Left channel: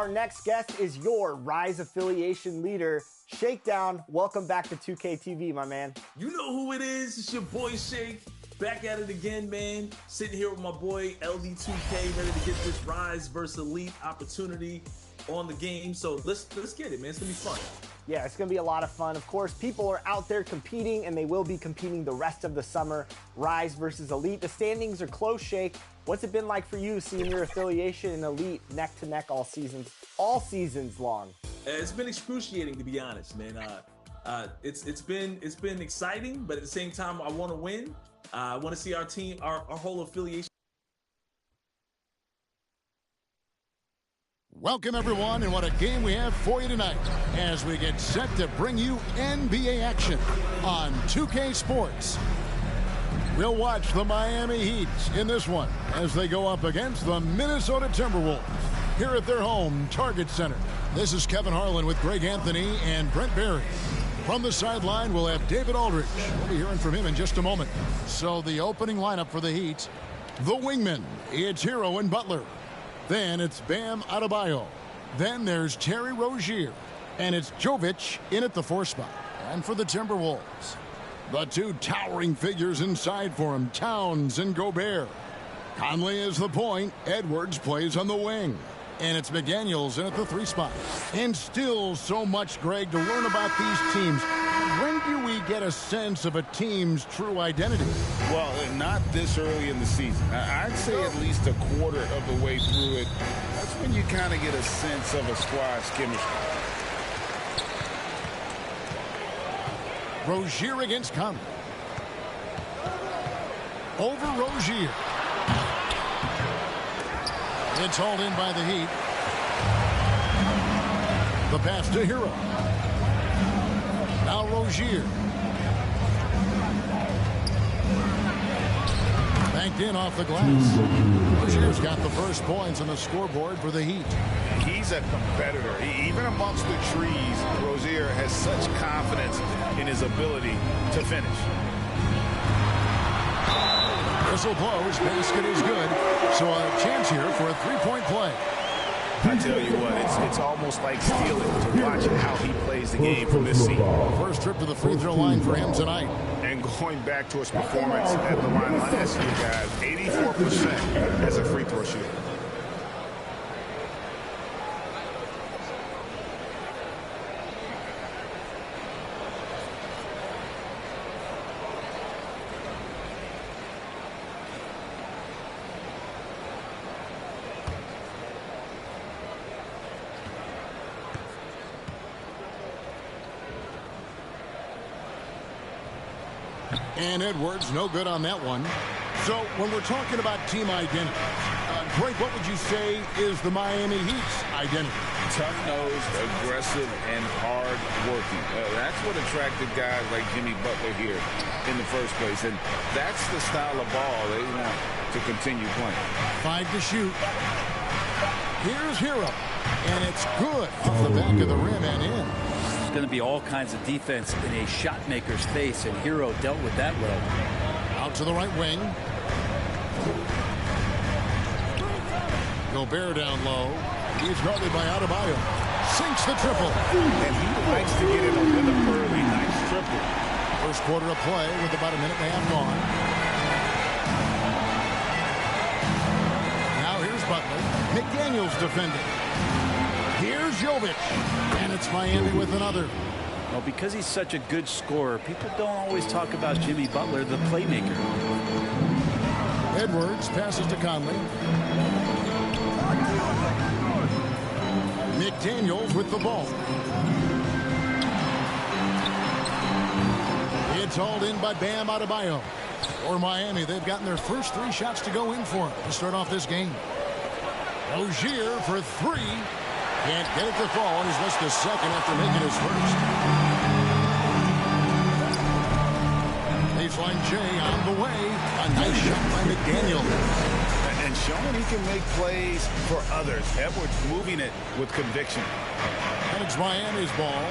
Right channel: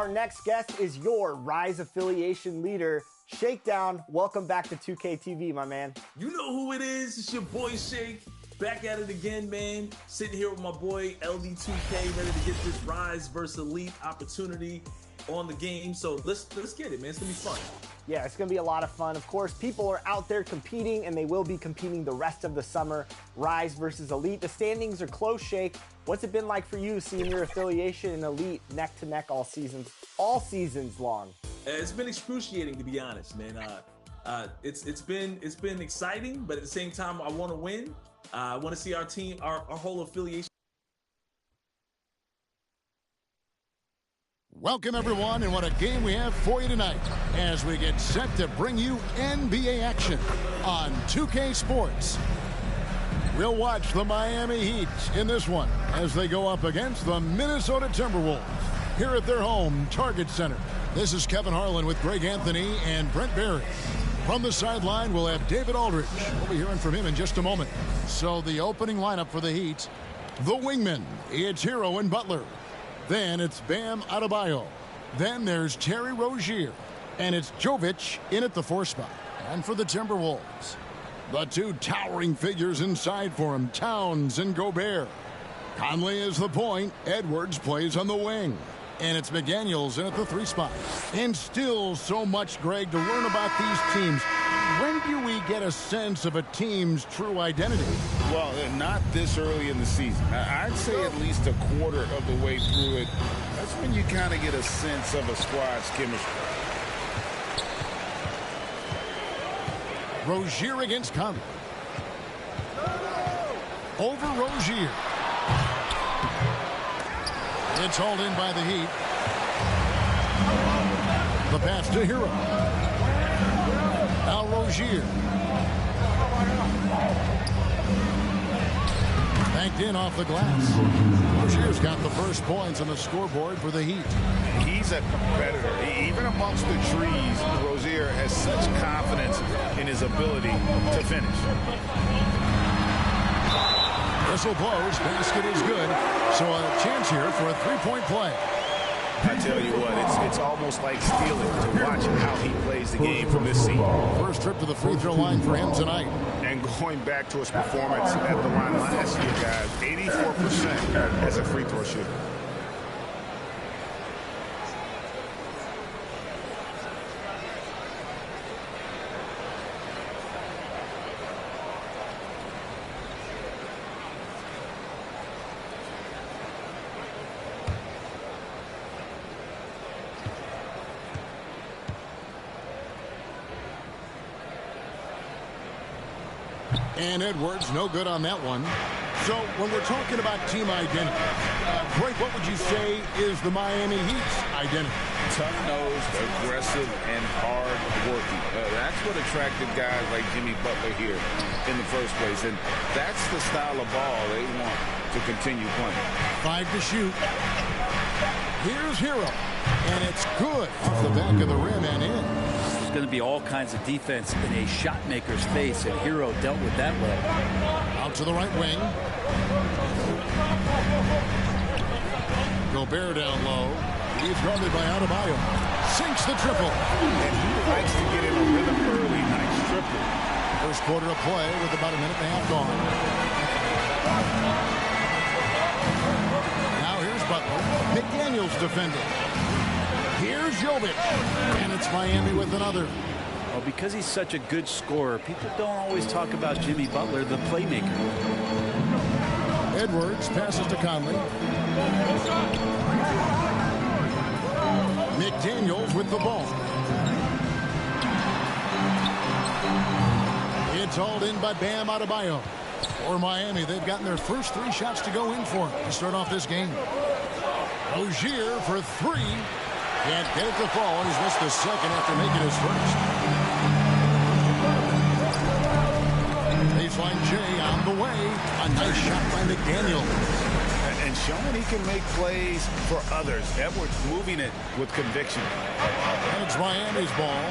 Our next guest is your Rise affiliation leader, Shakedown. Welcome back to 2K TV, my man. You know who it is. It's your boy Shake. Back at it again, man. Sitting here with my boy LD2K, ready to get this Rise versus Elite opportunity on the game. So let's get it, man. It's gonna be fun. Yeah, it's going to be a lot of fun. Of course, people are out there competing, and they will be competing the rest of the summer. Rise versus Elite. The standings are close, Shake. What's it been like for you seeing your affiliation in Elite neck to neck all seasons long? It's been excruciating, to be honest, man. It's been exciting, but at the same time, I want to win. I want to see our team, our whole affiliation. Welcome, everyone, and what a game we have for you tonight as we get set to bring you NBA action on 2K Sports. We'll watch the Miami Heat in this one as they go up against the Minnesota Timberwolves here at their home Target Center. This is Kevin Harlan with Greg Anthony and Brent Barry. From the sideline, we'll have David Aldridge. We'll be hearing from him in just a moment. So the opening lineup for the Heat, the wingmen, it's Hero and Butler. Then it's Bam Adebayo. Then there's Terry Rozier. And it's Jovic in at the 4 spot. And for the Timberwolves, the two towering figures inside for him, Towns and Gobert. Conley is the point. Edwards plays on the wing. And it's McDaniels in at the 3 spot. And still so much, Greg, to learn about these teams. When do we get a sense of a team's true identity? Well, not this early in the season. I'd say at least a quarter of the way through it. That's when you kind of get a sense of a squad's chemistry. Rozier against Conley. Over Rozier. It's hauled in by the Heat. The pass to Hero. Now Rozier. Banked in off the glass. Rozier's got the first points on the scoreboard for the Heat. He's a competitor. Even amongst the trees, Rozier has such confidence in his ability to finish. Whistle blows. Basket is good. So a chance here for a three-point play. I tell you what, it's almost like stealing to watch how he plays the game from this seat. First trip to the free throw line for him tonight. And going back to his performance at the line last year, guys, 84% as a free throw shooter. And Edwards, no good on that one. So when we're talking about team identity, Greg, what would you say is the Miami Heat's identity? Tough-nosed, aggressive, and hard-working. That's what attracted guys like Jimmy Butler here in the first place. And that's the style of ball they want to continue playing. 5 to shoot. Here's Hero. And it's good off the back of the rim and in. There's going to be all kinds of defense in a shot maker's face, and Hero dealt with that well. Out to the right wing. Gobert down low. He's guarded by Adebayo. Sinks the triple. And he likes to get in a rhythm early. Nice triple. First quarter of play with about a minute and a half gone. Now here's Butler. McDaniels defending. Here's Jovic. And it's Miami with another. Well, because he's such a good scorer, people don't always talk about Jimmy Butler, the playmaker. Edwards passes to Conley. McDaniels with the ball. It's hauled in by Bam Adebayo. For Miami, they've gotten their first 3 shots to go in for him to start off this game. Rozier for 3. Can't get it to fall, and he's missed the second after making his first. Baseline J on the way. A nice shot by McDaniel. And showing he can make plays for others. Edwards moving it with conviction. And it's Miami's ball.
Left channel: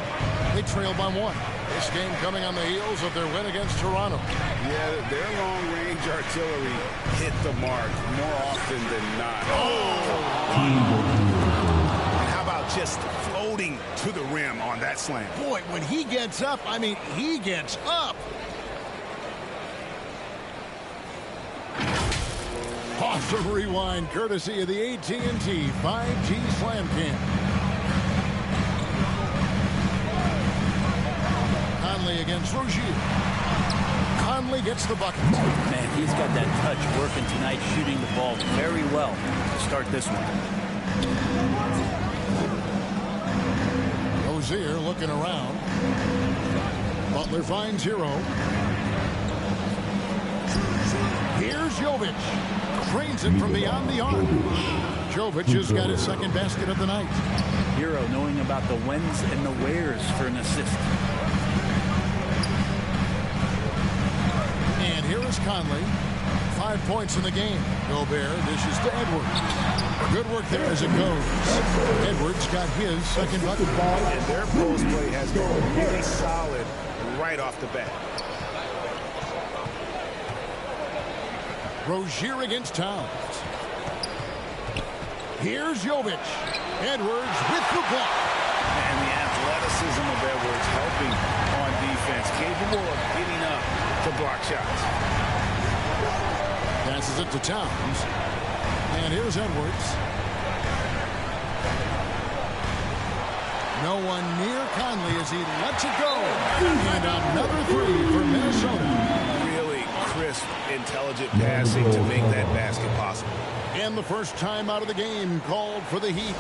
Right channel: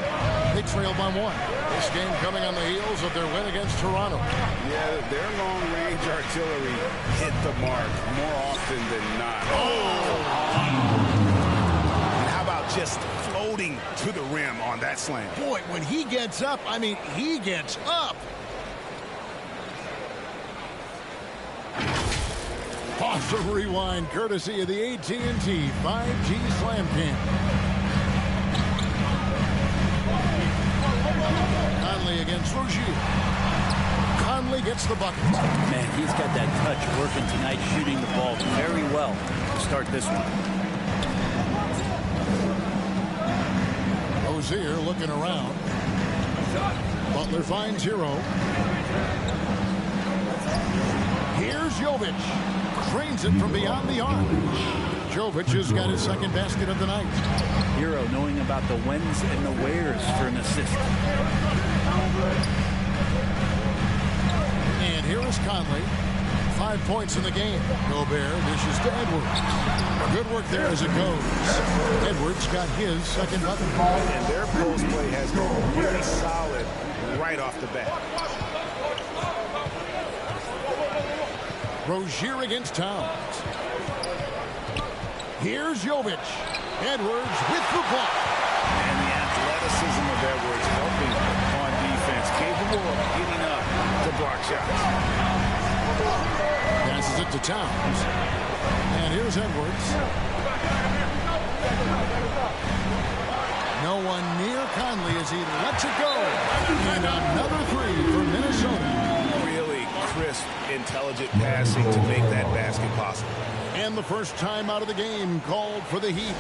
They trail by 1. This game coming on the heels of their win against Toronto. Yeah, their long-range artillery hit the mark more often than not. Oh! How about just floating to the rim on that slam? Boy, when he gets up, I mean, he gets up. Awesome rewind, courtesy of the AT&T 5G Slam Cam. Conley against Rozier. Conley gets the bucket. Man, he's got that touch working tonight, shooting the ball very well to start this one. Rozier looking around. Butler finds Hero. Here's Jovic. Trains it from beyond the arc. Jovic has got his second basket of the night. Hero knowing about the whens and the wheres for an assist. And here is Conley. 5 points in the game. Gobert dishes to Edwards. Good work there as it goes. Edwards got his second bucket. And their post play has been really solid right off the bat. Rozier against Towns. Here's Jovic. Edwards with the block. And the athleticism of Edwards helping on defense, capable of getting up to block shots. Passes it to Towns. And here's Edwards. No one near Conley as he lets it go. And another three for Minnesota. Really crisp, intelligent passing to make that basket possible. And the first time out of the game called for the Heat.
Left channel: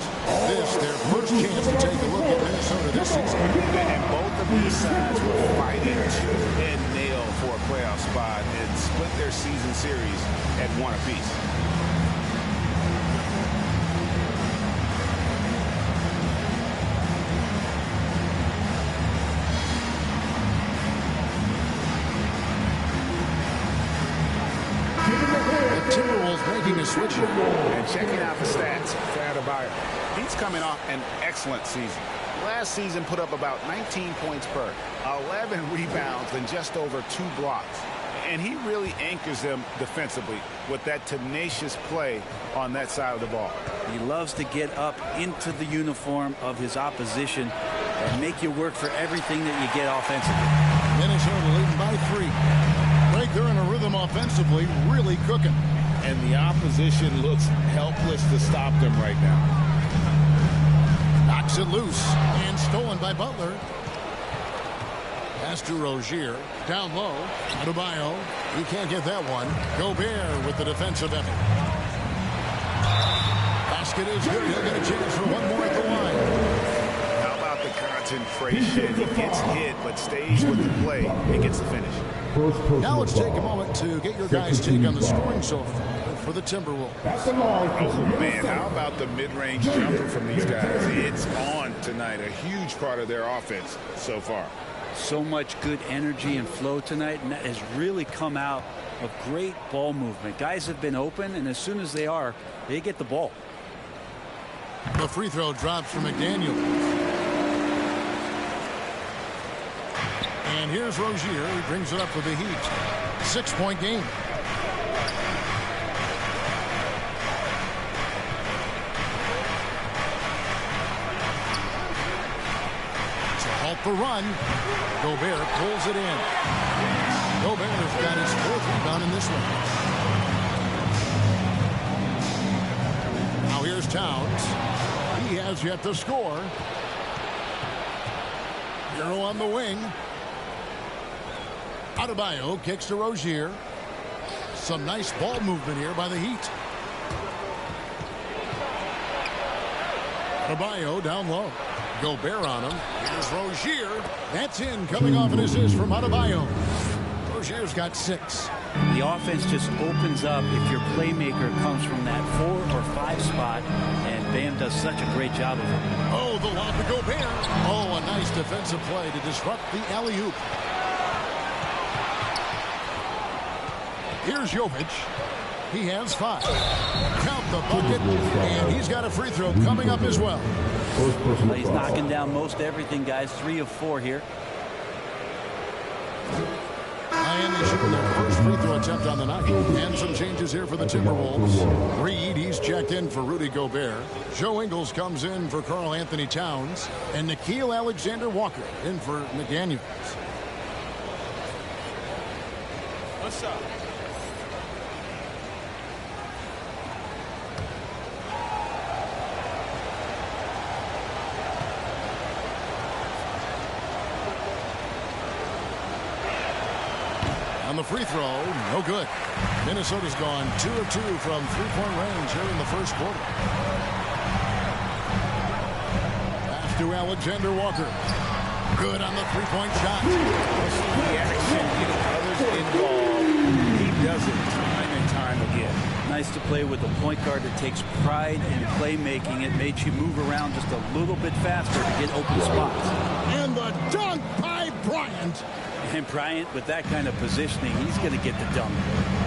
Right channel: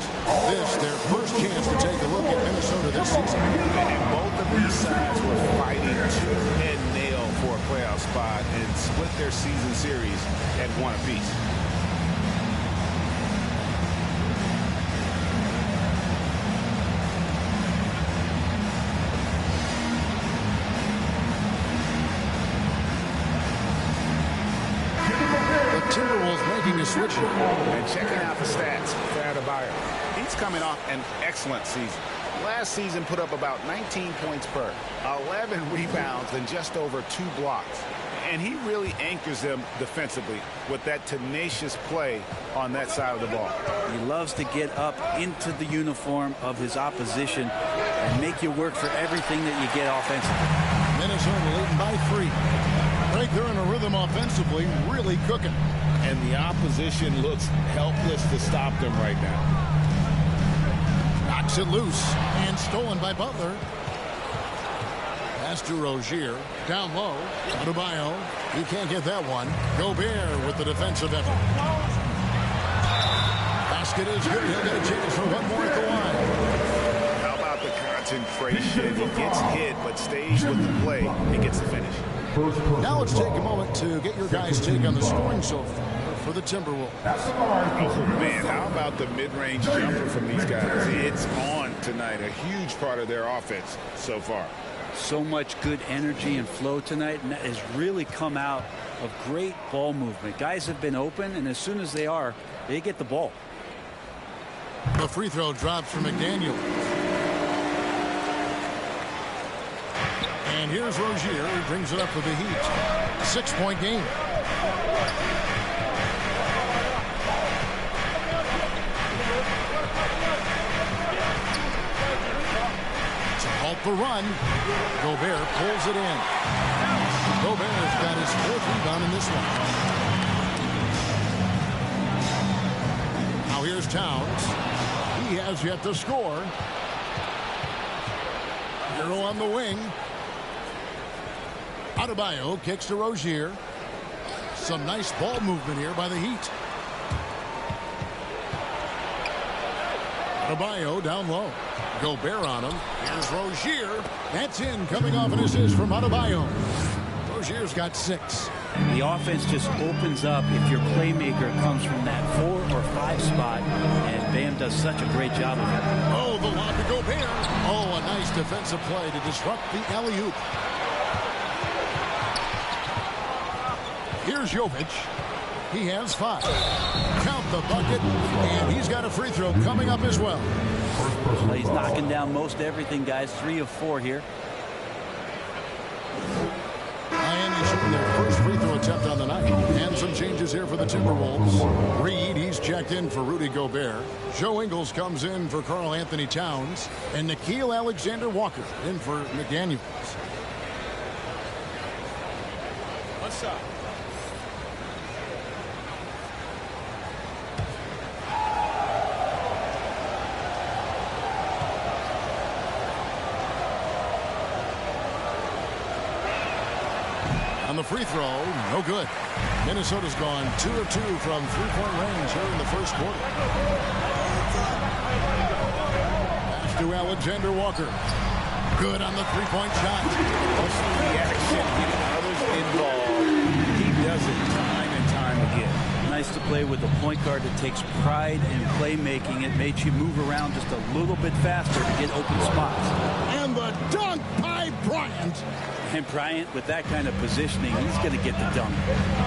This, their first chance to take a look at Minnesota this season. And both of these sides were fighting tooth and nail for a playoff spot and split their season series at one apiece. Timberwolves making a switch. And checking out the stats for Adebayo. He's coming off an excellent season. Last season put up about 19 points per, 11 rebounds, and just over 2 blocks. And he really anchors them defensively with that tenacious play on that side of the ball. He loves to get up into the uniform of his opposition and make you work for everything that you get offensively. Minnesota leading by 3. Right, they're in a rhythm offensively, really cooking. And the opposition looks helpless to stop them right now. Knocks it loose and stolen by Butler. Pass to Rozier. Down low. Adebayo. He can't get that one. Gobert with the defensive effort. Basket is good. He'll get a chance for one more at the line. How about the concentration? He gets hit but stays with the play and gets the finish. Now let's take a moment to get your guys' take on the scoring so far for the Timberwolves. Oh, man, how about the mid-range jumper from these guys? It's on tonight, a huge part of their offense so far. So much good energy and flow tonight, and that has really come out of great ball movement. Guys have been open, and as soon as they are, they get the ball. The free throw drops for McDaniels. And here's Rozier. He brings it up for the Heat. 6-point game. To halt the run, Gobert pulls it in. Gobert's got his 4th rebound in this one. Now here's Towns. He has yet to score. Hero on the wing. Adebayo kicks to Rozier. Some nice ball movement here by the Heat. Adebayo down low. Gobert on him. Here's Rozier. That's in, coming off an assist from Adebayo. Rozier's got 6. The offense just opens up if your playmaker comes from that 4 or 5 spot, and Bam does such a great job of it. Oh, the lob to Gobert. Oh, a nice defensive play to disrupt the alley-oop. Here's Jovic. He has 5. Count the bucket, and he's got a free throw coming up as well. Well, he's knocking down most everything, guys. 3 of 4 here. Miami shooting their first free throw attempt on the night. And some changes here for the Timberwolves. Reed, he's checked in for Rudy Gobert. Joe Ingles comes in for Karl Anthony Towns. And Nickeil Alexander-Walker in for McDaniels. What's up? On the free throw, no good. Minnesota's gone 2 of 2 from three-point range here in the first quarter. Pass to Alexander Walker. Good on the three-point shot. Pushing the action, getting others involved. He does it time and time again. Nice to play with a point guard that takes pride in playmaking. It makes you move around just a little bit faster to get open spots. And the dunk by Bryant. And Bryant, with that kind of positioning, he's going to get the dunk.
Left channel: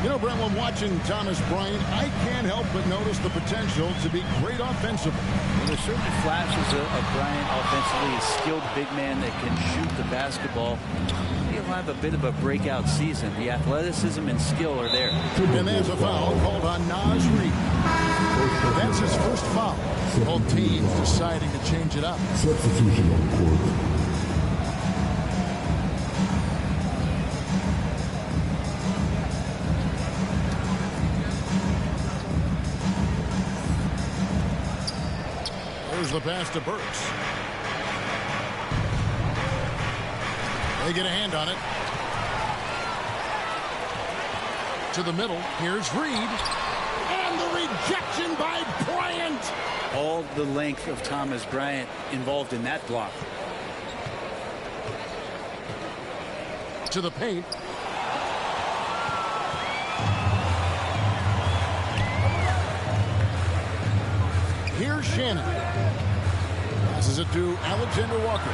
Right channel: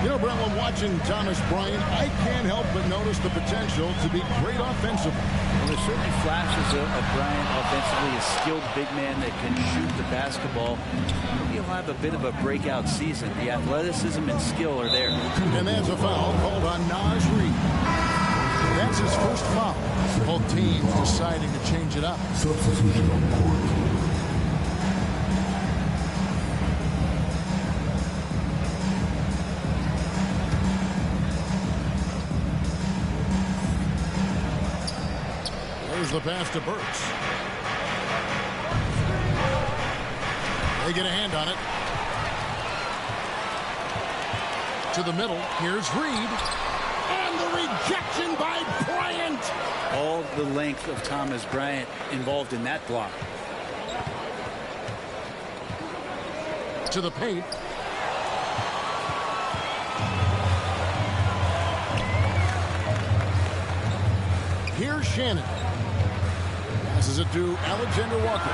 You know, Brent, when watching Thomas Bryant, I can't help but notice the potential to be great offensively. Well, there's certainly flashes of Bryant offensively, a skilled big man that can shoot the basketball. He'll have a bit of a breakout season. The athleticism and skill are there. And there's a foul called on Naz Reid. That's his first foul. Both teams deciding to change it up. Substitution on the court. There's the pass to Burks. They get a hand on it. To the middle. Here's Reed. And the rejection by Bryant. All the length of Thomas Bryant involved in that block. To the paint. Here's Shannon. Passes it to Alexander Walker.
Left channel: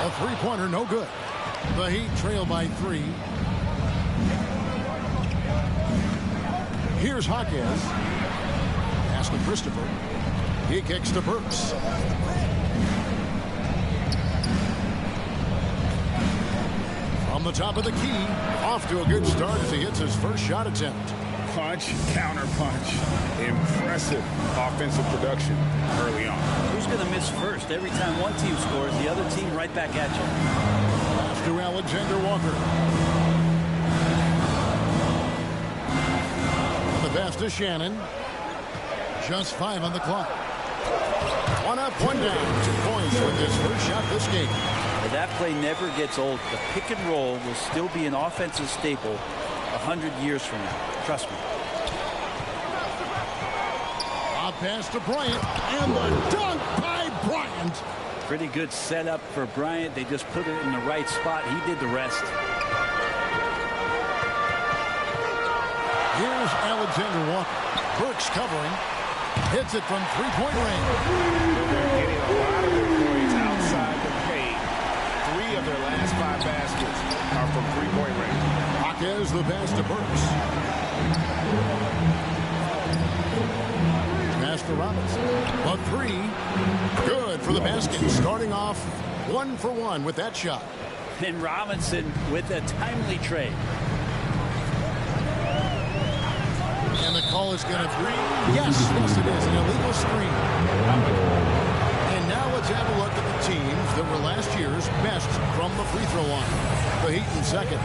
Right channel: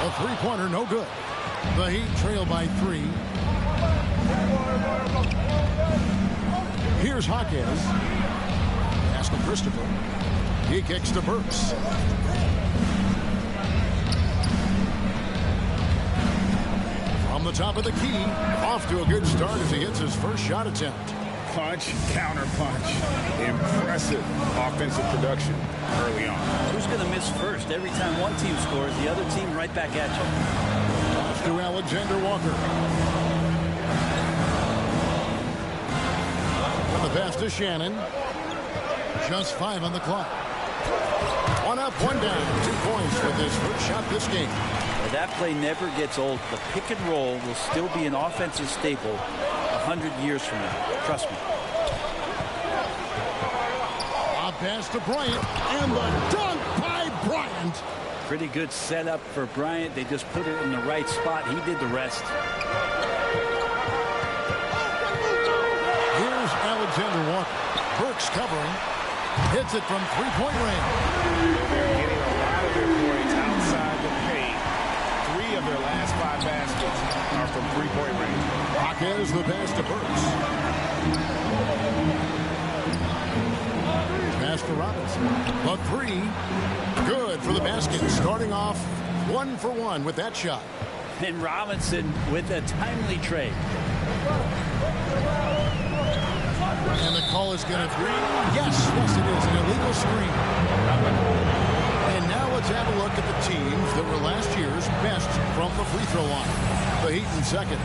A three-pointer, no good. The Heat trail by 3. Here's Jaquez. Pass to Christopher. He kicks to Burks. From the top of the key, off to a good start as he hits his first shot attempt. Punch, counter punch. Impressive offensive production early on. Who's going to miss first? Every time one team scores, the other team right back at you. Pass to Alexander Walker. And the pass to Shannon. Just 5 on the clock. 1 up, 1 down. 2 points with his first shot this game. But that play never gets old. The pick and roll will still be an offensive staple 100 years from now. Trust me. A pass to Bryant. And the dunk by Bryant. Pretty good setup for Bryant. They just put it in the right spot. He did the rest. Here's Alexander Walker. Burks covering. Hits it from three-point range. They're getting a lot of their points outside the paint. 3 of their last 5 baskets are from three-point range. Jaquez the pass to Burks. Pass to Robinson. A 3. Good for the basket. Starting off 1 for 1 with that shot. And Robinson with a timely trade. And the call is going to be, yes, it is, an illegal screen. And now let's have a look at the teams that were last year's best from the free throw line. The Heat in second.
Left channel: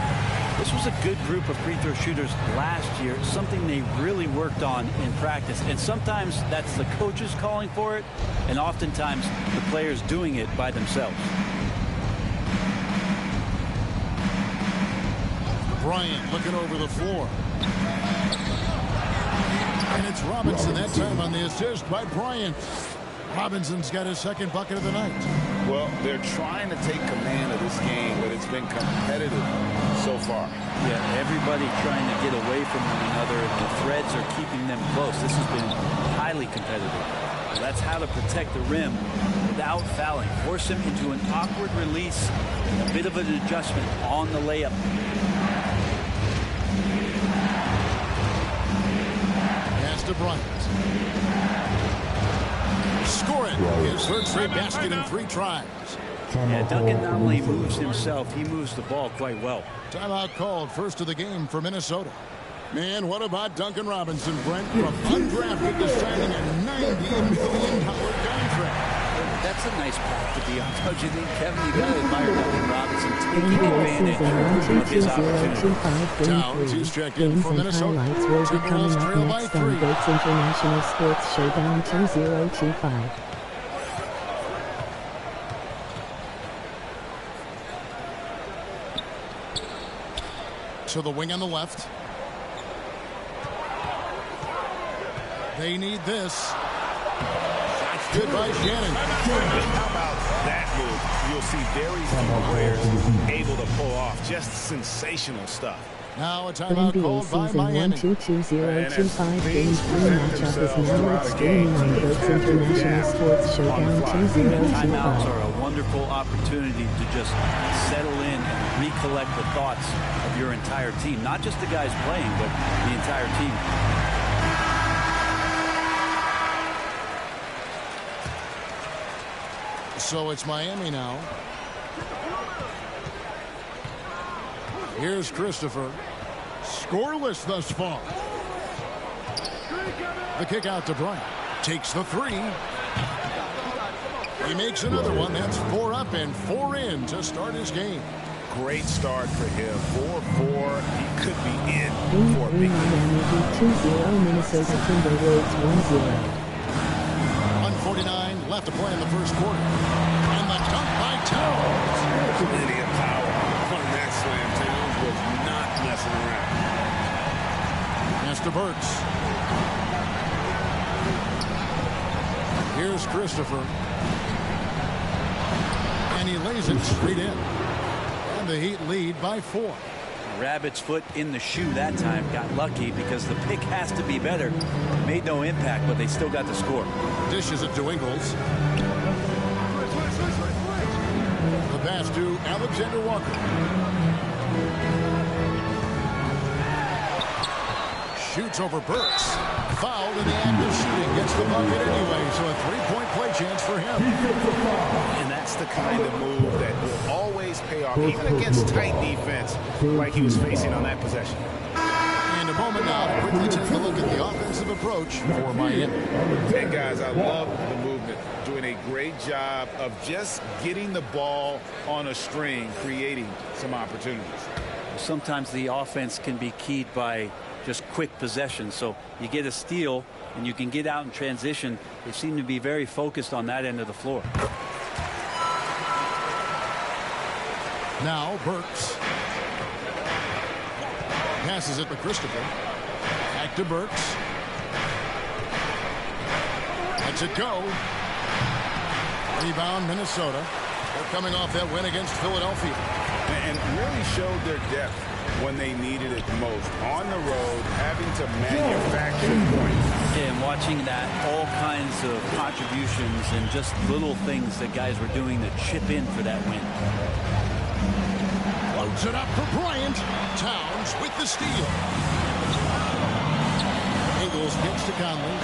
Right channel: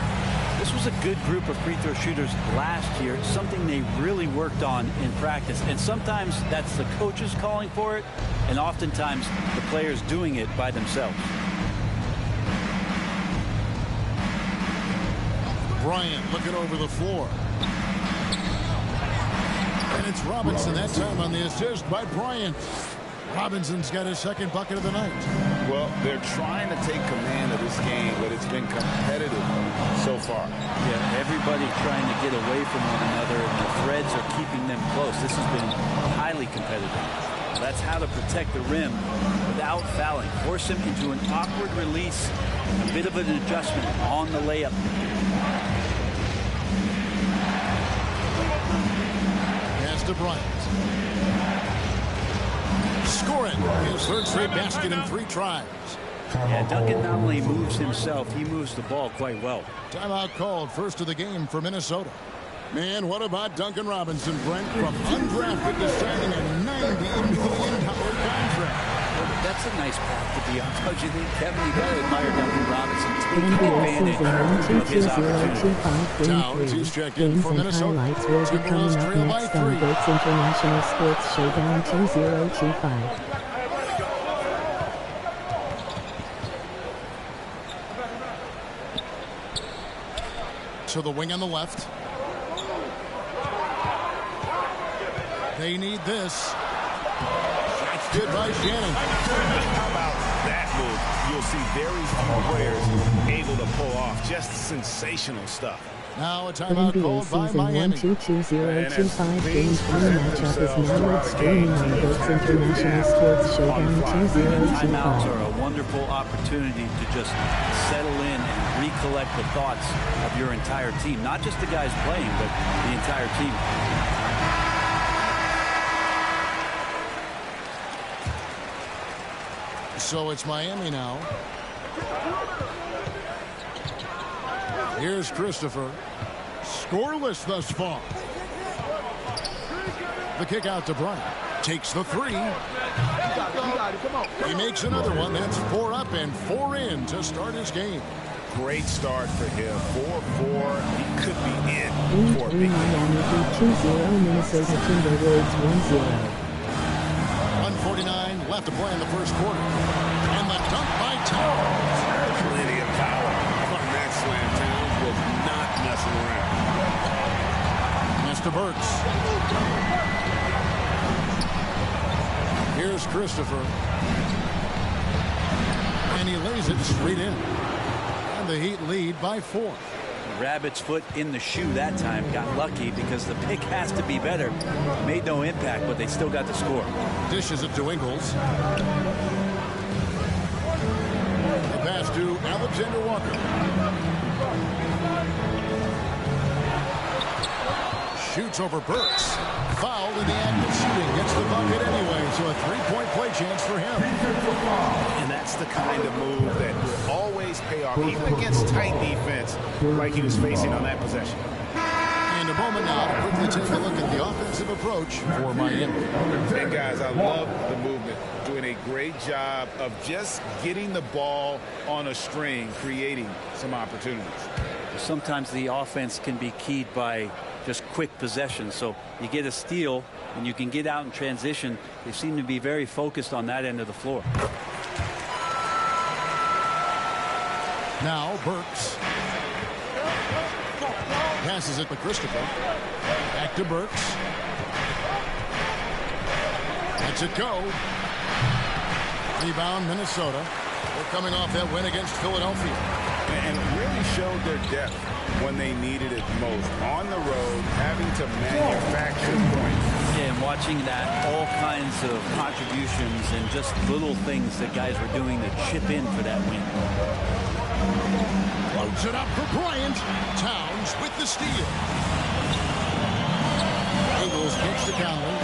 This was a good group of free throw shooters last year, something they really worked on in practice. And sometimes that's the coaches calling for it, and oftentimes the players doing it by themselves. Bryant looking over the floor. And it's Robinson that time on the assist by Bryant. Robinson's got his second bucket of the night. Well, they're trying to take command of this game, but it's been competitive so far. Yeah, everybody trying to get away from one another, and the threads are keeping them close. This has been highly competitive. Well, that's how to protect the rim without fouling. Force him into an awkward release, a bit of an adjustment on the layup. Pass to Bryant. Score it. His third straight basket in 3 tries. Yeah, Duncan not only moves himself, he moves the ball quite well. Timeout called, first of the game for Minnesota. Man, what about Duncan Robinson, Brent? From undrafted to signing a $90 million contract. That's a nice path to be on, don't you think, Kevin? You got to admire Duncan Robinson taking advantage of his opportunity. Towns, he's checked in for Minnesota. Highlights will be coming up next on Goats International Sports Showdown 2025. To the wing on the left. They need this. That's good by Shannon. How about that move? You'll see very few players able to pull off just sensational stuff. Now a timeout called by Miami. NBA season 1-2-2025 Game 3 matchup is now live streaming on Goats International Sports Showdown 2025. Timeouts are a wonderful opportunity to just settle in and recollect the thoughts of your entire team. Not just the guys playing, but the entire team. So it's Miami now. Here's Christopher. Scoreless thus far. The kick out to Bryant. Takes the three. He makes another one. That's 4 up and 4 in to start his game. Great start for him. 4-4. He could be in Game for a 3 big Miami Heat 2-0 Minnesota Timberwolves 1-0. 1:49 left to play in the first quarter. And the dunk by Towns. Plenty of power on that slam. Towns was not messing around. Pass to Burks. Here's Christopher. And he lays it straight in. And the Heat lead by 4. Rabbit's foot in the shoe that time. Got lucky because the pick has to be better. Made no impact, but they still got the score. Dishes it to Ingles. The pass to Alexander Walker. Shoots over Burks. Fouled in the act of shooting. Gets the bucket anyway, so a 3-point play chance for him. And that's the kind of move that will always pay off, even against tight defense like he was facing on that possession. And a moment now to quickly take a look at the offensive approach for Miami. And guys, I love the movement. Doing a great job of just getting the ball on a string, creating some opportunities. Sometimes the offense can be keyed by just quick possession. So you get a steal and you can get out in transition. They seem to be very focused on that end of the floor. Now Burks. Passes it to Christopher. Back to Burks. Lets it go. Rebound Minnesota. They're coming off that win against Philadelphia. And really showed their depth when they needed it most. On the road, having to manufacture points. Yeah, and watching that, all kinds of contributions and just little things that guys were doing to chip in for that win. Loads it up for Bryant. Towns with the steal. Ingles kicks to Conley.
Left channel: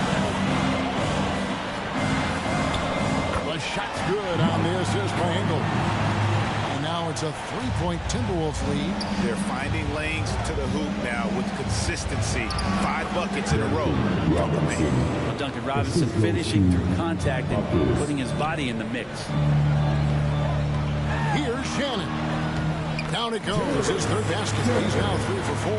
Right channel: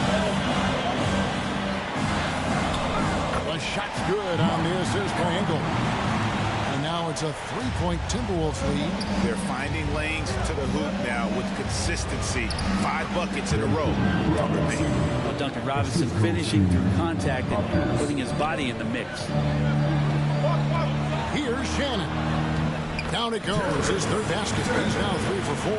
The shot's good on the assist by Ingles. And now it's a 3-point Timberwolves lead. They're finding lanes to the hoop now with consistency. 5 buckets in a row from the paint. Well, Duncan Robinson finishing through contact and putting his body in the mix. Here's Shannon. Down it goes. His third basket. He's now 3 for 4.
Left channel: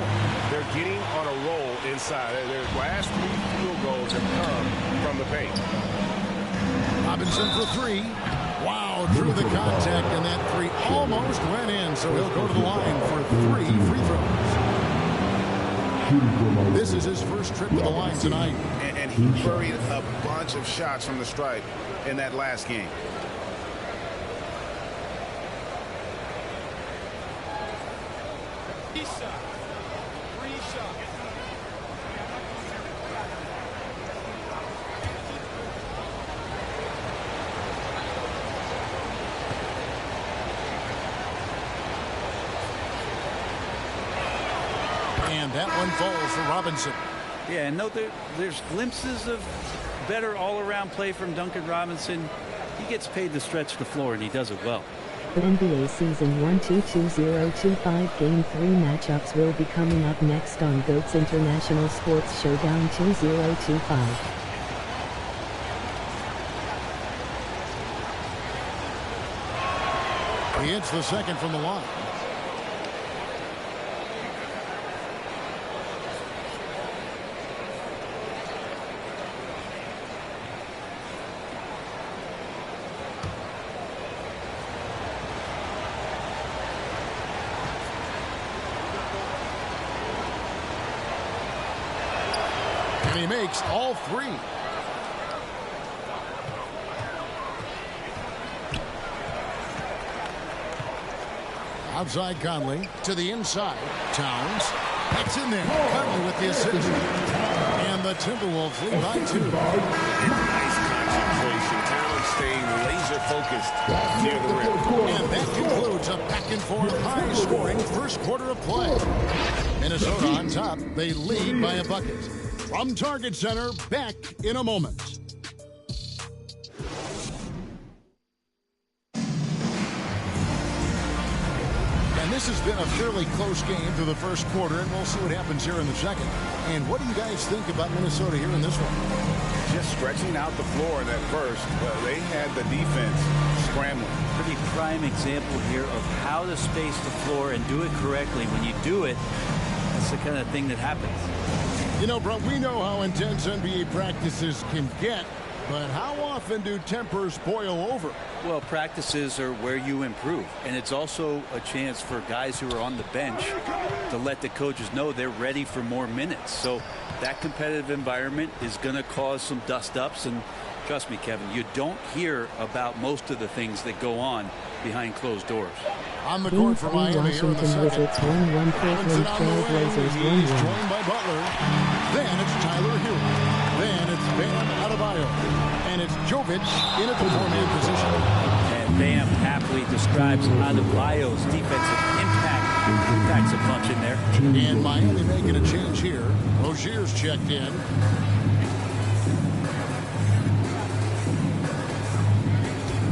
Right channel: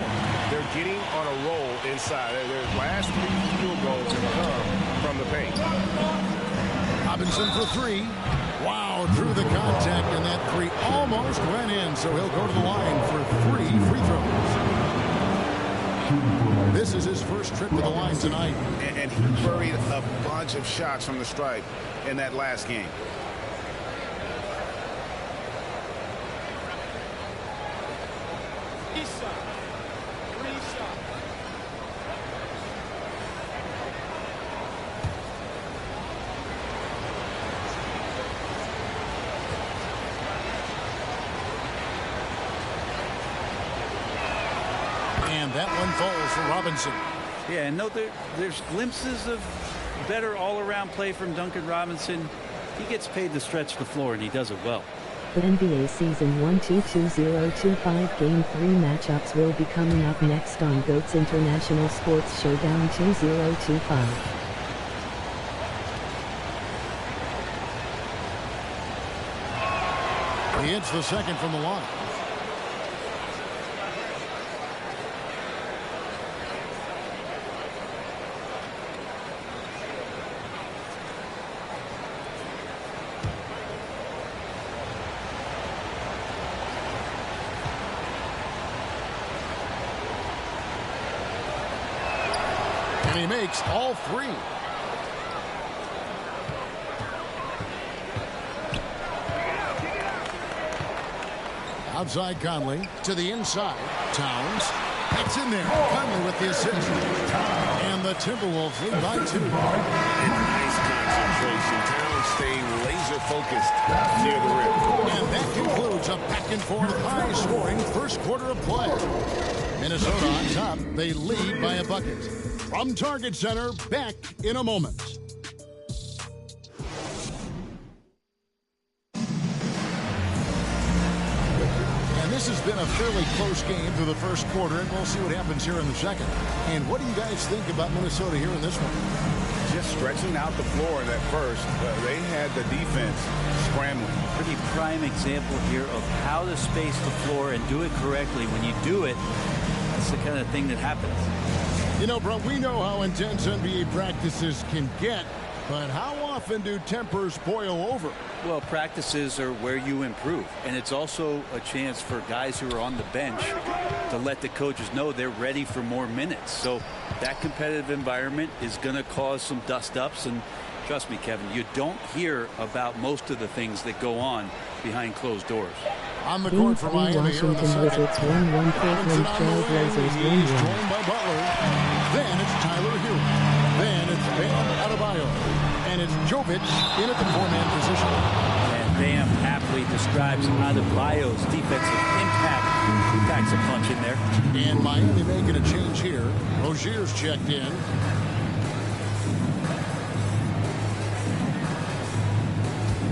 They're getting on a roll inside. Their last 3 field goals have come from the paint. Robinson for 3. Wow, drew the contact, and that 3 almost went in, so he'll go to the line for 3 free throws. This is his first trip to the line tonight. And he buried a bunch of shots from the stripe in that last game. Free shot. And that one falls for Robinson. Yeah, and no, there's glimpses of better all-around play from Duncan Robinson. He gets paid to stretch the floor, and he does it well. The NBA Season 1-2-2025 Game 3 matchups will be coming up next on GOAT's International Sports Showdown 2025. He hits the second from the line. And he makes all three. Outside Conley to the inside. Towns. That's in there. Conley with the assist. And the Timberwolves lead by 2. And nice concentration. Towns staying laser focused near the rim. And that concludes a back and forth high scoring first quarter of play. Minnesota on top. They lead by a bucket. From Target Center, back in a moment. And this has been a fairly close game through the first quarter, and we'll see what happens here in the second. And what do you guys think about Minnesota here in this one? Just stretching out the floor in that first. They had the defense scrambling. Pretty prime example here of how to space the floor and do it correctly. When you do it, that's the kind of thing that happens. You know, bro, we know how intense NBA practices can get, but how often do tempers boil over? Well, practices are where you improve, and it's also a chance for guys who are on the bench to let the coaches know they're ready for more minutes. So that competitive environment is going to cause some dust-ups, and trust me, Kevin, you don't hear about most of the things that go on behind closed doors. On the court for Miami here in the second. Wizards 1-1 Portland Trail Blazers 1-1. He's joined by Butler. Then it's Tyler Hero. Then it's Bam Adebayo. And it's Jovic in at the four-man position. And Bam aptly describes Adebayo's defensive impact. He packs a punch in there. And Miami making a change here. Rozier's checked in.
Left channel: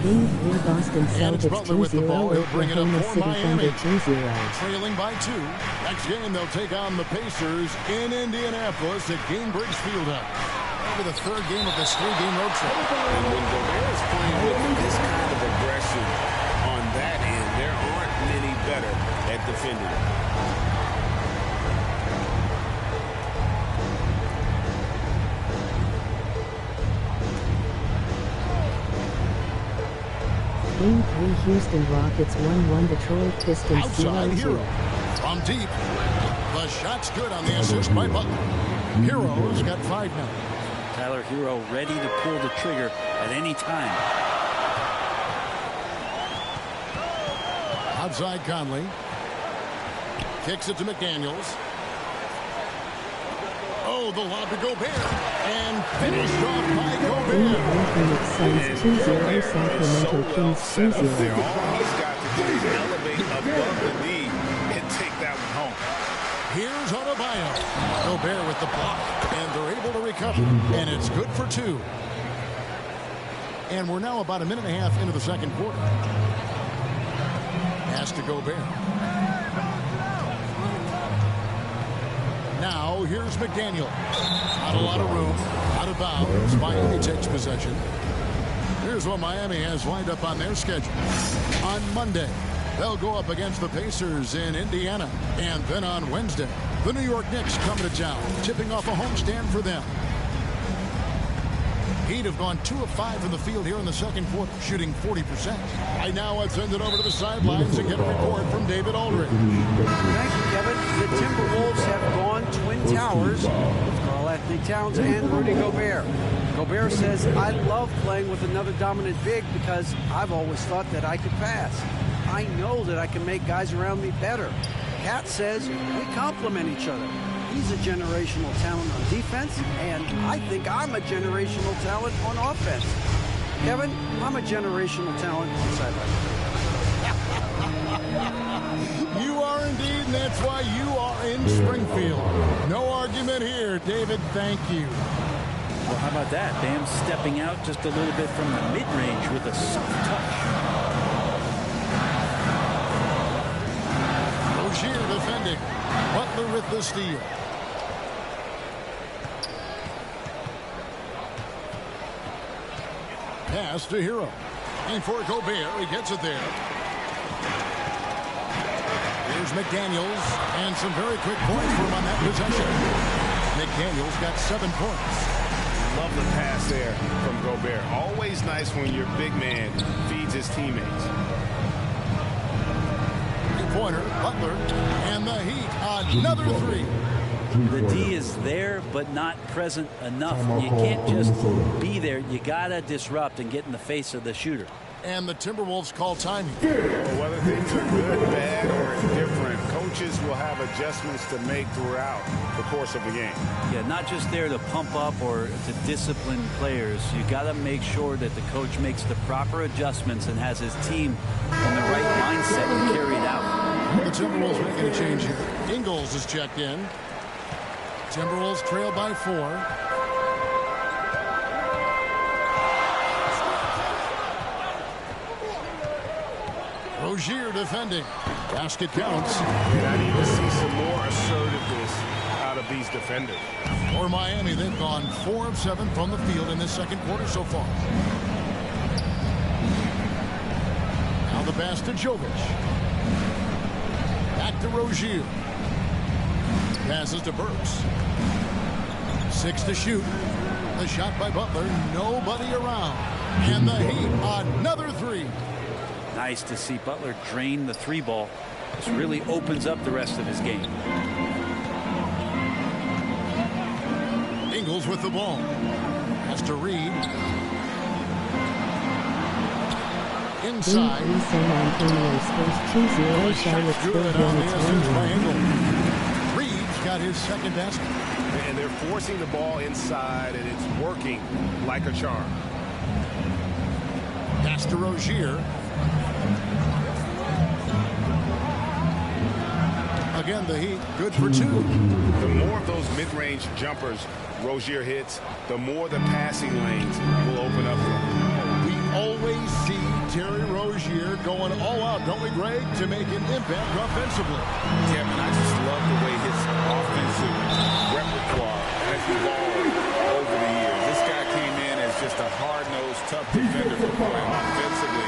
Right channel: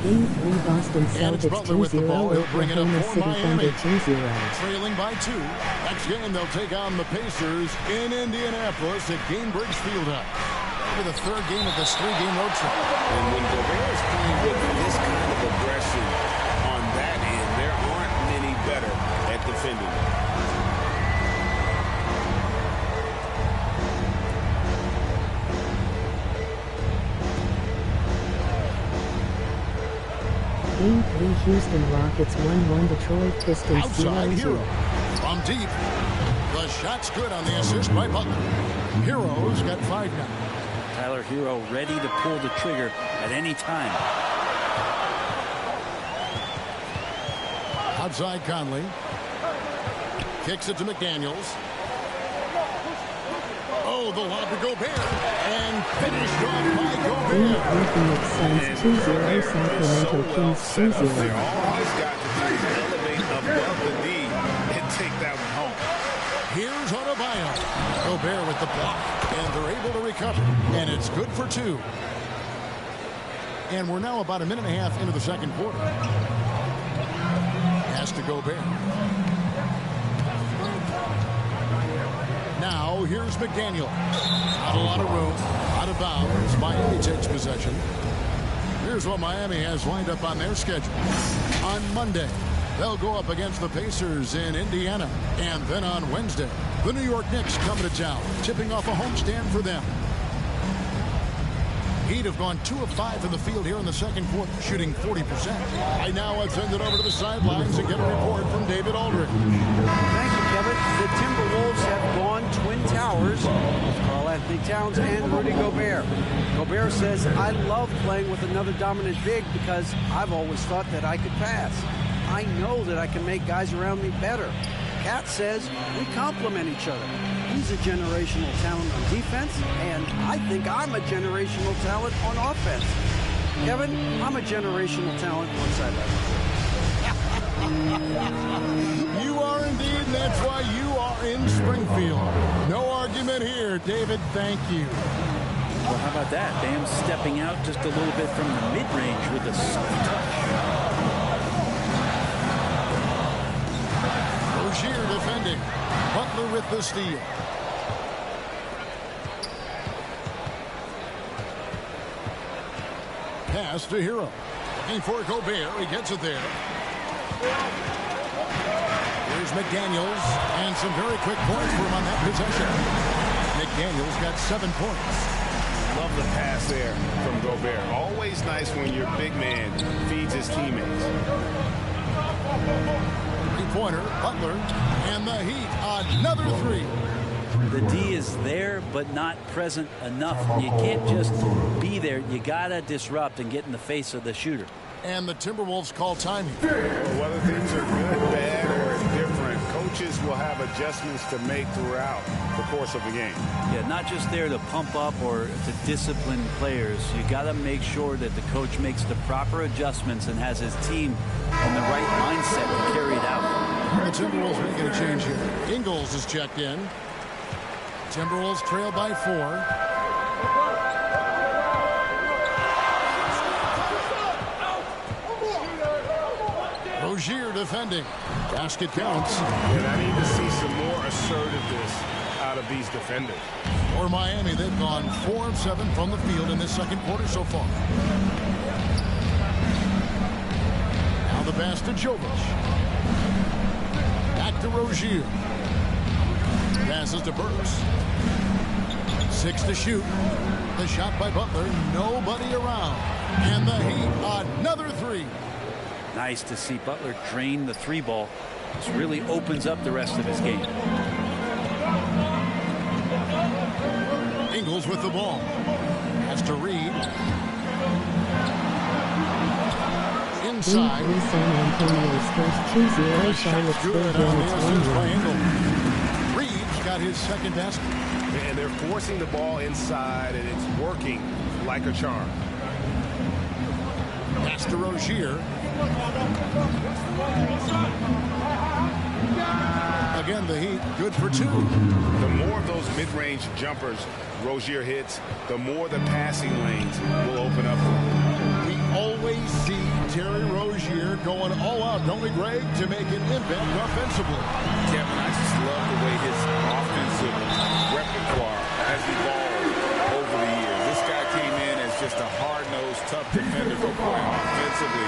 Game 3 Boston Celtics 2-0 Oklahoma City Thunder 2-0. Trailing by 2. Next game they'll take on the Pacers in Indianapolis at Gainbridge Fieldhouse. Over the third game of this 3-game road trip. And when Gobert is playing with this kind of aggression on that end, there aren't many better at defending. Game 3 Houston Rockets 1-1 Detroit Pistons 0-2. Outside Hero. From deep. The shot's good on the assist by Butler. Hero's got 5 now. Tyler Hero ready to pull the trigger at any time. Outside Conley. Kicks it to McDaniels. Oh, the lob to Gobert. And finished off by Game Gobert. 3 Phoenix Suns 2-0 Sacramento Kings 2-0. All he's got to do is elevate above the knee and take that one home. Here's Adebayo. Gobert with the block. And they're able to recover. And it's good for 2. And we're now about a minute and a half into the second quarter. Pass to Gobert. Now here's McDaniel. Not a lot of room. Out of bounds. Miami takes possession. Here's what Miami has lined up on their schedule. On Monday, they'll go up against the Pacers in Indiana. And then on Wednesday, the New York Knicks coming to town, tipping off a homestand for them. Heat have gone 2 of 5 in the field here in the second quarter, shooting 40%. Right now, let's send it over to the sidelines and get a report from David Aldridge. Thank you, Kevin. The Timberwolves have gone Twin Towers with Karl-Anthony Towns and Rudy Gobert. Gobert says, I love playing with another dominant big because I've always thought that I could pass. I know that I can make guys around me better. Cat says, we complement each other. He's a generational talent on defense, and I think I'm a generational talent on offense. Kevin, I'm a generational talent on sideline. You are indeed, and that's why you are in Springfield. No argument here, David. Thank you. Well, how about that? Bam stepping out just a little bit from the mid-range with a soft touch. Rozier defending. Butler with the steal. Pass to Hero. Looking for Gobert. He gets it there. Here's McDaniels. And some very quick points for him on that possession. McDaniels got 7 points. Love the pass there from Gobert. Always nice when your big man feeds his teammates. Three-pointer, Butler, and the Heat, another three. The D is there, but not present enough. You can't just be there. You got to disrupt and get in the face of the shooter. And the Timberwolves call timing. Well, whether things are good, bad, or indifferent, coaches will have adjustments to make throughout the course of the game. Yeah, not just there to pump up or to discipline players. You got to make sure that the coach makes the proper adjustments and has his team in the right mindset to carry it out. The Timberwolves making a change here. Ingles is checked in. Timberwolves trail by 4. Rozier defending. Basket counts. And I need to see some more assertiveness out of these defenders. For Miami, they've gone 4 of 7 from the field in this second quarter so far. Now the pass to Jovic. Back to Rozier. Passes to Burks. 6 to shoot. The shot by Butler. Nobody around. And the Heat, another three. Nice to see Butler drain the 3-ball. This really opens up the rest of his game. Ingles with the ball. Has to Reed. Inside. Game 3 San Antonio Spurs 2-0 Charlotte Good on the assist by 1-1. Ingles. Reed's got his second basket. And they're forcing the ball inside, and it's working like a charm. Pass to Rozier. Again, the Heat good for 2. The more of those mid-range jumpers Rozier hits, the more the passing lanes will open up for him. We always see Terry Rozier going all out, don't we, Greg, to make an impact offensively. Kevin, I just love the way his offensive repertoire has evolved over the years. This guy came in as just a hard-nosed, tough defender, but boy, offensively,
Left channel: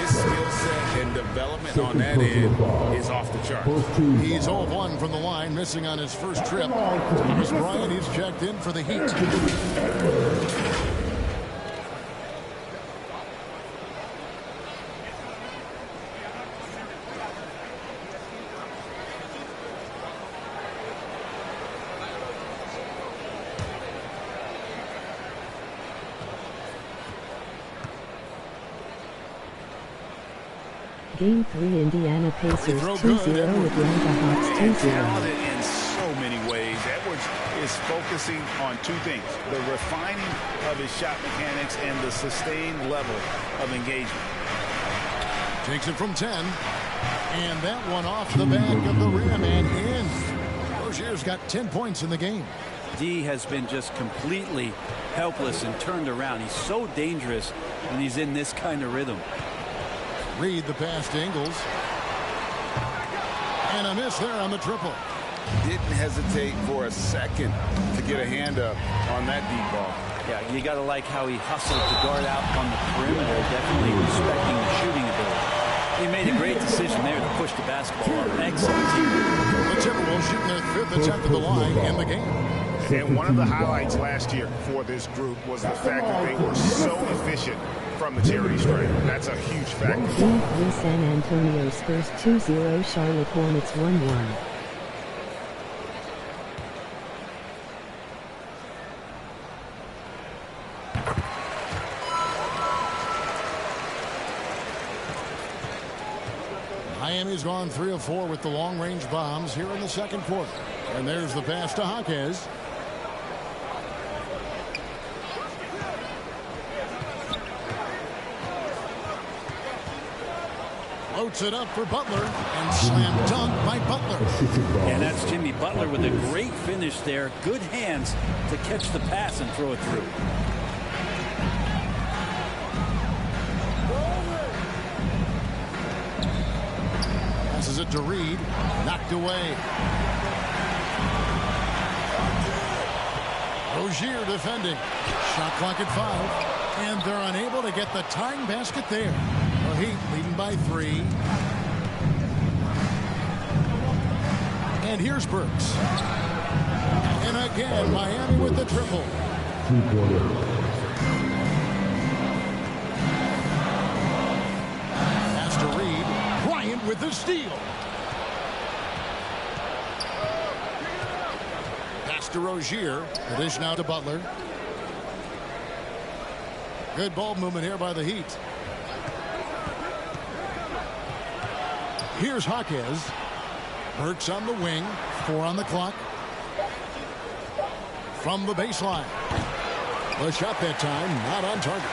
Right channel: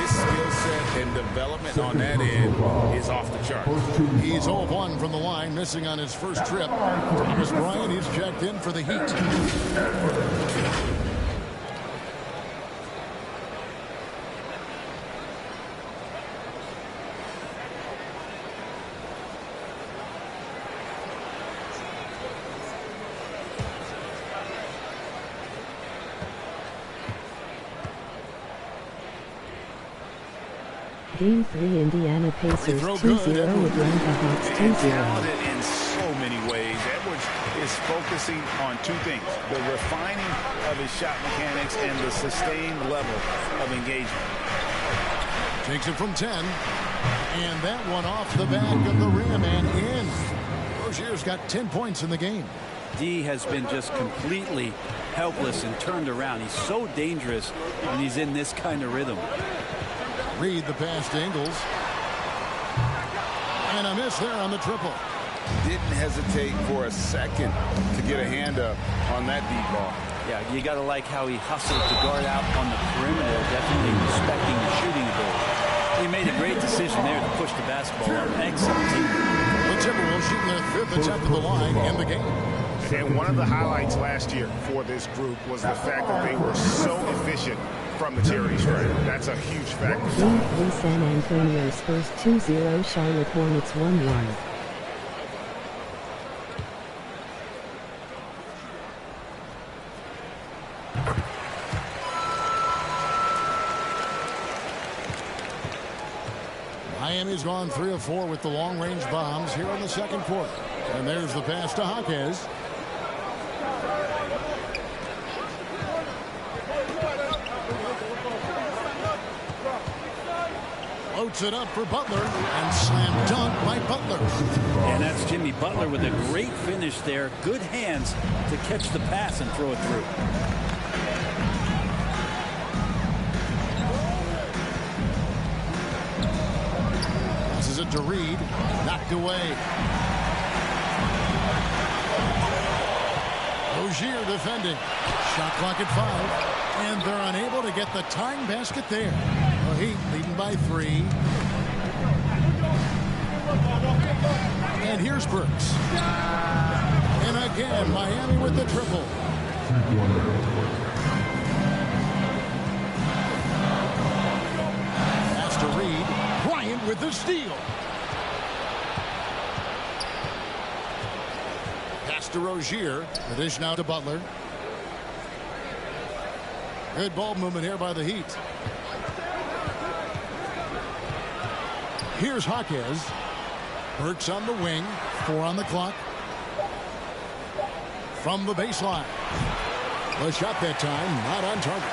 his skill set and development on that end is off the charts. He's 0-1 from the line, missing on his first trip. Thomas Bryant, he's checked in for the Heat. Game 3 Indiana Pacers 2-0 Atlanta Hawks And 2-0. talented in so many ways. Edwards is focusing on 2 things: the refining of his shot mechanics and the sustained level of engagement. Takes it from 10. And that one off the back of the rim and in. Rozier's got 10 points in the game. D has been just completely helpless and turned around. He's so dangerous when he's in this kind of rhythm. Reed the pass to Ingles. And a miss there on the triple. Didn't hesitate for a second to get a hand up on that deep ball. Yeah, you got to like how he hustled to guard out on the perimeter, definitely respecting the shooting ability. He made a great decision there to push the basketball up. Excellent teamwork. The Timberwolves shooting their 5th attempt at the line in the game. And one of the highlights last year for this group was the fact that they were so efficient from the charity stripe. That's a huge factor. Game 3 San Antonio Spurs 2-0 Charlotte Hornets 1-1. Miami's gone 3 of 4 with the long-range bombs here in the second quarter. And there's the pass to Jaquez. Floats it up for Butler and slam dunk by Butler. And that's Jimmy Butler with a great finish there. Good hands to catch the pass and throw it through. Passes it to Reed. Knocked away. Rozier defending. Shot clock at 5. And they're unable to get the tying basket there. The Heat leading by 3. And here's Burks. And again, Miami with the triple. Pass to Reed. Bryant with the steal. Pass to Rozier. The dish now to Butler. Good ball movement here by the Heat. Here's Jaquez. Burks on the wing. 4 on the clock. From the baseline. The shot that time, not on target.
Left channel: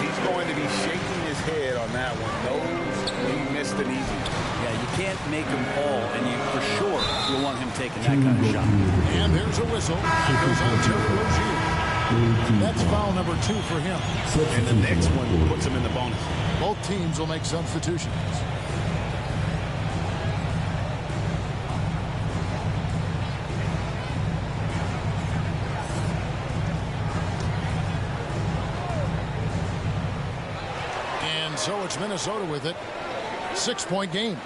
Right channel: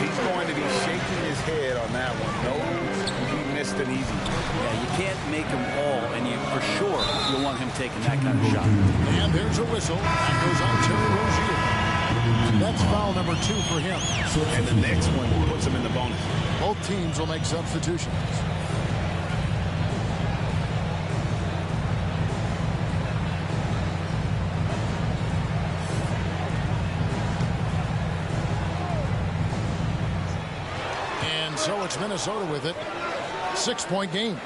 He's going to be shaking his head on that one. Knows he missed an easy one. Yeah, you can't make them all, and you for sure you'll want him taking that kind of shot. And there's a whistle. That goes on Terry Rozier. That's foul number 2 for him. And the next one puts him in the bonus. Both teams will make substitutions. And so it's Minnesota with it. 6-point game.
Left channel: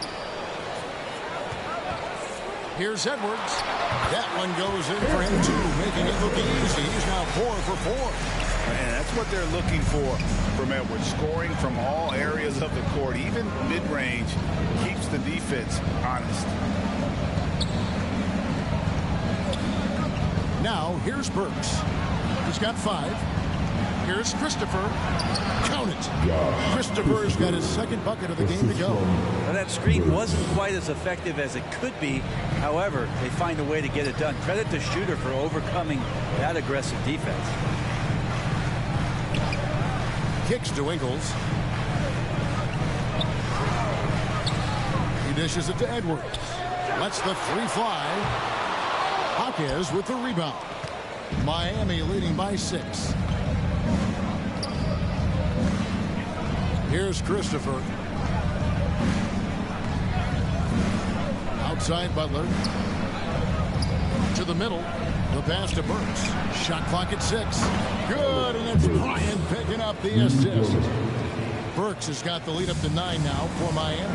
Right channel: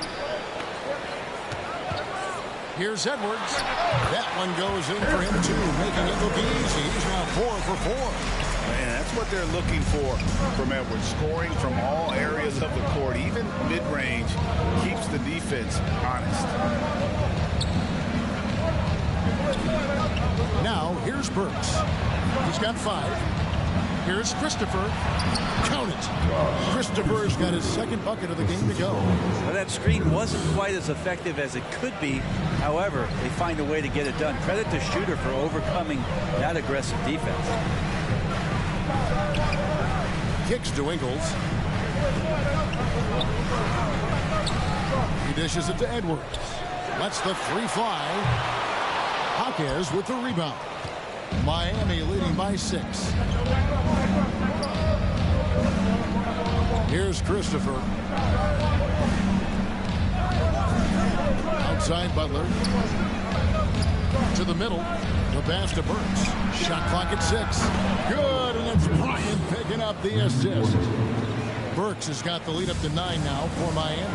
Here's Edwards. That one goes in for him, too, making it look easy. He's now 4 for 4. And that's what they're looking for from Edwards. Scoring from all areas of the court, even mid-range, keeps the defense honest. Now, here's Burks. He's got 5. Here's Christopher. Count it. Christopher's got his second bucket of the game to go. Well, that screen wasn't quite as effective as it could be. However, they find a way to get it done. Credit the shooter for overcoming that aggressive defense. Kicks to Ingles. He dishes it to Edwards. Lets the 3 fly. Jaquez with the rebound. Miami leading by 6. Here's Christopher. Outside Butler. To the middle. The pass to Burks. Shot clock at 6. Good, and it's Bryant picking up the assist. Burks has got the lead up to 9 now for Miami.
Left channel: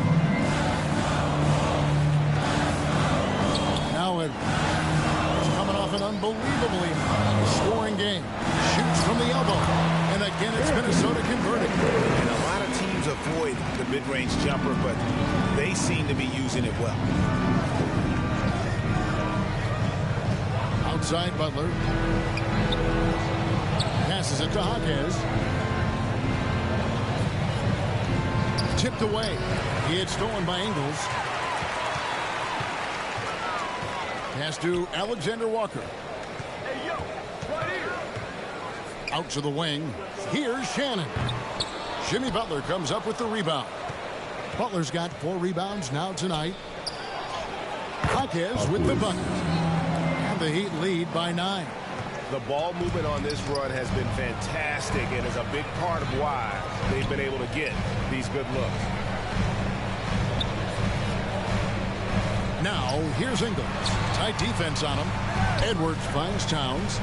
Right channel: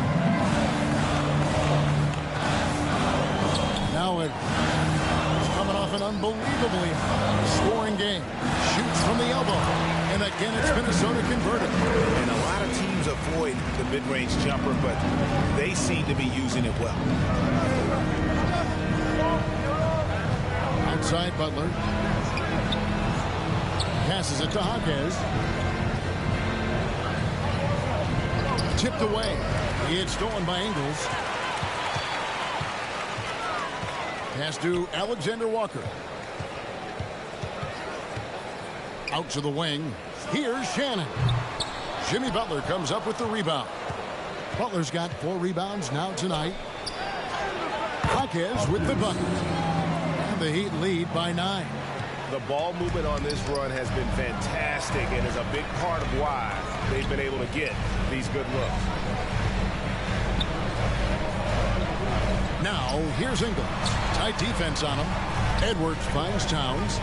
Now Edwards is coming off an unbelievably high-scoring game. Shoots from the elbow. And again, it's Minnesota converted. And a lot of teams avoid the mid-range jumper, but they seem to be using it well. Outside Butler. Passes it to Jaquez. Tipped away. It's stolen by Ingles. Pass to Alexander Walker. Out to the wing. Here's Shannon. Jimmy Butler comes up with the rebound. Butler's got 4 rebounds now tonight. Jaquez with the bucket. And the Heat lead by 9. The ball movement on this run has been fantastic and is a big part of why they've been able to get these good looks. Now, here's Ingles. Tight defense on him. Edwards finds Towns.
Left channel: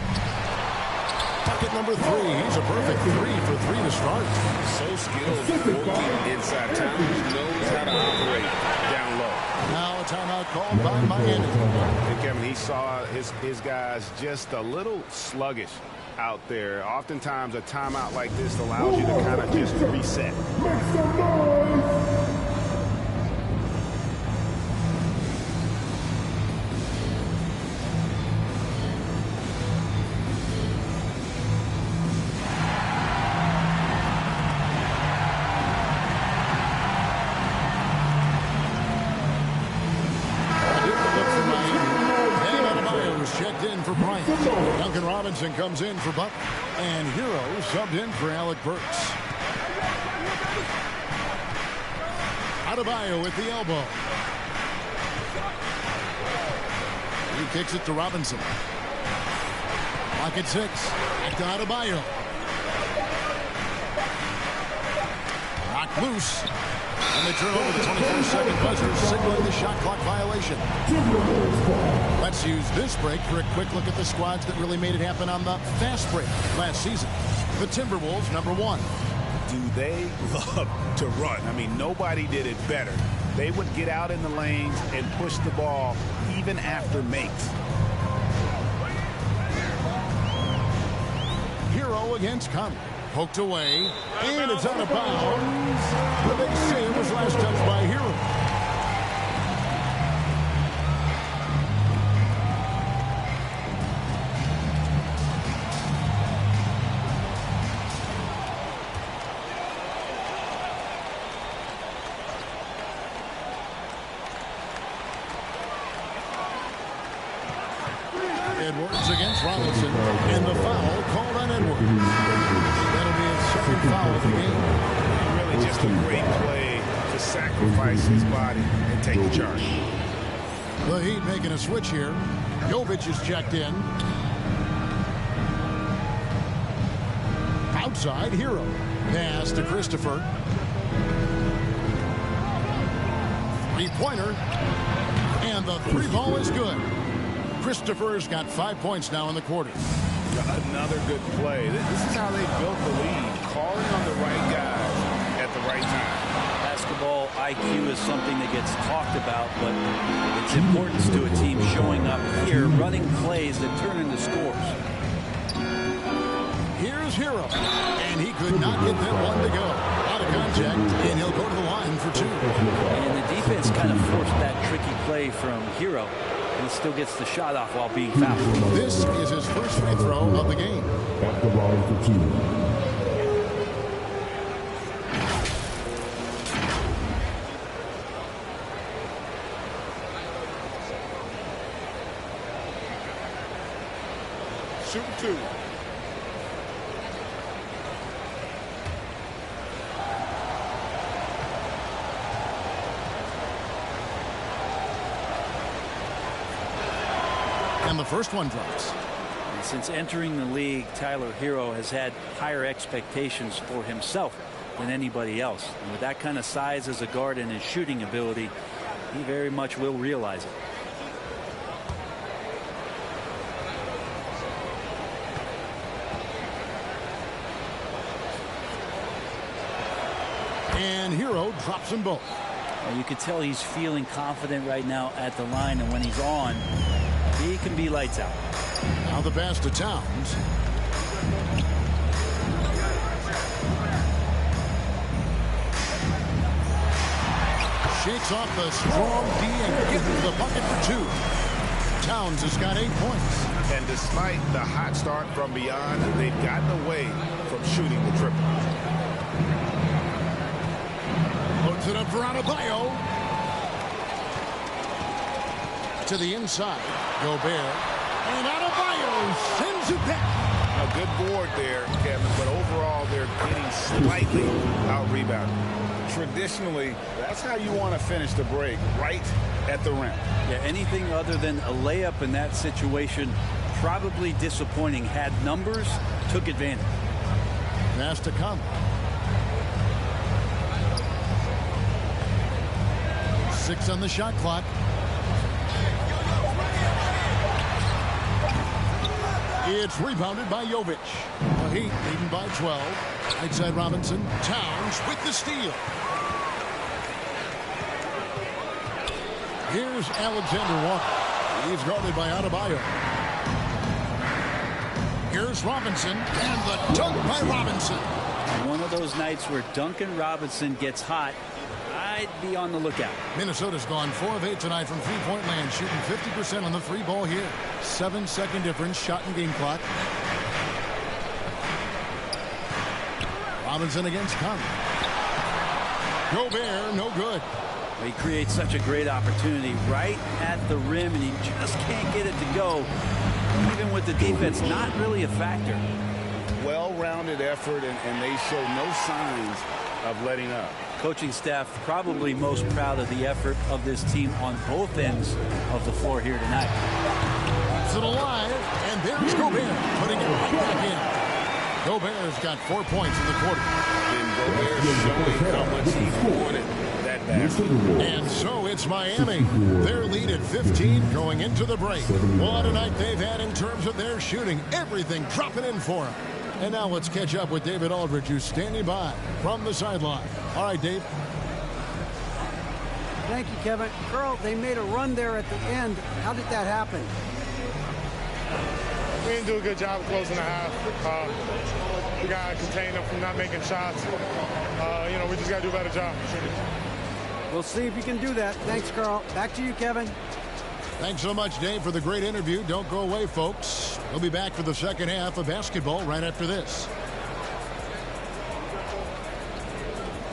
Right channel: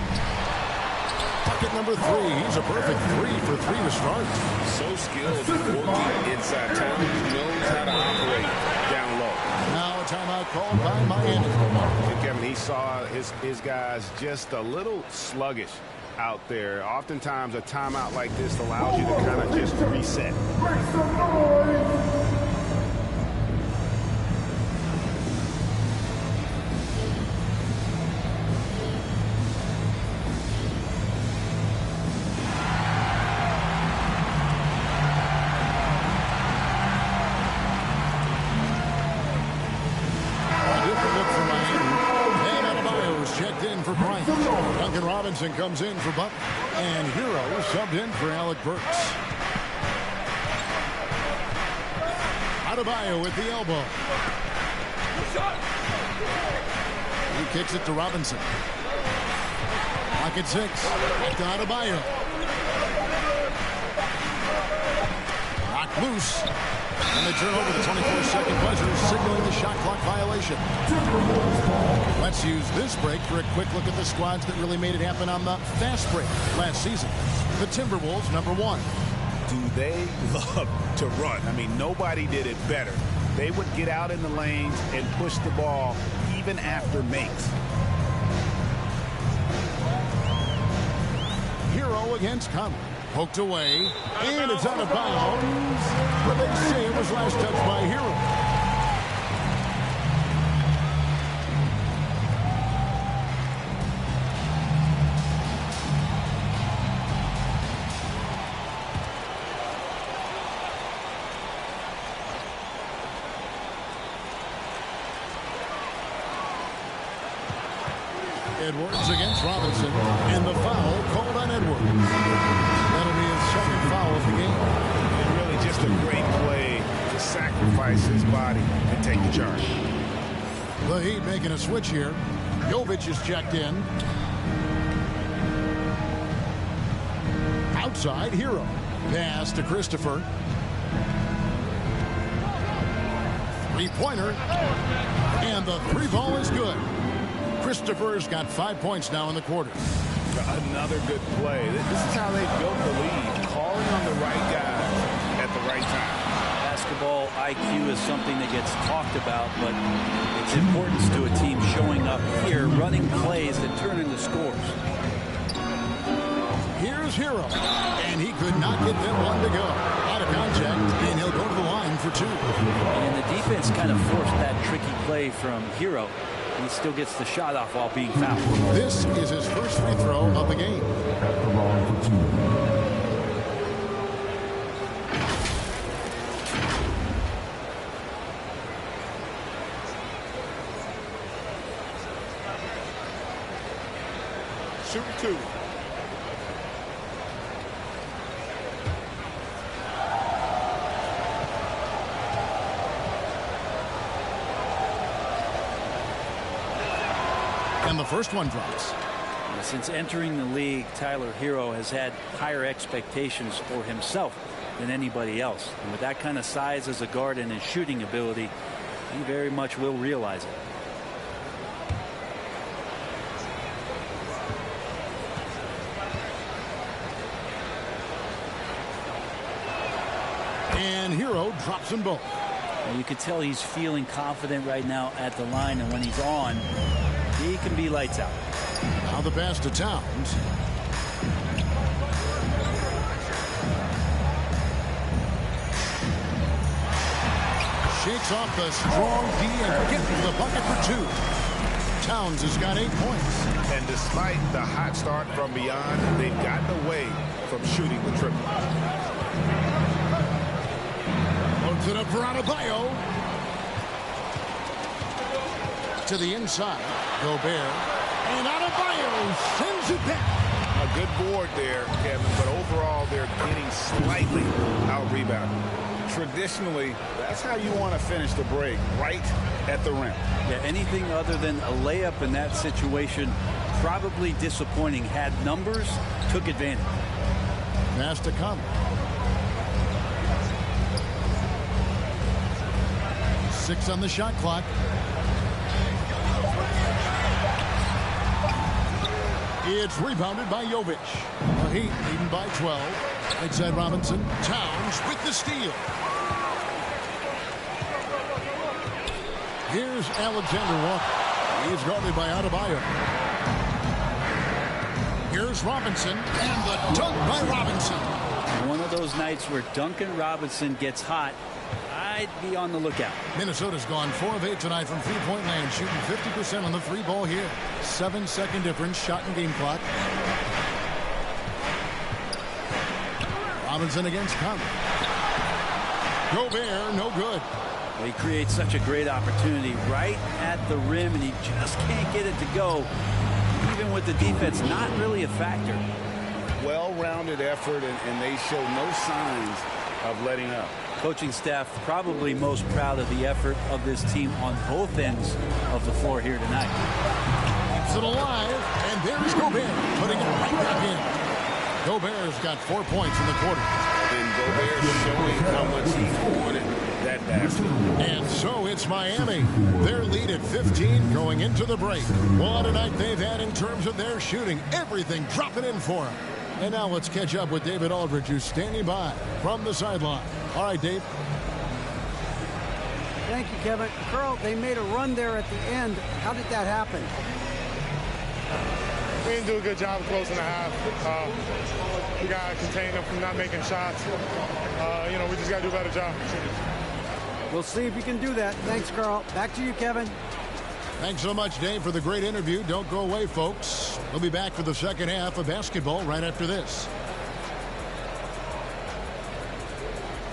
Bucket number 3. He's a perfect 3 for 3 to start. So skilled working inside. Towns knows how to operate down low. Now a timeout called by Miami. And Kevin, he saw his guys just a little sluggish out there. Oftentimes a timeout like this allows you to kind of just reset. Make some noise! Checked in for Bryant. Duncan Robinson comes in for Butler. And Hero subbed in for Alec Burks. Adebayo with the elbow. He kicks it to Robinson. Clock at 6. Back to Adebayo. Knocked loose. And they turn over the 24-second buzzer, signaling the shot clock violation. Let's use this break for a quick look at the squads that really made it happen on the fast break last season. The Timberwolves, #1. Do they love to run? I mean, nobody did it better. They would get out in the lanes and push the ball even after makes. Hero against Conley. Poked away, and it's out of bounds. But they say it was last touched by Hero. Edwards against Robinson, and the foul called on Edwards. That'll be his second foul of the game. And really just a great play to sacrifice his body and take the charge. The Heat making a switch here. Jovic is checked in. Outside, Hero. Pass to Christopher. Three-pointer. And the three ball is good. Christopher's got 5 points now in the quarter. Another good play. This is how they built the lead, calling on the right guys at the right time. Basketball IQ is something that gets talked about, but its importance to a team showing up here, running plays that turn into scores. Here's Hero, and he could not get that one to go. Out of contact, and he'll go to the line for 2. And the defense kind of forced that tricky play from Hero. He still gets the shot off while being fouled. This is his first free throw of the game. At the line for 2. Shooting 2. And the first one drops. Since entering the league, Tyler Hero has had higher expectations for himself than anybody else. And with that kind of size as a guard and his shooting ability, he very much will realize it. And Hero drops them both. Now you could tell he's feeling confident right now at the line, and when he's on, he can be lights out. Now the pass to Towns. Shakes off the strong D and gets the bucket for 2. Towns has got 8 points. And despite the hot start from beyond, they've gotten away from shooting the triple. Loads it up for Adebayo. To the inside. Gobert. And Adebayo sends it back. A good board there, Kevin, but overall they're getting slightly out-rebounded. Traditionally, that's how you want to finish the break, right at the rim. Yeah, anything other than a layup in that situation, probably disappointing. Had numbers, took advantage. Pass to Conley. 6 on the shot clock. It's rebounded by Jovic. The Heat leading by 12. Outside Robinson. Towns with the steal. Here's Alexander Walker. He's guarded by Adebayo. Here's Robinson. And the dunk by Robinson. One of those nights where Duncan Robinson gets hot, I'd be on the lookout. Minnesota's gone 4 of 8 tonight from three-point land, shooting 50% on the 3 ball here. 7-second difference, shot and game clock. Robinson against Conley. Gobert, no good. Well, he creates such a great opportunity right at the rim, and he just can't get it to go. Even with the defense, not really a factor. Well-rounded effort, and they show no signs of letting up. Coaching staff probably most proud of the effort of this team on both ends of the floor here tonight. Keeps it alive, and there's Gobert putting it right back in. Gobert's got 4 points in the quarter. And Gobert showing how much he wanted that basket. And so it's Miami. Their lead at 15 going into the break. What a night they've had in terms of their shooting. Everything dropping in for them. And now let's catch up with David Aldridge, who's standing by from the sideline. All right, Dave. Thank you, Kevin. Carl, they made a run there at the end. How did that happen? We didn't do a good job closing the half. We got to contain them from not making shots. We just got to do a better job. We'll see if you can do that. Thanks, Carl. Back to you, Kevin. Thanks so much, Dave, for the great interview. Don't go away, folks. We'll be back for the second half of basketball right after this.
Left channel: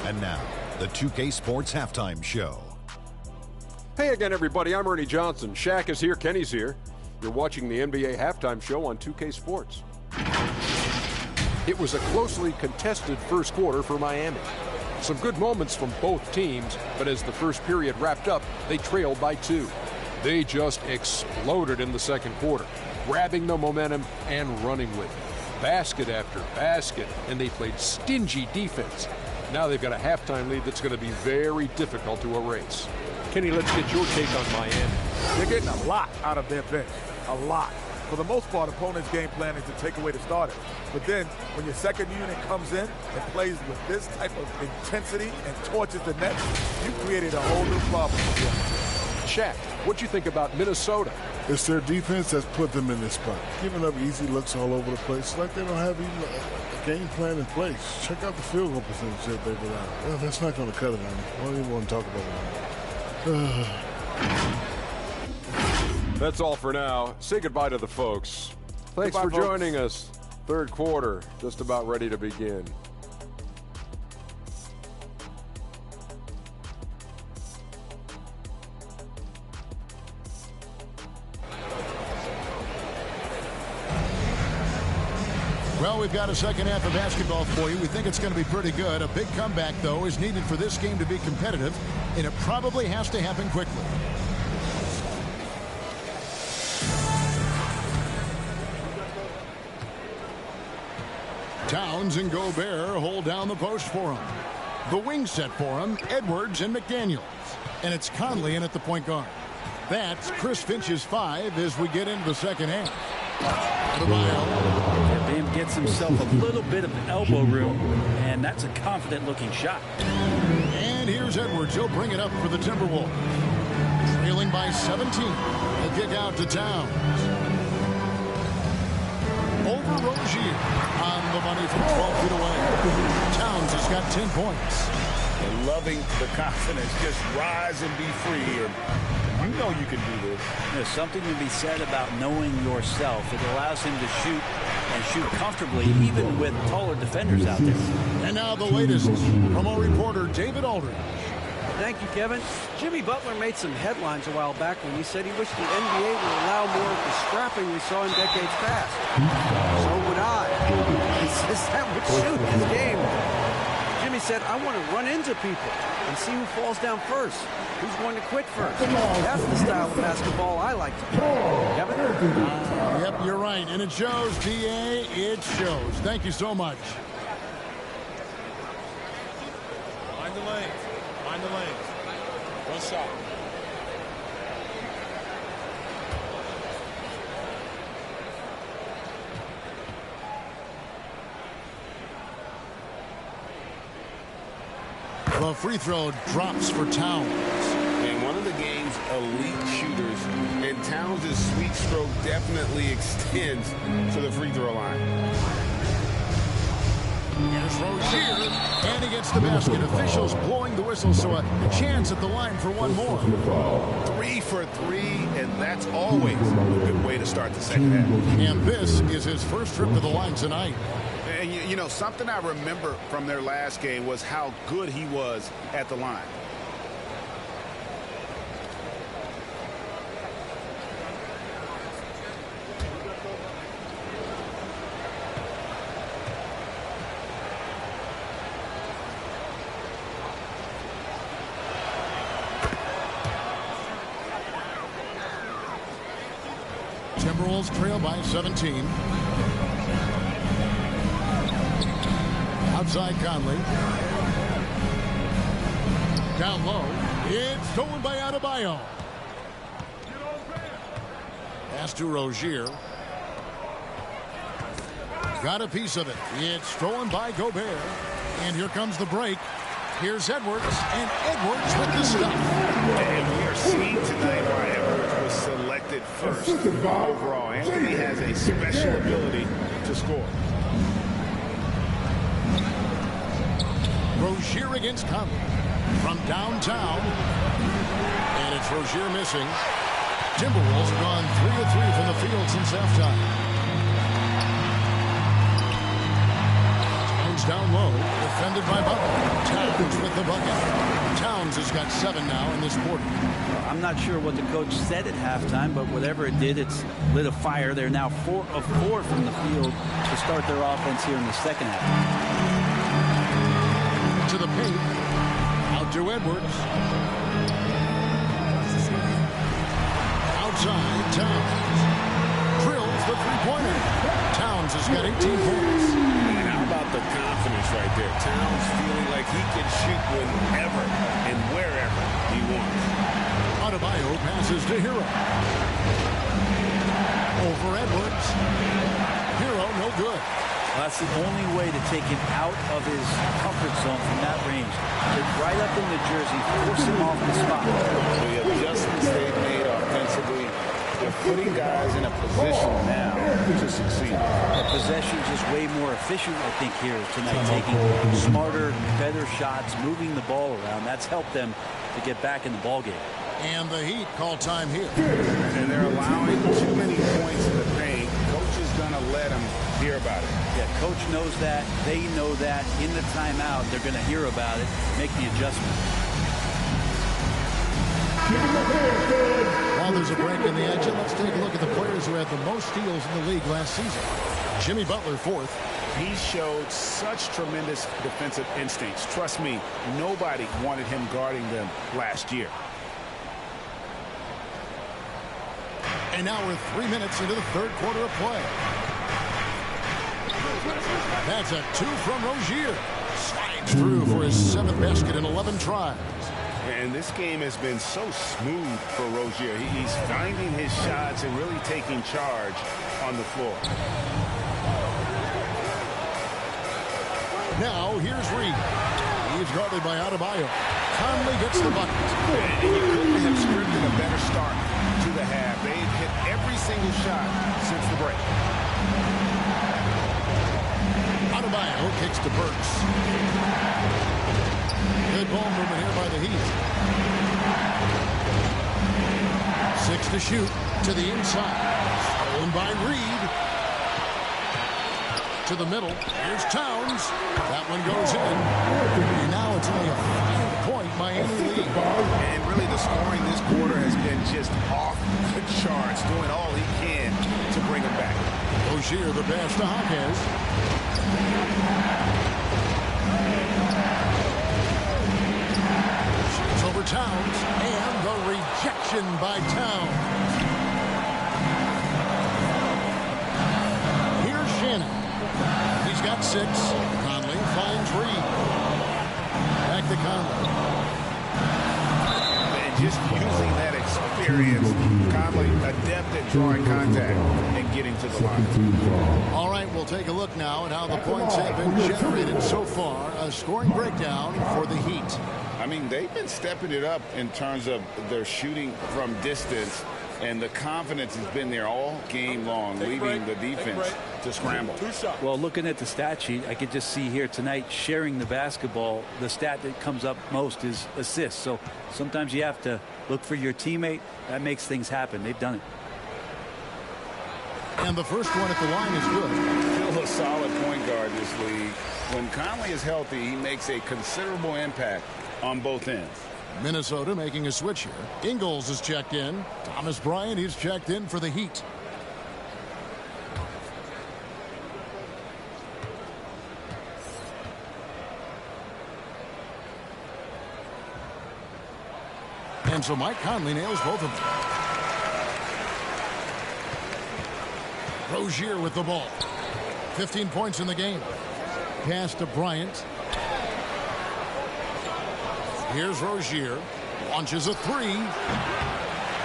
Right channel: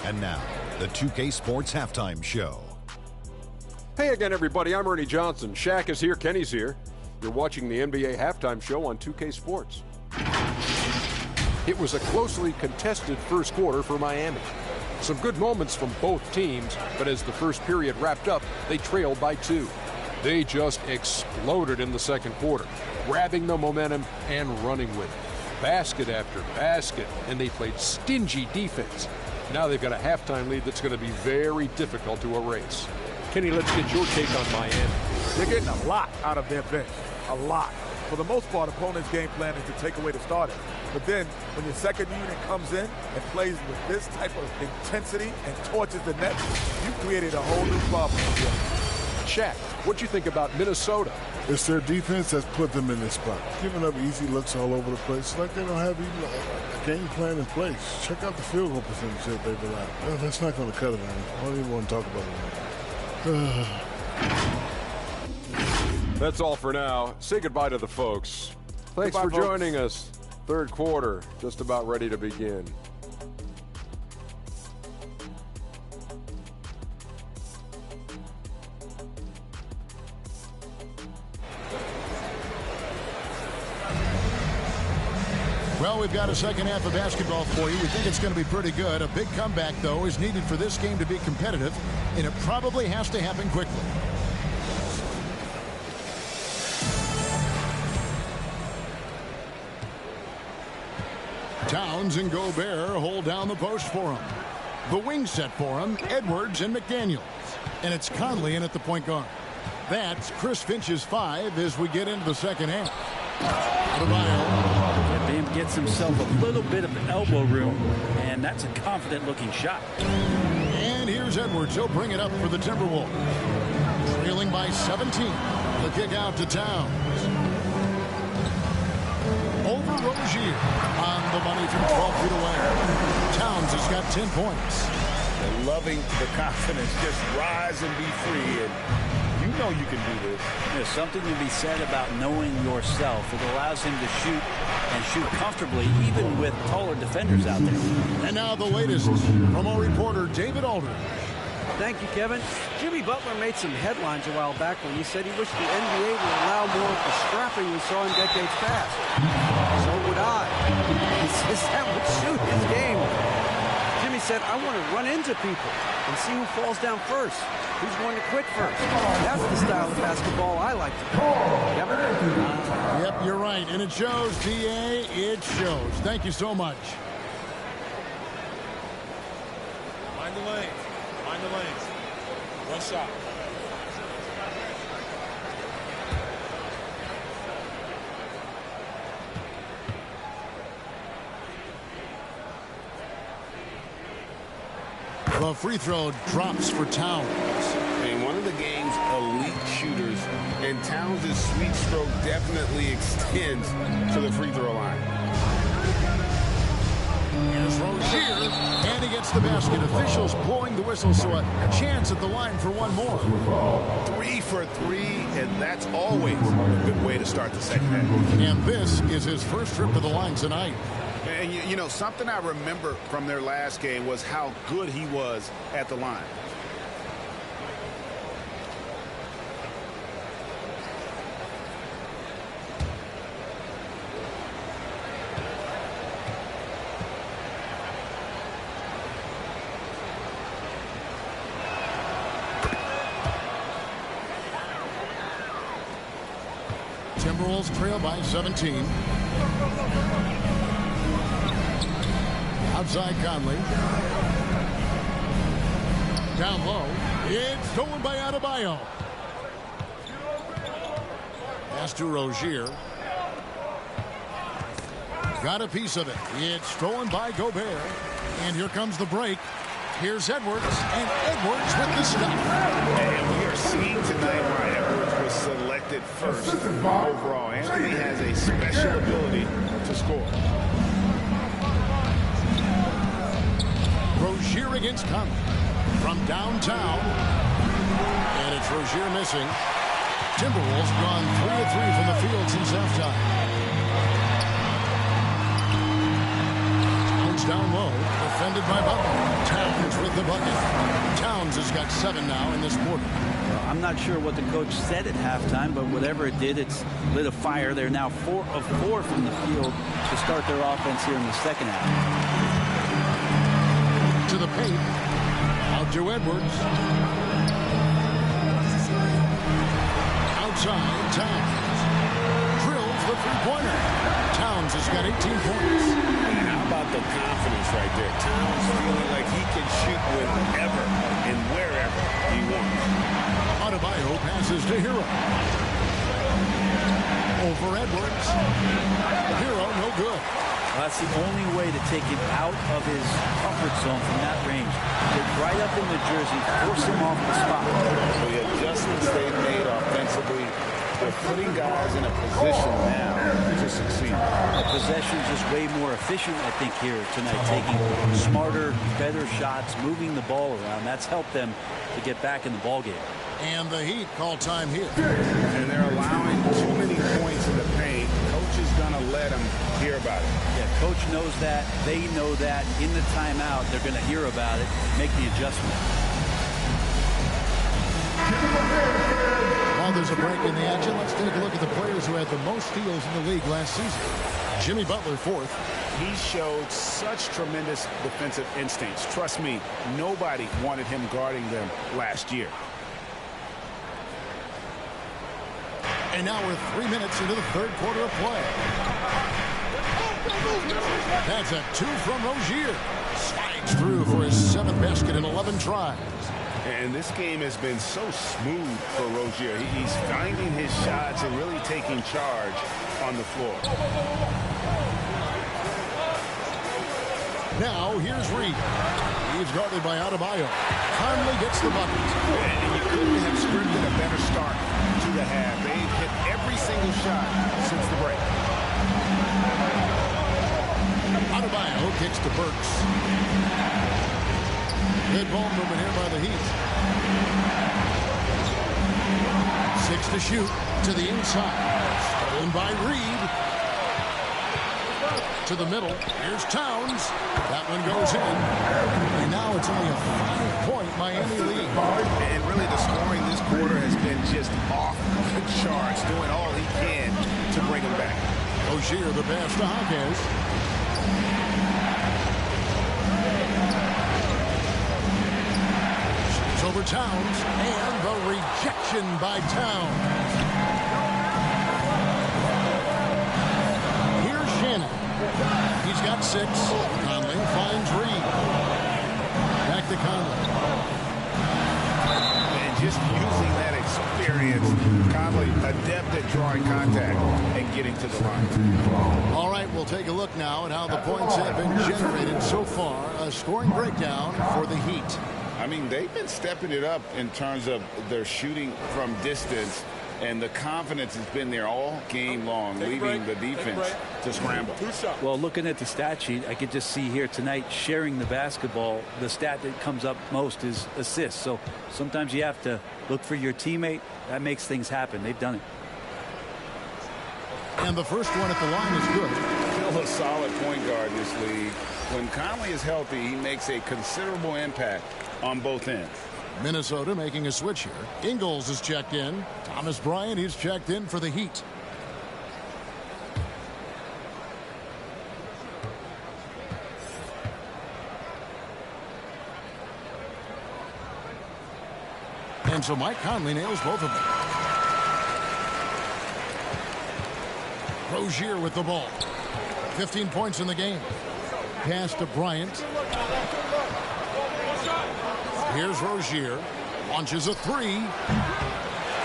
And now, the 2K Sports Halftime Show. Hey again, everybody. I'm Ernie Johnson. Shaq is here. Kenny's here. You're watching the NBA Halftime Show on 2K Sports. It was a closely contested first quarter for Miami. Some good moments from both teams, but as the first period wrapped up, they trailed by 2. They just exploded in the second quarter, grabbing the momentum and running with it. Basket after basket, and they played stingy defense. Now they've got a halftime lead that's going to be very difficult to erase. Kenny, let's get your take on Miami. They're getting a lot out of their bench. A lot. For the most part, opponents' game plan is to take away the starters. But then, when your second unit comes in and plays with this type of intensity and torches the net, you created a whole new problem. Shaq, what'd you think about Minnesota? It's their defense that's put them in this spot. Giving up easy looks all over the place. It's like they don't have even a game plan in place. Check out the field goal percentage that they've allowed. Well, that's not going to cut it, honey. I don't even want to talk about it anymore. That's all for now. Say goodbye to the folks. Thanks Goodbye, for folks. joining us. Third quarter, just about ready to begin. Well, we've got a second half of basketball for you. We think it's going to be pretty good. A big comeback, though, is needed for this game to be competitive, and it probably has to happen quickly. Towns and Gobert hold down the post for him. The wing set for him, Edwards and McDaniels. And it's Conley in at the point guard. That's Chris Finch's 5 as we get into the second half. Yeah, Bam gets himself a little bit of elbow room, and that's a confident-looking shot. And here's Edwards. He'll bring it up for the Timberwolves. Trailing by 17. The kick out to Towns. Over Rozier. On the money from 12 feet away. Towns has got 10 points. And loving the confidence. Just rise and be free. And you know you can do this. There's something to be said about knowing yourself. It allows him to shoot and shoot comfortably, even with taller defenders out there. And now the latest from our reporter, David Aldridge. Thank you, Kevin. Jimmy Butler made some headlines a while back when he said he wished the NBA would allow more of the scrapping we saw in decades past. So would I. He says that would suit his game. Jimmy said, I want to run into people and see who falls down first. Who's going to quit first? That's the style of basketball I like to play. Kevin? Yep, you're right. And it shows, DA. It shows. Thank you so much. Mind the lanes. Mind the lanes. One shot. The free throw drops for Towns. And one of the game's elite shooters, and Towns' sweet stroke definitely extends to the free throw line. Here's Rozier, and he gets the basket. Officials blowing the whistle, so a chance at the line for one more. 3 for 3, and that's always a good way to start the second half. And this is his first trip to the line tonight. And, you know, something I remember from their last game was how good he was at the line. Timberwolves trail by 17. Outside Conley. Down low. It's stolen by Adebayo. Pass to Rozier. Got a piece of it. It's stolen by Gobert. And here comes the break. Here's Edwards, and Edwards with the stuff. And we are seeing tonight why Edwards was selected first overall. Anthony has a special ability to score. Rozier against Conley from downtown. And it's Rozier missing. Timberwolves have gone 3 of 3 from the field since halftime. Towns down low, defended by Butler. Towns with the bucket. Towns has got 7 now in this quarter. Well, I'm not sure what the coach said at halftime, but whatever it did, it's lit a fire. They're now 4 of 4 from the field to start their offense here in the second half. To the paint. Out to Edwards. Outside, Towns. Drills the three-pointer. Towns has got 18 points. And how about the confidence right there? Towns feeling like he can shoot whenever and wherever he wants. Adebayo passes to Hero. Over Edwards. Hero, no good. Well, that's the only way to take him out of his comfort zone from that range. Get right up in the jersey, force him off the spot. The adjustments they've made offensively, they're putting guys in a position now to succeed. The possession's just way more efficient, I think, here tonight. Taking smarter, better shots, moving the ball around. That's helped them to get back in the ball game. And the Heat call time here. And they're allowing too many points in the paint. Coach is going to let them hear about it. Yeah, coach knows that. They know that. In the timeout, they're going to hear about it, make the adjustment. While there's a break in the action, let's take a look at the players who had the most steals in the league last season. Jimmy Butler, 4th. He showed such tremendous defensive instincts. Trust me, nobody wanted him guarding them last year. And now we're 3 minutes into the third quarter of play. That's a 2 from Rozier. Slides through for his 7th basket in 11 tries. And this game has been so smooth for Rozier. He's finding his shots and really taking charge on the floor. Now here's Reed. He's guarded by Adebayo. Conley gets the bucket. And you couldn't have scripted a better start to the half. They've hit every single shot since the break. Adebayo kicks to Burks. Good ball movement here by the Heat. 6 to shoot to the inside. Stolen by Reed. To the middle. Here's Towns. That one goes in. And now it's only a 5-point Miami lead. And really the scoring this quarter has been just off the charts, doing all he can to bring him back. Rozier the pass to Hawkins. Shoots over Towns. And the rejection by Towns. Here's Shannon. He's got 6. Conley finds Reed. Back to Conley. And just using that experience, Conley adept at drawing contact and getting to the line. All right, we'll take a look now at how the points have been generated so far. A scoring breakdown for the Heat. I mean, they've been stepping it up in terms of their shooting from distance. And the confidence has been there all game long, leaving the defense to scramble. Well, looking at the stat sheet, I could just see here tonight sharing the basketball. The stat that comes up most is assists. So sometimes you have to look for your teammate. That makes things happen. They've done it. And the first one at the line is good. Still a solid point guard in this league. When Conley is healthy, he makes a considerable impact on both ends. Minnesota making a switch here. Ingles is checked in. Thomas Bryant is checked in for the Heat. And so Mike Conley nails both of them. Rozier with the ball. 15 points in the game. Pass to Bryant. Here's Rozier. Launches a three.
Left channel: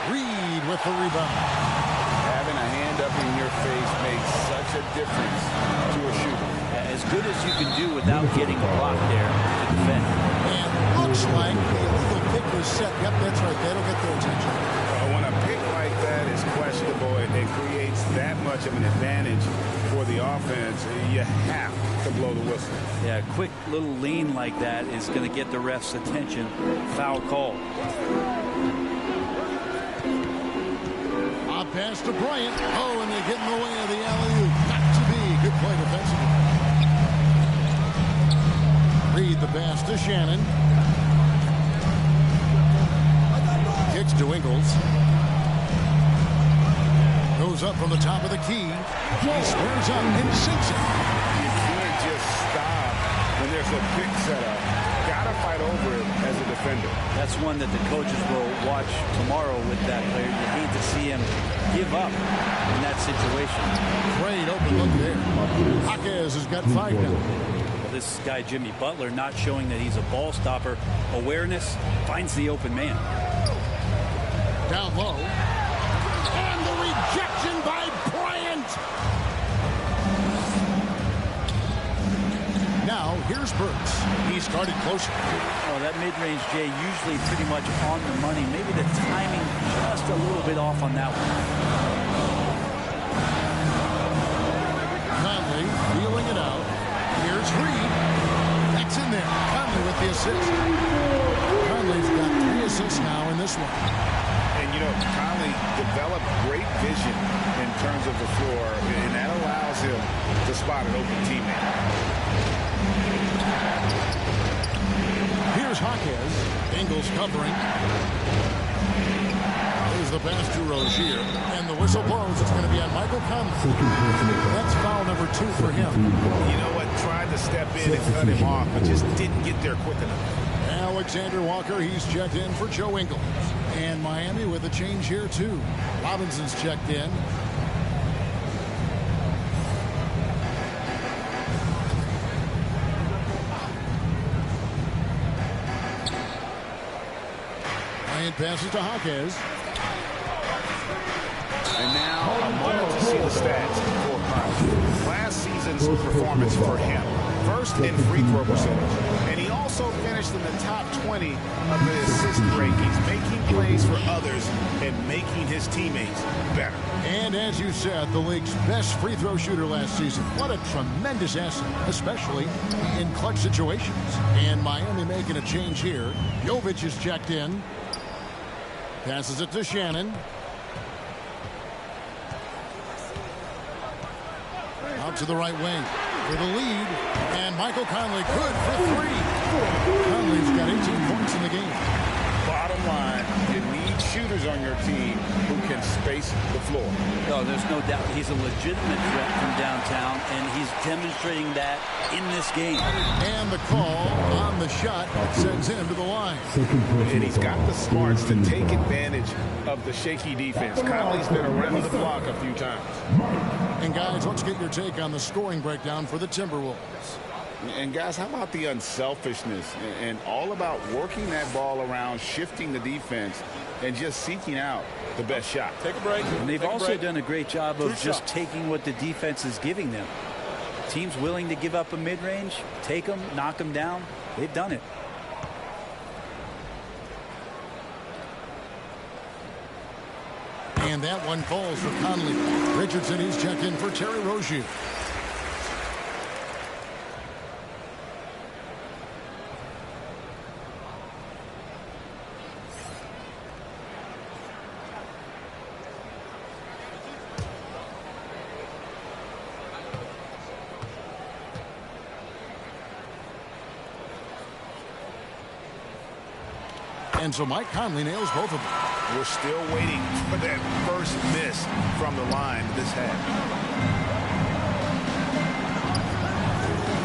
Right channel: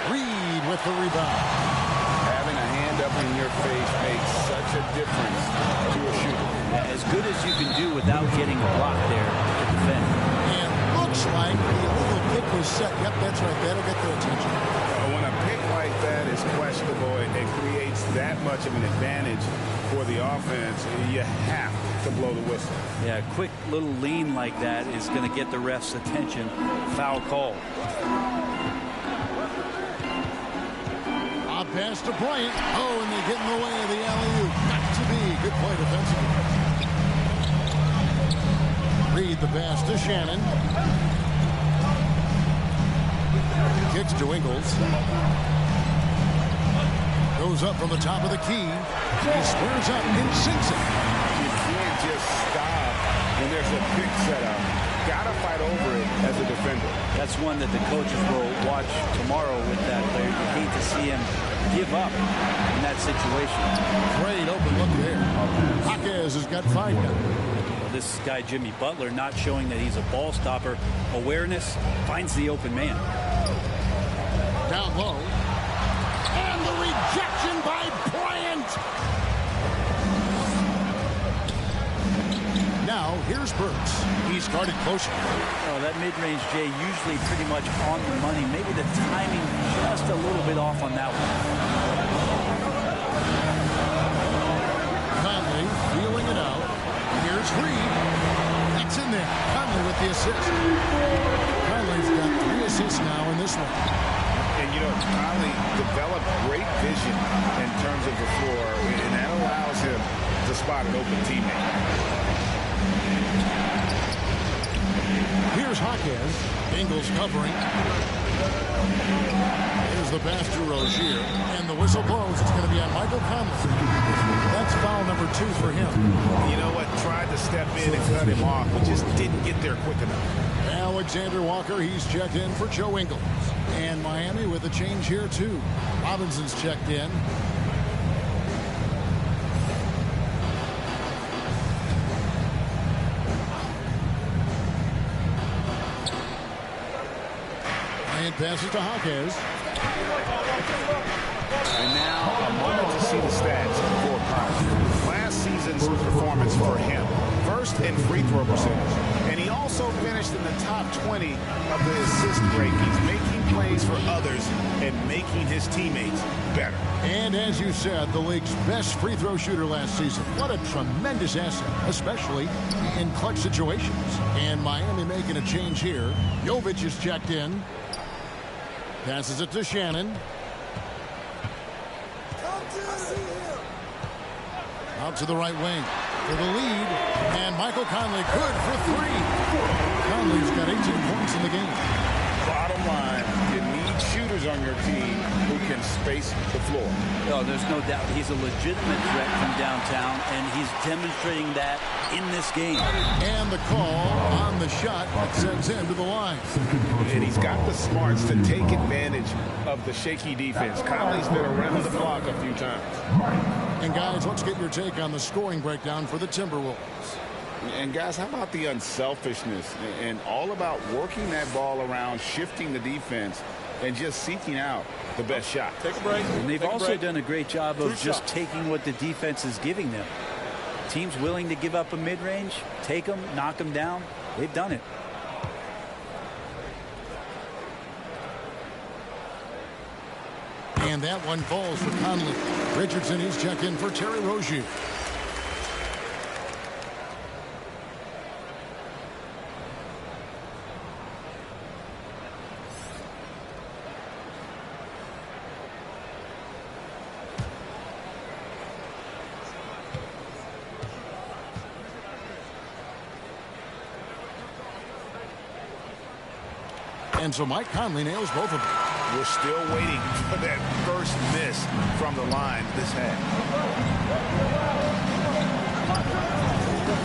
Reed with the rebound. Having a hand up in your face makes such a difference to a shooter. As good as you can do without getting a block there to defend. And looks like the illegal pick was set. Yep, that's right. That'll get their attention. When a pick like that is questionable and creates that much of an advantage for the offense, you have to blow the whistle. Yeah, a quick little lean like that is going to get the ref's attention. Foul call. Odd pass to Bryant. Oh, and they get in the way of the alley-oop. Got to be. Good play defensively. Reed the pass to Shannon. Kicks to Ingles. Goes up from the top of the key. He squares up and sinks it. You can't just stop when there's a pick set up. Gotta fight over it as a defender. That's one that the coaches will watch tomorrow with that player. You hate to see him give up in that situation. Great open look there. Jaquez has got 5 now. Well, this guy, Jimmy Butler, not showing that he's a ball stopper. Awareness, finds the open man. Down low. And the rejection by Bryant. Now, here's Burks. He's guarded closer. Oh, that mid-range, Jay, usually pretty much on the money. Maybe the timing just a little bit off on that one. Conley feeling it out. Here's Reed. That's in there. Conley with the assist. Conley's got 3 assists now in this one. And, you know, Conley developed great vision in terms of the floor, and that allows him to spot an open teammate. Here's Jaquez. Ingles covering. Here's the pass to Rozier. And the whistle blows. It's going to be on Michael Conley. That's foul number 2 for him. You know what? Tried to step in and cut him off, but just didn't get there quick enough. Alexander Walker, he's checked in for Joe Ingles. And Miami with a change here, too. Robinson's checked in. Bryant passes to Jaquez. And now a moment to see the stats for Conley. Last season's performance for him. First in free throw percentage. And he also finished in the top 20 of the assist rankings, making plays for others and making his teammates better. And as you said, the league's best free throw shooter last season. What a tremendous asset, especially in clutch situations. And Miami making a change here. Jovic is checked in. Passes it to Shannon. Out to the right wing for the lead. And Michael Conley good for 3. Conley's got 18 points in the game. Bottom line, you need shooters on your team who can space the floor. Oh, there's no doubt he's a legitimate threat from downtown, and he's demonstrating that in this game. And the call on the shot that sends him to the line. And he's got the smarts to take advantage of the shaky defense. Conley's been around the block a few times. And guys, let's get your take on the scoring breakdown for the Timberwolves. And guys, how about the unselfishness and all about working that ball around, shifting the defense, and just seeking out the best shot. Take a break. And they've also done a great job of just taking what the defense is giving them. Teams willing to give up a mid-range, take them, knock them down. They've done it. And that one falls for Conley. Richardson, he's checked in for Terry Rozier. And so Mike Conley nails both of them. We're still waiting for that first miss from the line this half.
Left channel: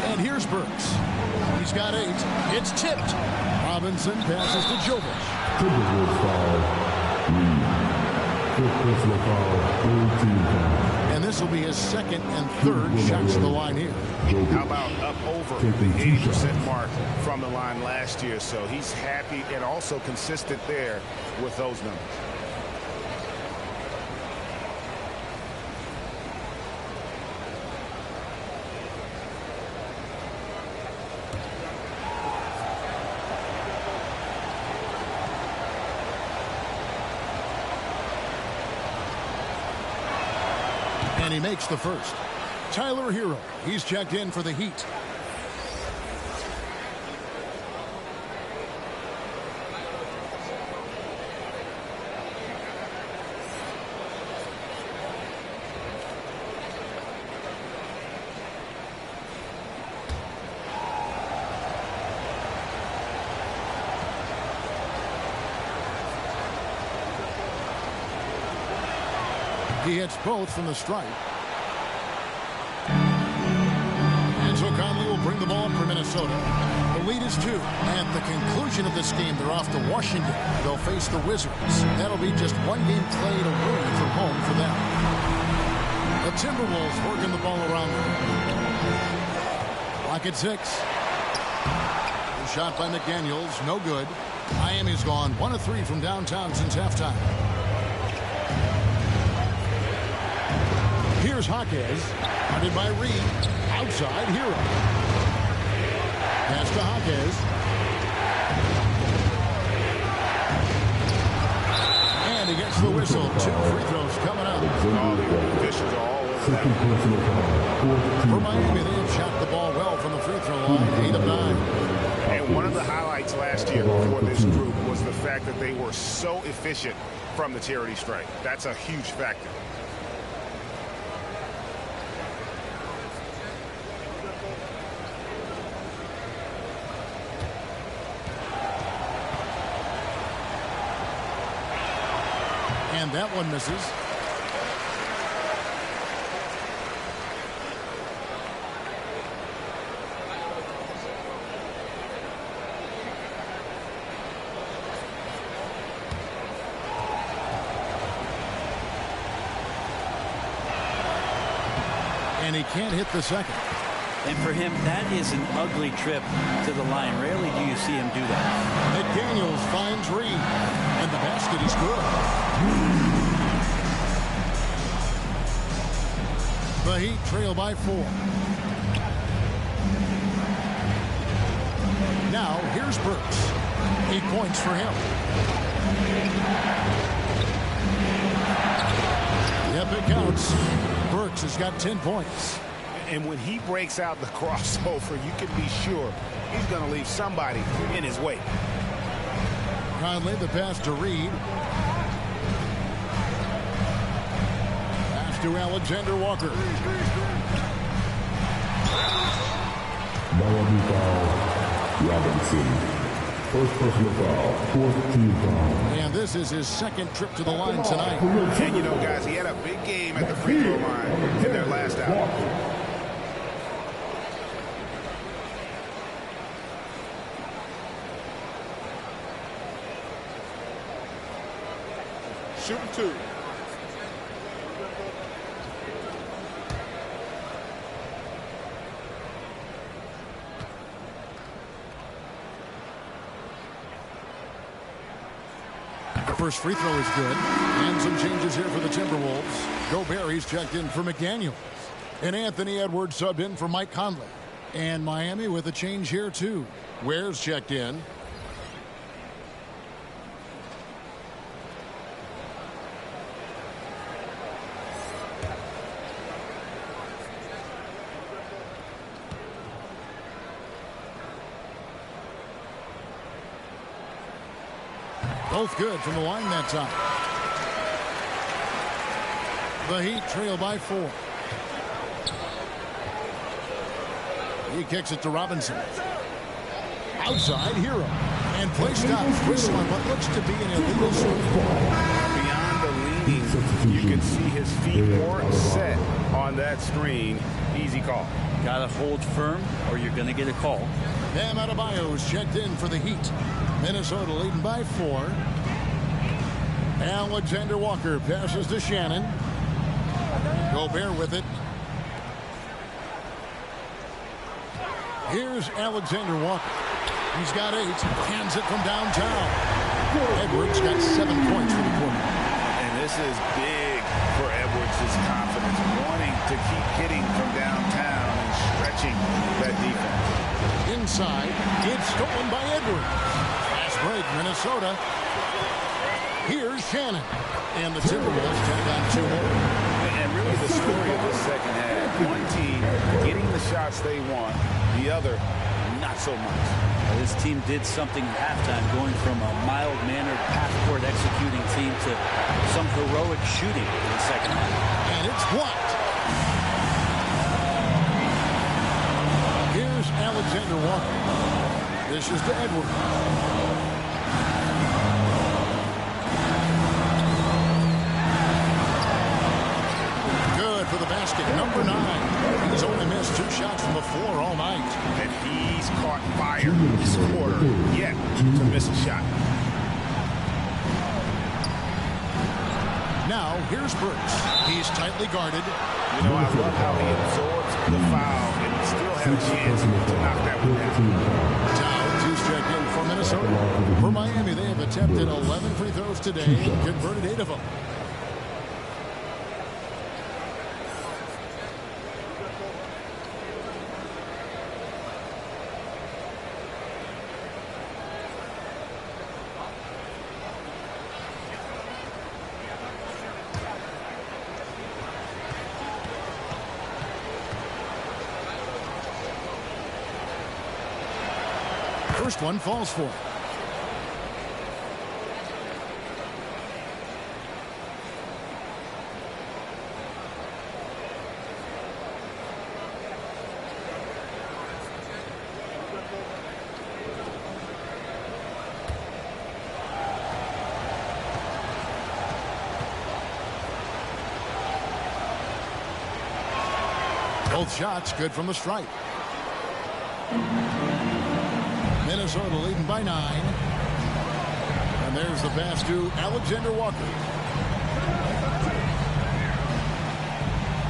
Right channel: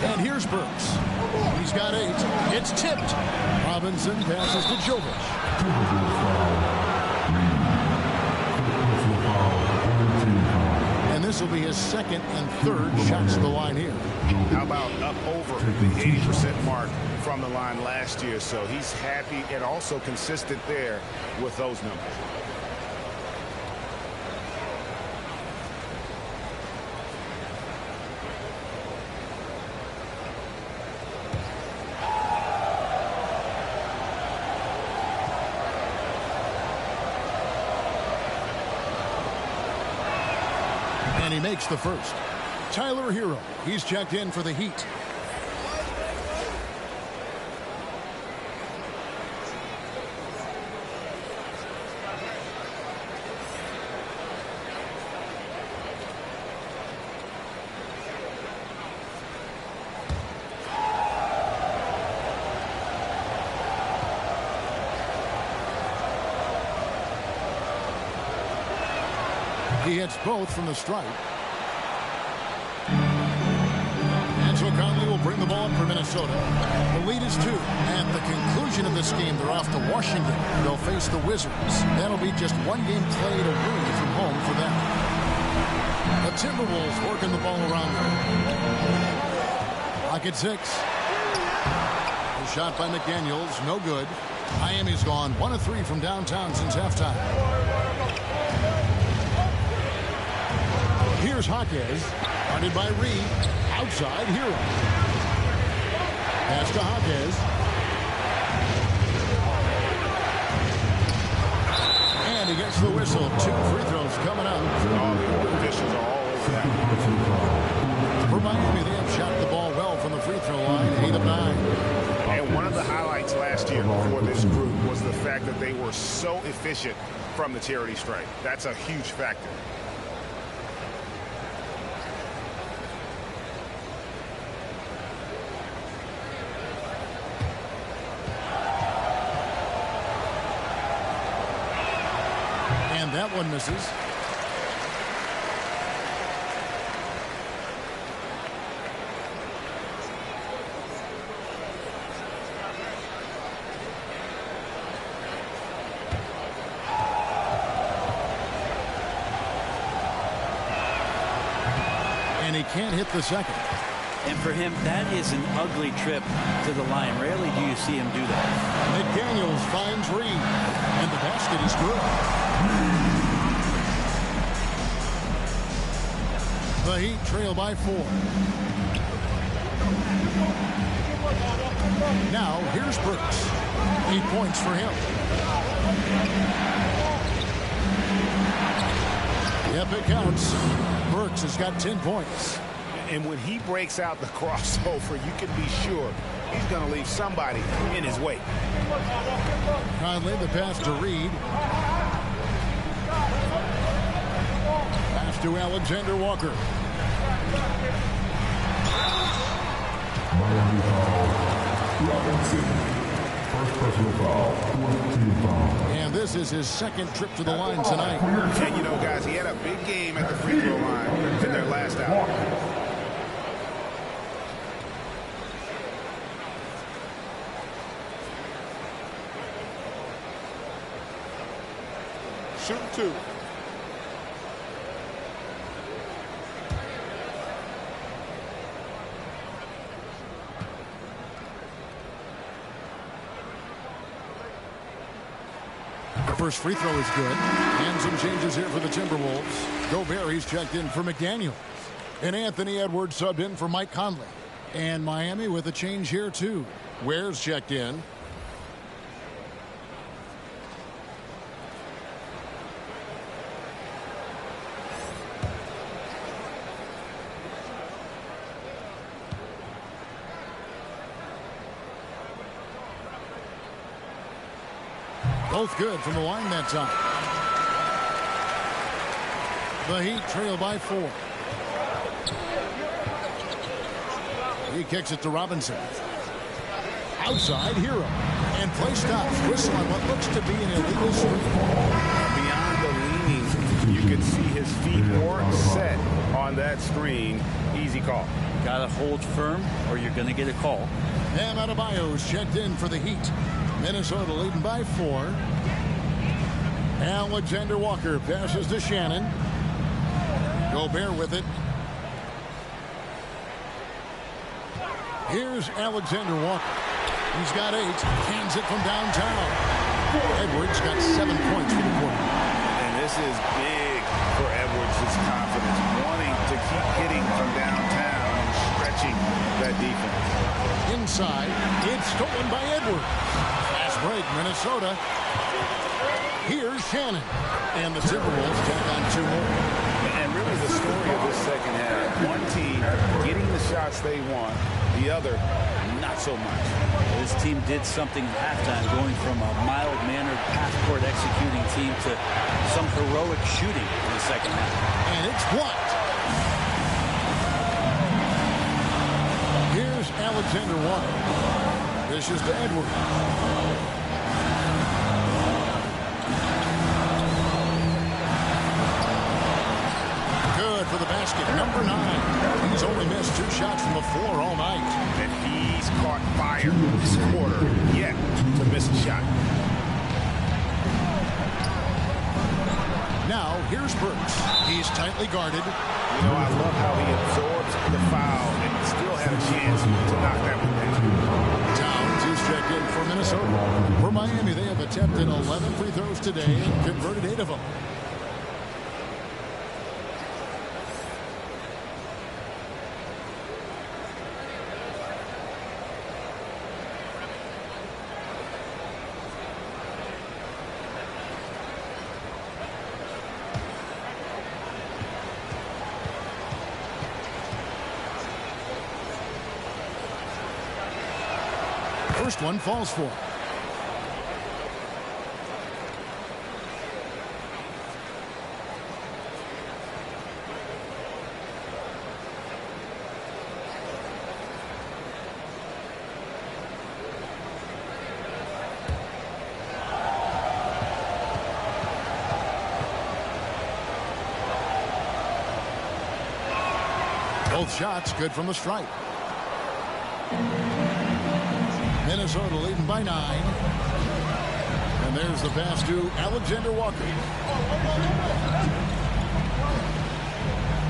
And here's Burks. He's got 8. It's tipped. Robinson passes to Jovic. And this will be his second and third shots to the line here. How about up over the 80% mark from the line last year? So he's happy and also consistent there with those numbers. And he makes the first. Tyler Hero, he's checked in for the Heat. He hits both from the stripe. And so Conley will bring the ball up for Minnesota. The lead is 2. At the conclusion of this game, they're off to Washington. They'll face the Wizards. That'll be just one game played away from home for them. The Timberwolves working the ball around them. Clock at 6. A shot by McDaniels, no good. Miami's gone 1 of 3 from downtown since halftime. Here's Jaquez, guarded by Reed, outside Hero. Pass to Jaquez. And he gets the whistle. 2 free throws coming up. All the officials are all over that. For Miami, they have shot the ball well from the free throw line, 8 of 9. And one of the highlights last year for this group was the fact that they were so efficient from the charity stripe. That's a huge factor. And that one misses. And he can't hit the second. And for him, that is an ugly trip to the line. Rarely do you see him do that. McDaniels finds Reed. And the basket is good. The Heat trail by 4. Now, here's Burks. 8 points for him. Yep, it counts. Burks has got 10 points. And when he breaks out the crossover, you can be sure he's going to leave somebody in his wake. Conley, the pass to Reed. Pass to Alexander Walker. Miami foul, Robinson. First personal foul, 4th team foul. And this is his second trip to the line tonight. And you know, guys, he had a big game at the free throw line in their last outing. Shooting 2. First free throw is good. And some changes here for the Timberwolves. Gobert, he's checked in for McDaniels. And Anthony Edwards subbed in for Mike Conley. And Miami with a change here, too. Ware's checked in. Both good from the line that time. The Heat trail by 4. He kicks it to Robinson. Outside, Hero. And play stops. Whistle on what looks to be an illegal swing. Beyond the leaning, you can see his feet weren't set on that screen. Easy call. Got to hold firm or you're going to get a call. Bam Adebayo's checked in for the Heat. Minnesota leading by 4. Alexander Walker passes to Shannon. Gobert with it. Here's Alexander Walker. He's got 8. Hands it from downtown. Edwards got 7 points for the quarter. And this is big for Edwards' confidence, wanting to keep hitting from downtown and stretching that defense. Inside, it's stolen by Edwards. Fast break, Minnesota. Here's Shannon. And the Timberwolves tack on 2 more. And really the story of this second half, one team getting the shots they want, the other not so much. This team did something at halftime, going from a mild-mannered half-court executing team to some heroic shooting in the second half. And it's blocked. Here's Alexander Walker. This is to Edwards. Good for the basket. Number 9. He's only missed 2 shots from the floor all night. And he's caught fire this quarter yet to miss a shot. Now, here's Burks. He's tightly guarded. You know, I love how he absorbs the foul and still had a chance to knock that one down. Towns, who's checked in for Minnesota. For Miami, they have attempted 11 free throws today and converted 8 of them. First one falls for him. Both shots good from the stripe. Minnesota leading by 9. And there's the pass to Alexander Walker.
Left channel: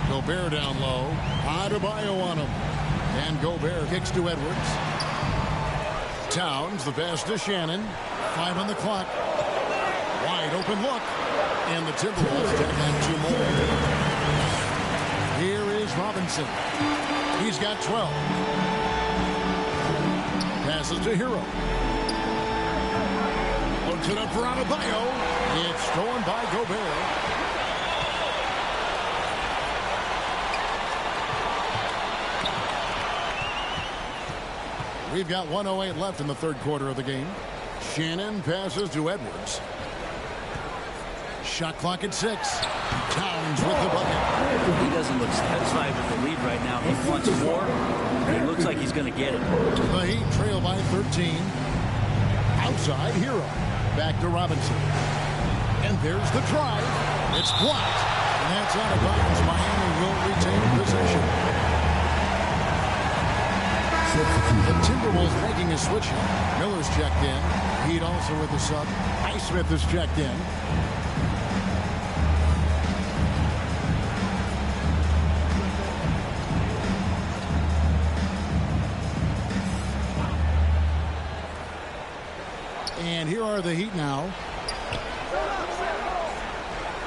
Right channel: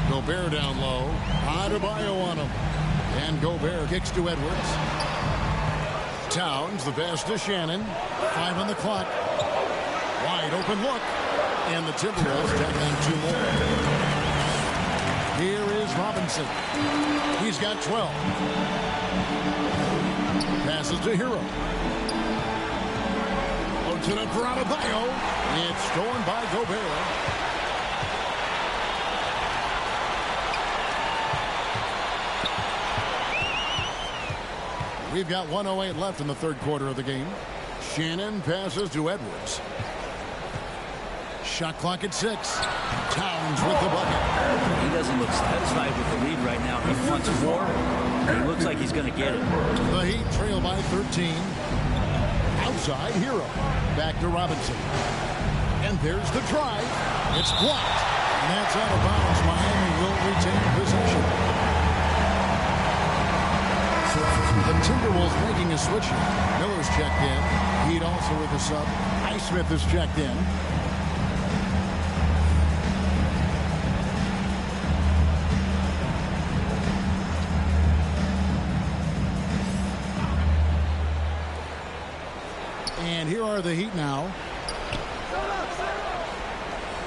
Gobert down low. Adebayo on him. And Gobert kicks to Edwards. Towns, the pass to Shannon. 5 on the clock. Wide open look. And the Timberwolves tack on 2 more. Here is Robinson. He's got 12. Passes to Hero. Floats it up for Adebayo. It's stolen by Gobert. We've got 1:08 left in the third quarter of the game. Shannon passes to Edwards. Shot clock at 6. Towns with the bucket. He doesn't look satisfied with the lead right now. He wants more. It looks like he's going to get it. The Heat trail by 13. Outside, Hero. Back to Robinson. And there's the drive. It's blocked. And that's out of bounds. Miami will retain possession. The Timberwolves making a switch here. Miller's checked in. Heat also with a sub. Highsmith is checked in. And here are the Heat now.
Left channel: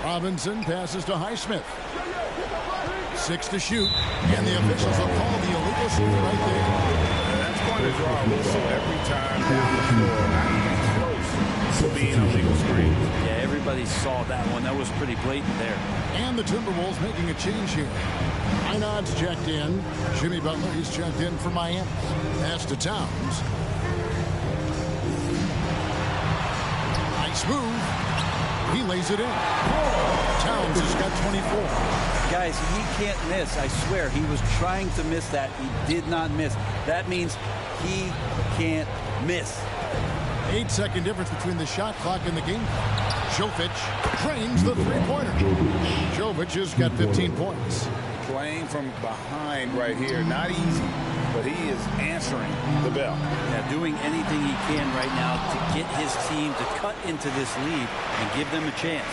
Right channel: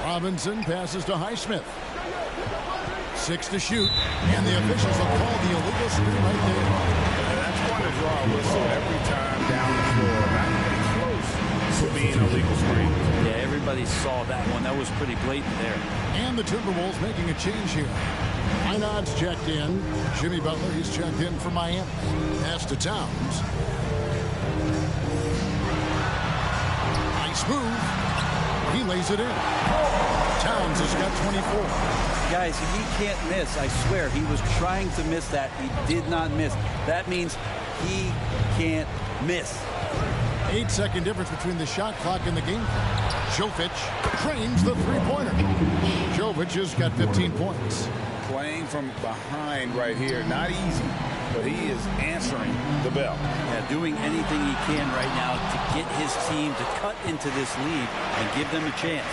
Robinson passes to Highsmith. 6 to shoot. And the officials will call the illegal screen right there. And that's going to draw a whistle every time down the floor. Not even close to being a legal screen. Yeah, everybody saw that one. That was pretty blatant there. And the Timberwolves making a change here. Einad's checked in. Jimmy Butler, he's checked in for Miami. Pass to Towns. Nice move. He lays it in. Towns has got 24. Guys, he can't miss. I swear, he was trying to miss that. He did not miss. That means he can't miss. 8-second difference between the shot clock and the game clock. Jovic drains the three-pointer. Jovic has got 15 points. Playing from behind right here. Not easy, but he is answering the bell. Yeah, doing anything he can right now to get his team to cut into this lead and give them a chance.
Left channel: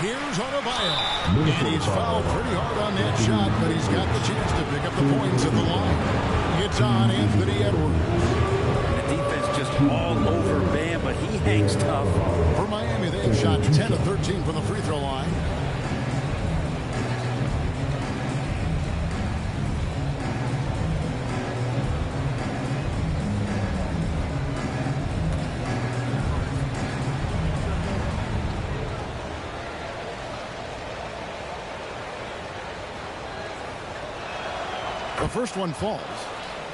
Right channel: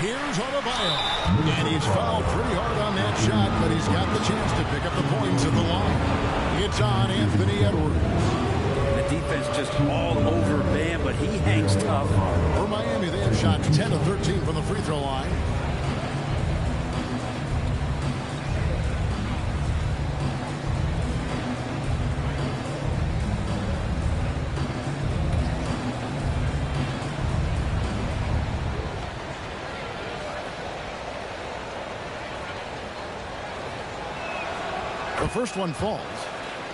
Here's Adebayo. And he's fouled pretty hard on that shot, but he's got the chance to pick up the points at the line. It's on Anthony Edwards. The defense just all over Bam, but he hangs tough. For Miami, they have shot 10 of 13 from the free throw line. The first one falls.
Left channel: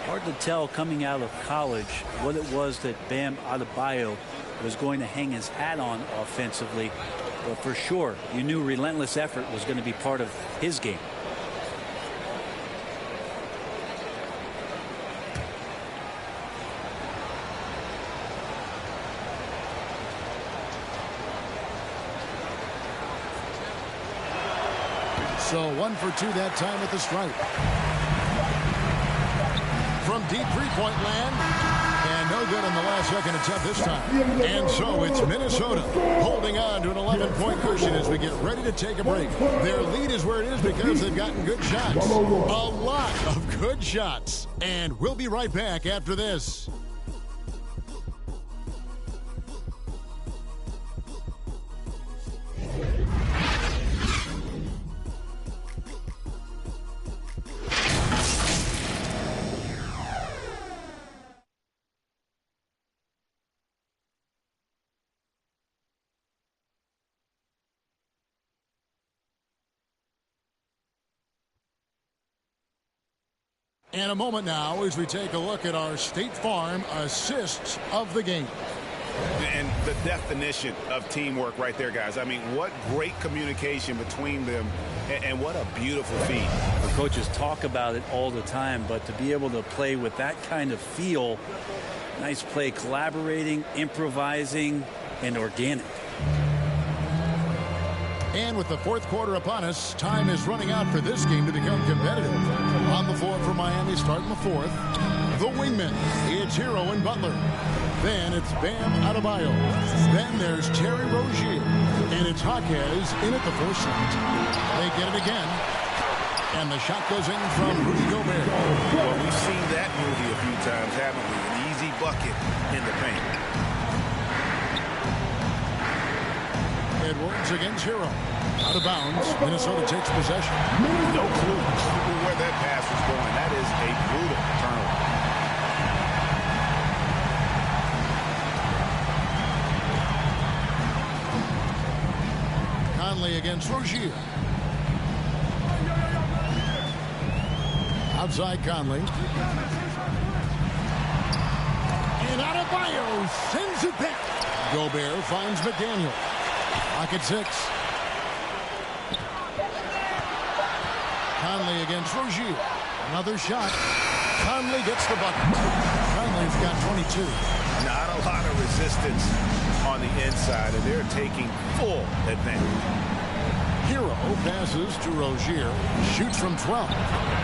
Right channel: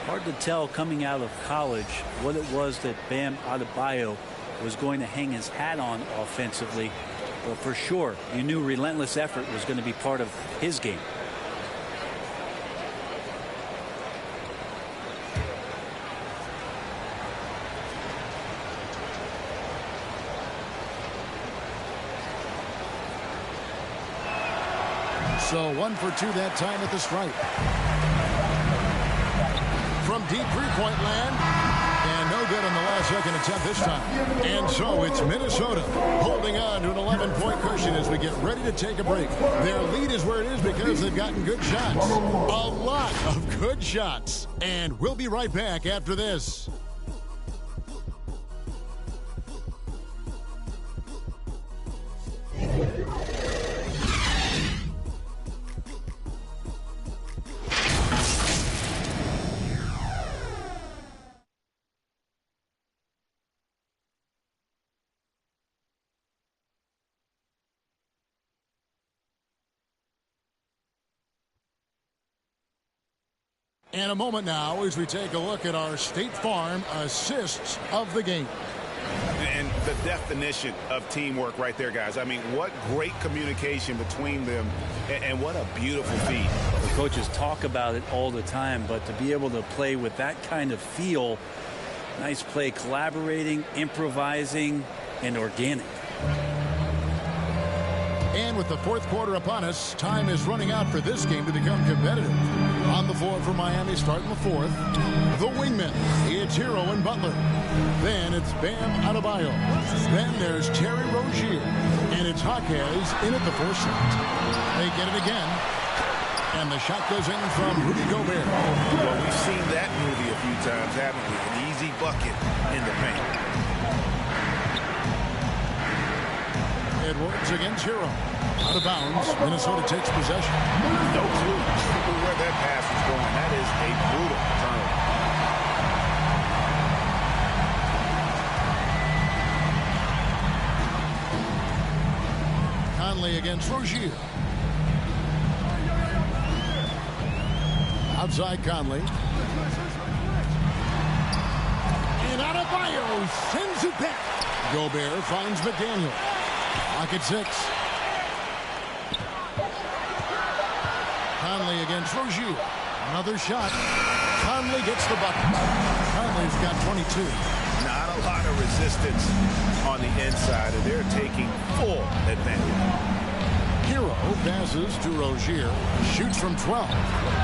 Hard to tell coming out of college what it was that Bam Adebayo was going to hang his hat on offensively. But for sure, you knew relentless effort was going to be part of his game. So 1 for 2 that time at the stripe. From deep three-point land. And no good on the last second attempt this time. And so it's Minnesota holding on to an 11-point cushion as we get ready to take a break. Their lead is where it is because they've gotten good shots. A lot of good shots. And we'll be right back after this. And a moment now as we take a look at our State Farm assists of the game. And the definition of teamwork right there, guys. I mean, what great communication between them, and what a beautiful feed. The coaches talk about it all the time, but to be able to play with that kind of feel, nice play, collaborating, improvising, and organic. And with the fourth quarter upon us, time is running out for this game to become competitive. On the floor for Miami, starting the fourth. The wingmen, it's Hero and Butler. Then it's Bam Adebayo. Then there's Terry Rozier. And it's Jaquez in at the fourth slot. They get it again. And the shot goes in from Rudy Gobert. Well, we've seen that movie a few times, haven't we? An easy bucket in the paint. Edwards against Hero. Out of bounds. Minnesota takes possession. No clue where that pass was going. That is a brutal turnover. Conley against Rozier. Outside Conley. And Adebayo sends it back. Gobert finds McDaniel. Lock at 6. Conley against Rozier. Another shot. Conley gets the bucket. Conley's got 22. Not a lot of resistance on the inside, and they're taking full advantage. Hero passes to Rozier. Shoots from 12.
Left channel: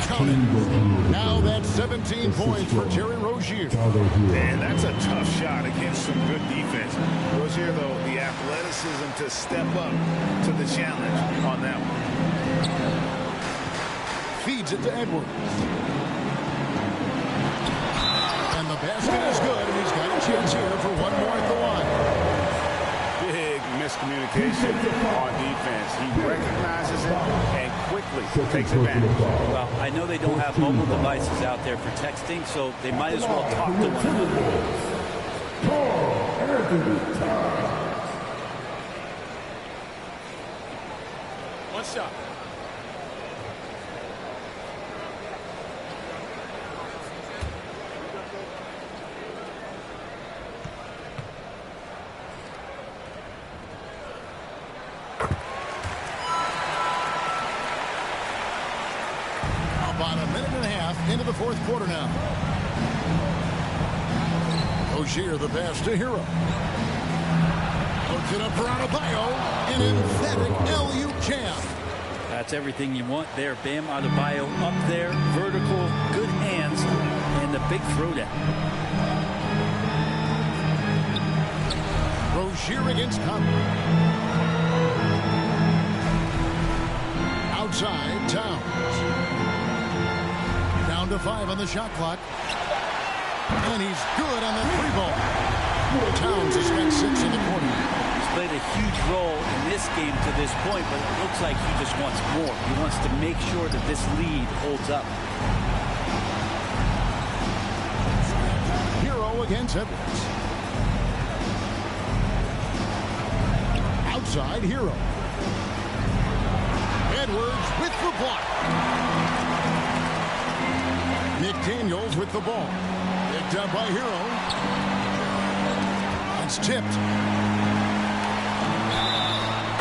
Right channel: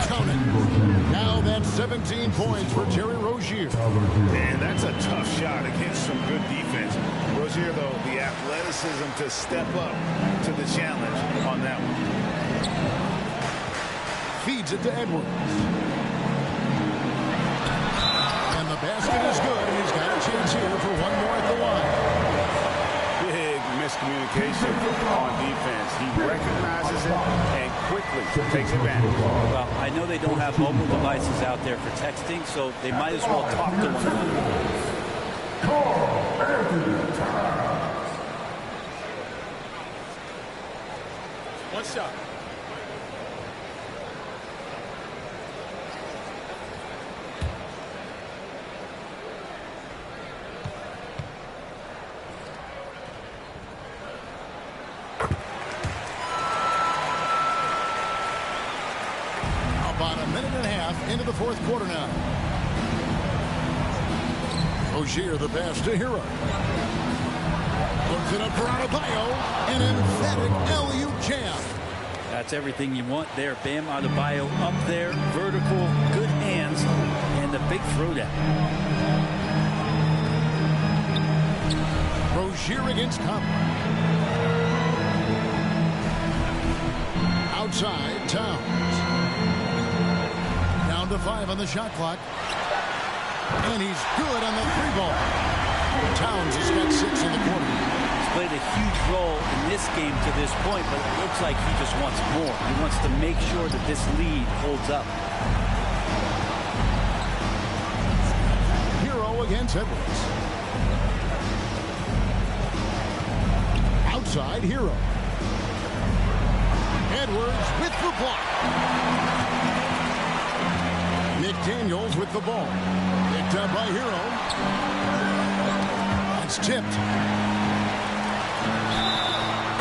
Count it. Now that's 17 points for Terry Rozier. And that's a tough shot against some good defense. Rozier, though, the athleticism to step up to the challenge on that one. Feeds it to Edwards. And the basket is good, and he's got a chance here for one more at the line. Big miscommunication on defense. He recognizes it and quickly takes advantage. Well, I know they don't have mobile devices out there for texting, so they might as well talk to one another. One shot. About a minute and a half into the fourth quarter now. Rozier the pass to Hero. Puts it up for Adebayo. An emphatic alley-oop jam. That's everything you want there. Bam Adebayo up there. Vertical, good hands, and the big throwdown. Rozier against Conley. Outside, Towns. Down to 5 on the shot clock. And he's good on the 3-ball. Towns has got 6 in the quarter. He's played a huge role in this game to this point, but it looks like he just wants more. He wants to make sure that this lead holds up. Hero against Edwards. Outside, Hero. Edwards with the block. McDaniels with the ball. Picked up by Hero. It's tipped.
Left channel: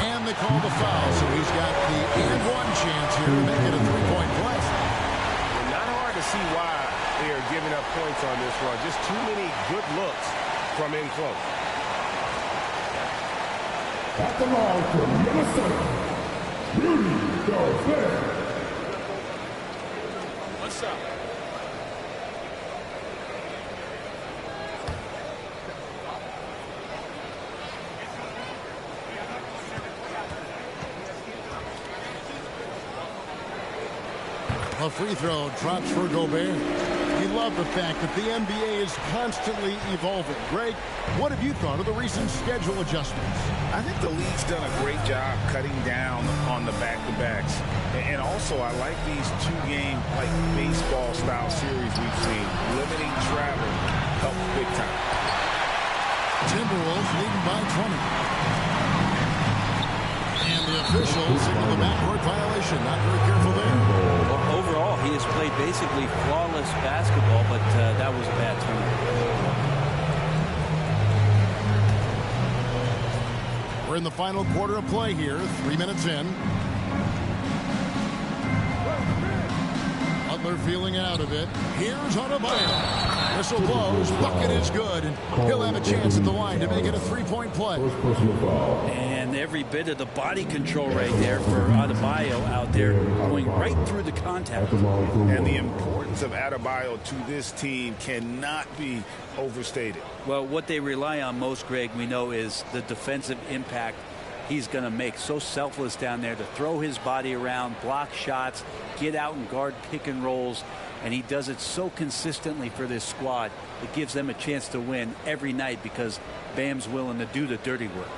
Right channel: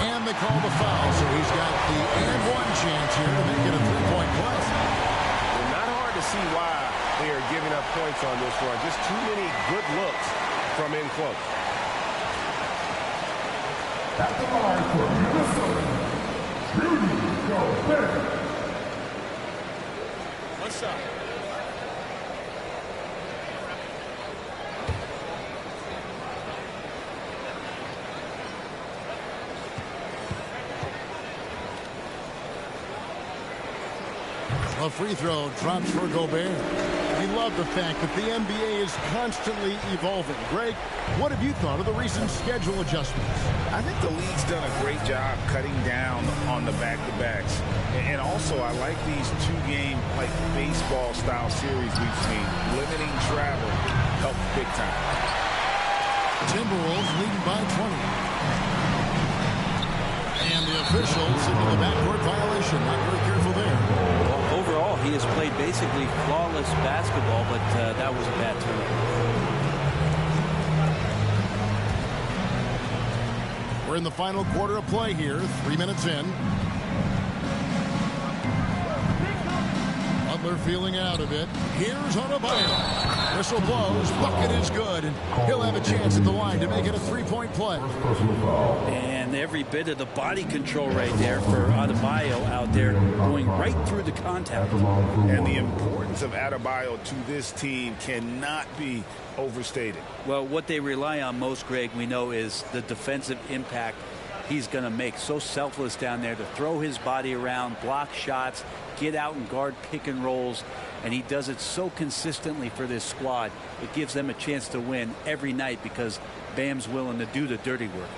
And they call the foul, so he's got the and one chance here to make it a 3-point play. Well, not hard to see why they are giving up points on this run. Just too many good looks from in close. At the line for Minnesota, Rudy Gobert. One shot. A free throw drops for Gobert. We love the fact that the NBA is constantly evolving. Greg, what have you thought of the recent schedule adjustments? I think the league's done a great job cutting down on the back-to-backs. And also, I like these 2-game, like baseball-style series we've seen. Limiting travel helps big time. Timberwolves leading by 20. And the officials signal the backcourt violation. Not very careful there. Well, overall, he has played basically flawless basketball, but that was a bad turnover. We're in the final quarter of play here. 3 minutes in. Butler feeling out of it. Here's Adebayo. Whistle blows. Bucket is good. And he'll have a chance at the line to make it a 3-point play. And every bit of the body control right there for Adebayo out there, going right through the contact. And the importance of Adebayo to this team cannot be overstated. Well, what they rely on most, Greg, we know, is the defensive impact he's going to make. So selfless down there to throw his body around, block shots, get out and guard pick and rolls, and he does it so consistently for this squad. It gives them a chance to win every night because Bam's willing to do the dirty work.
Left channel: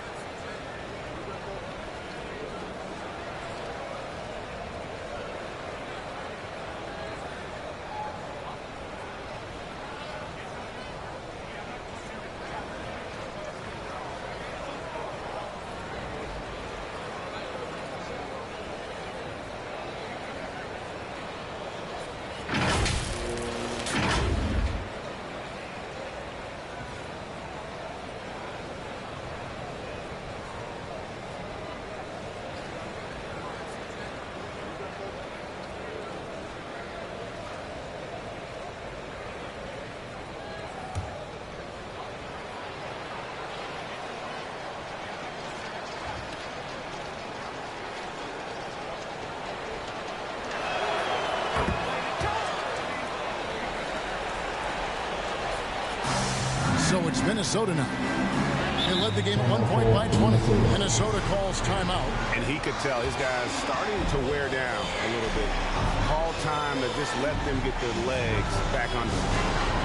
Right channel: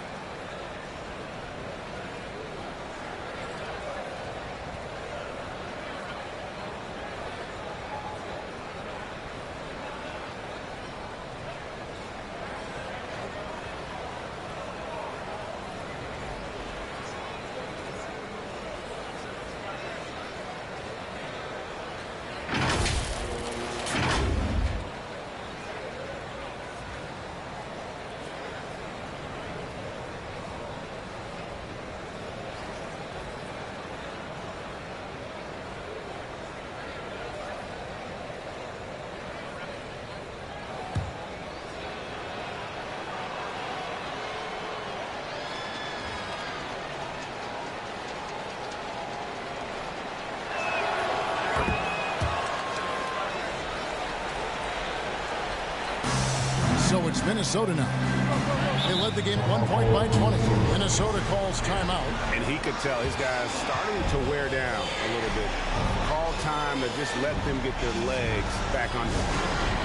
So it's Minnesota now. They led the game at 1 point by 20. Minnesota calls timeout. And he could tell his guys starting to wear down a little bit. Call time to just let them get their legs back under them.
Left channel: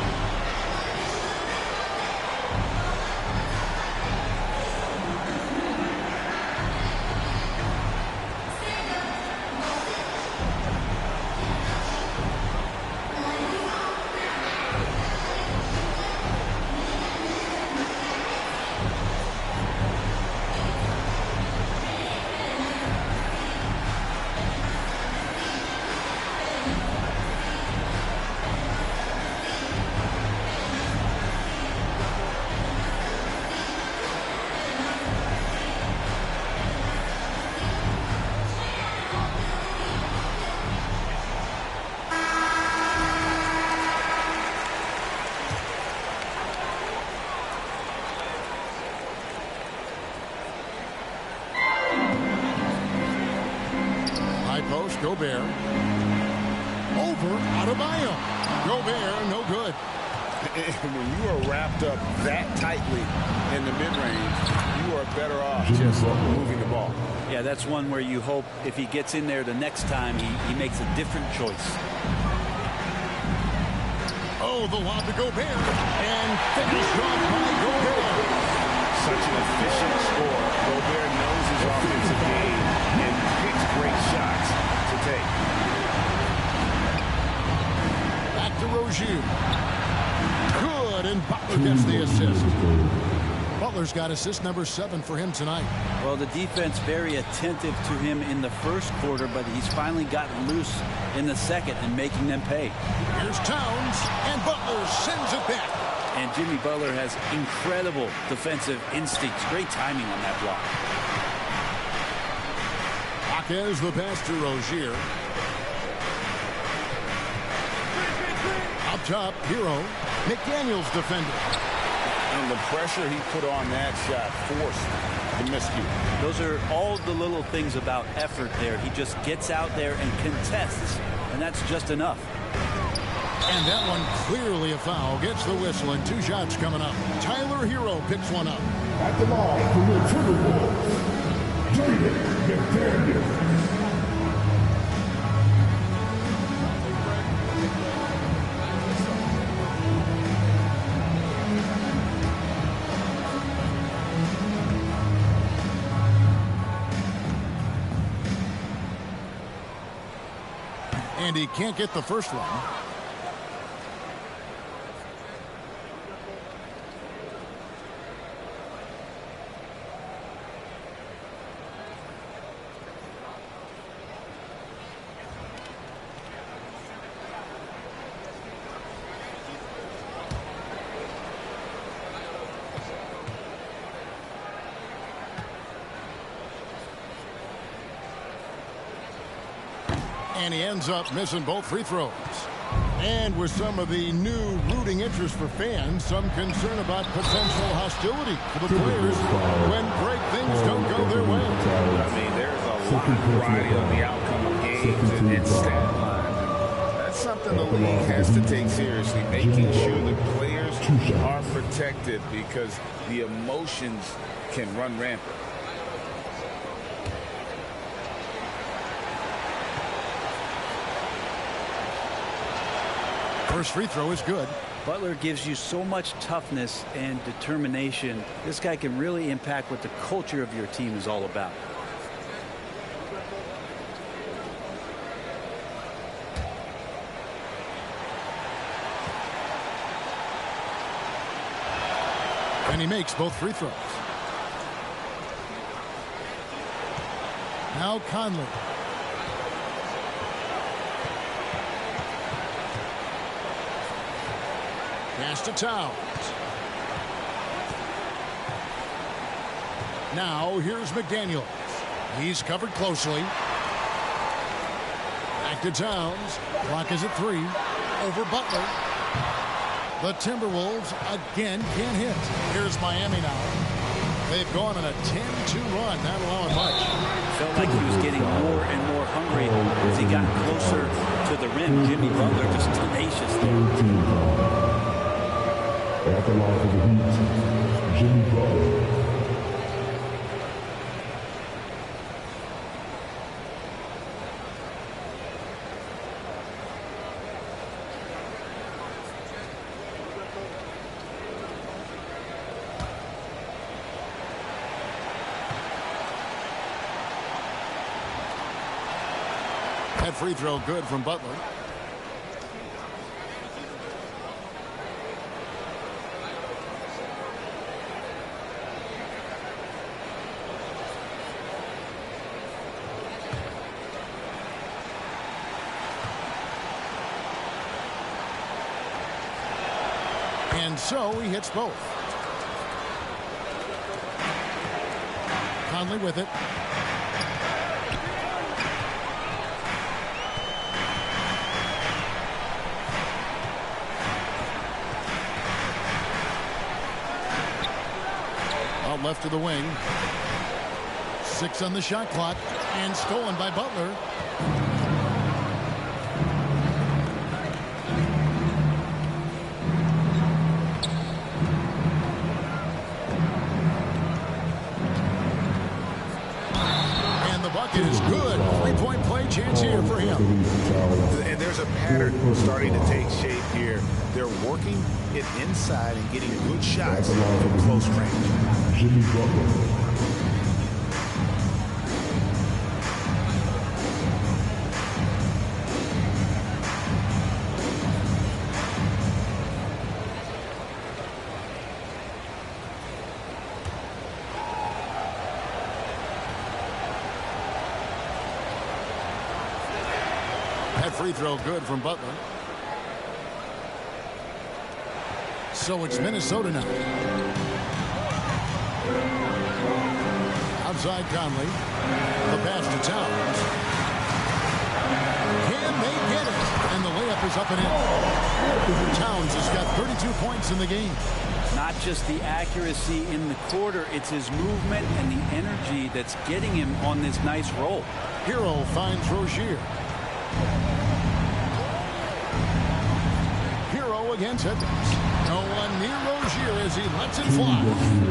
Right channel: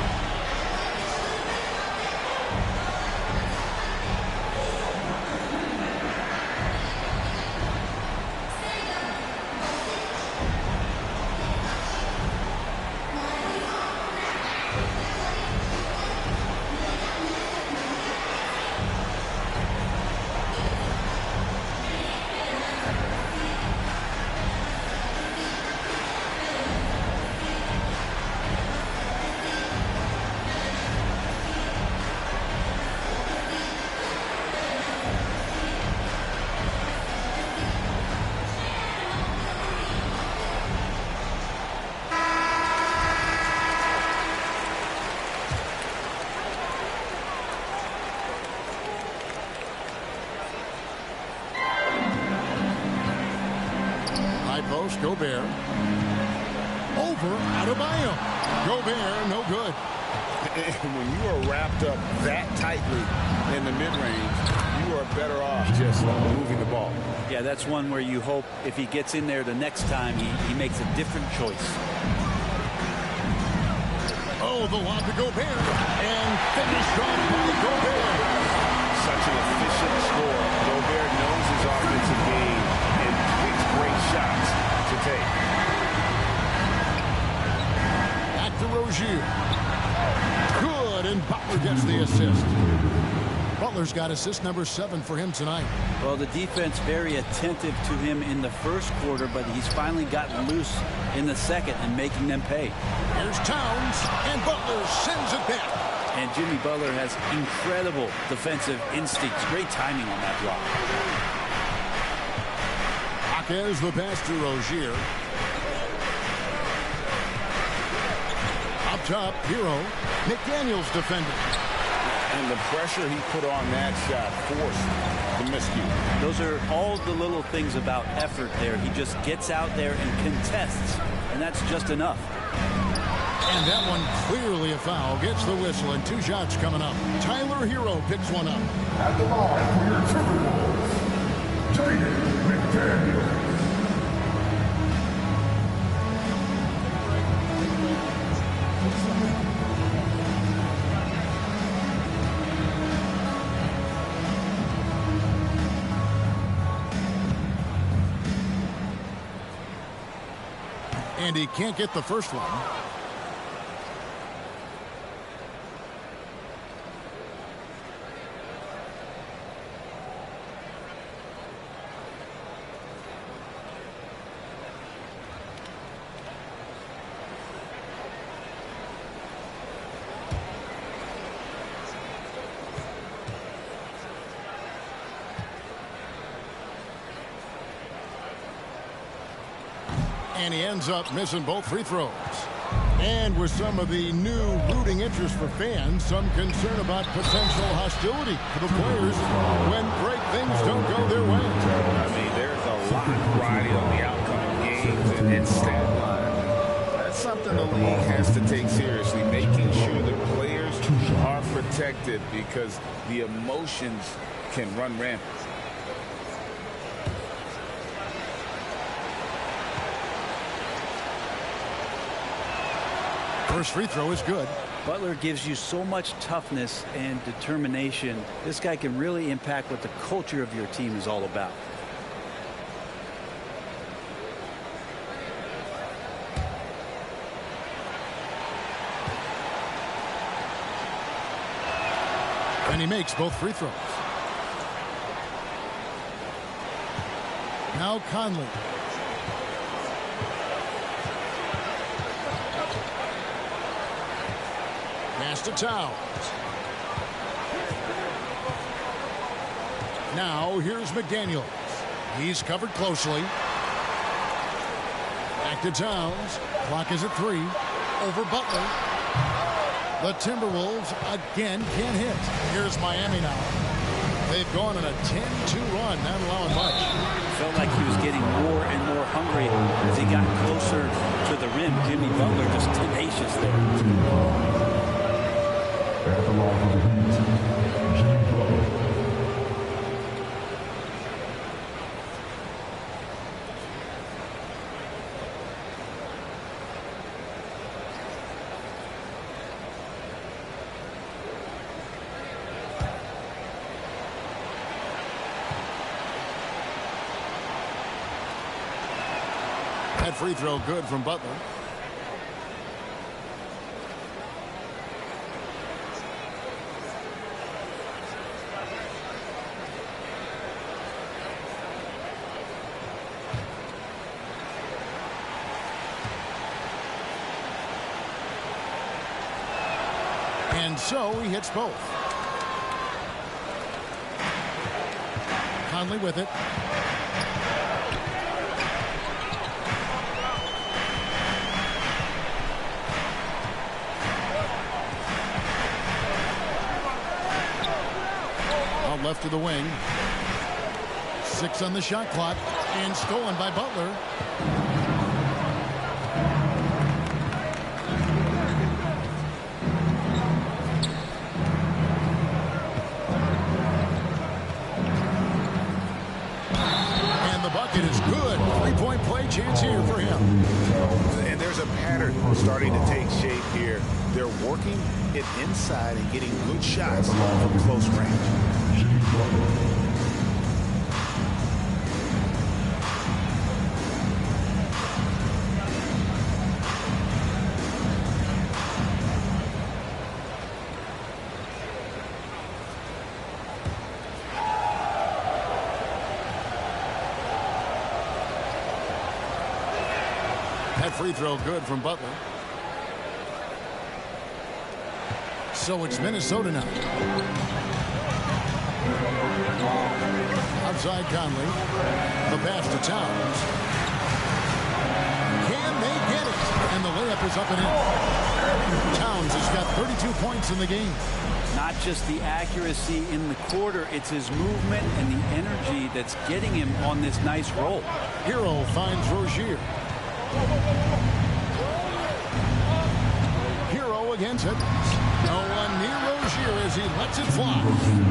Post, Gobert. Over Adebayo. Gobert, no good. When you are wrapped up that tightly in the mid-range, you are better off just moving the ball. Yeah, that's one where you hope if he gets in there the next time, he makes a different choice. Oh, the lob to Gobert, and finished off by Gobert. Such an efficient score. Gobert knows his offensive game and picks great shots to take. Back to Rozier. Good, and Butler gets the assist. Butler's got assist number 7 for him tonight. Well, the defense very attentive to him in the first quarter, but he's finally gotten loose in the second and making them pay. Here's Towns, and Butler sends it back. And Jimmy Butler has incredible defensive instincts. Great timing on that block. Jaquez the pass to Rozier. Up top, Hero. McDaniels defended. And the pressure he put on that shot forced the miscue. Those are all the little things about effort there. He just gets out there and contests, and that's just enough. And that one clearly a foul. Gets the whistle, and 2 shots coming up. Tyler Hero picks one up. At the line for your Timberwolves, Jaden McDaniels. And he can't get the first one. And he ends up missing both free throws. And with some of the new rooting interest for fans, some concern about potential hostility for the players when break things don't go their way. I mean, there's a lot riding on the outcome of games and stat lines. And that's something the league has to take seriously, making sure the players are protected because the emotions can run rampant. First free throw is good. Butler gives you so much toughness and determination. This guy can really impact what the culture of your team is all about. And he makes both free throws. Now Conley. Pass to Towns. Now here's McDaniels. He's covered closely. Back to Towns. Clock is at 3. Over Butler. The Timberwolves again can't hit. Here's Miami now. They've gone on a 10-2 run, not allowing much. Felt like he was getting more and more hungry as he got closer to the rim. Jimmy Butler just tenacious there. At the line for the Heat, Jimmy Butler. That free throw good from Butler. And so he hits both. Conley with it. Out left to the wing. 6 on the shot clock. And stolen by Butler. bucket is good. Three-point play chance here for him. And there's a pattern starting to take shape here. They're working it inside and getting good shots from close range. Jimmy Butler. That free throw good from Butler. So it's Minnesota now. Outside Conley. The pass to Towns. Can they get it? And the layup is up and in. Towns has got 32 points in the game. Not just the accuracy in the quarter, it's his movement and the energy that's getting him on this nice roll. Hero finds Rozier. Hero against Edwards. No one near Rozier as he lets it fly.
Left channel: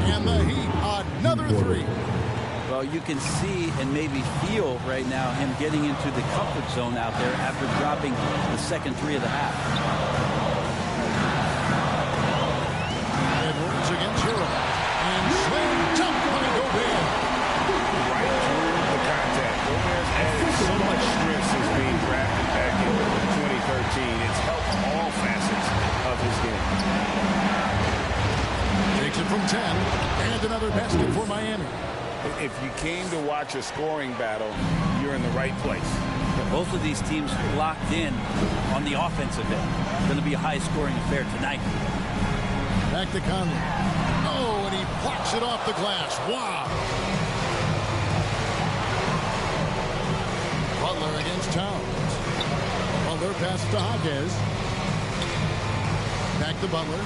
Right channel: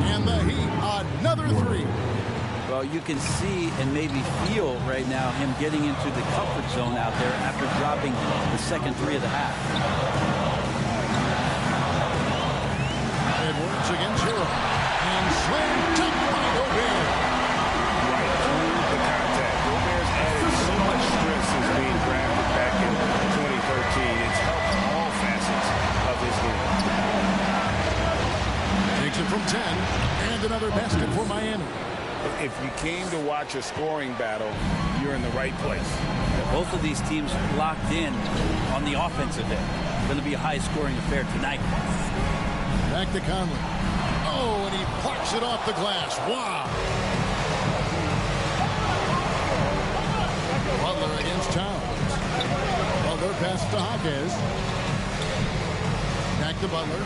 And the Heat, another three. Well, you can see and maybe feel right now him getting into the comfort zone out there after dropping the second three of the half. Edwards against Hero. And slam dunk by Gobert. Right through the contact. Gobert's added so much stress since being drafted back in 2013. It's helped all facets of his game. Takes it from 10. And another basket for Miami. If you came to watch a scoring battle, you're in the right place. Yeah, both of these teams locked in on the offensive end. Going to be a high-scoring affair tonight. Back to Conley. Oh, and he plucks it off the glass. Wow. Butler against Towns. Butler passes to Hawkes. Back to Butler.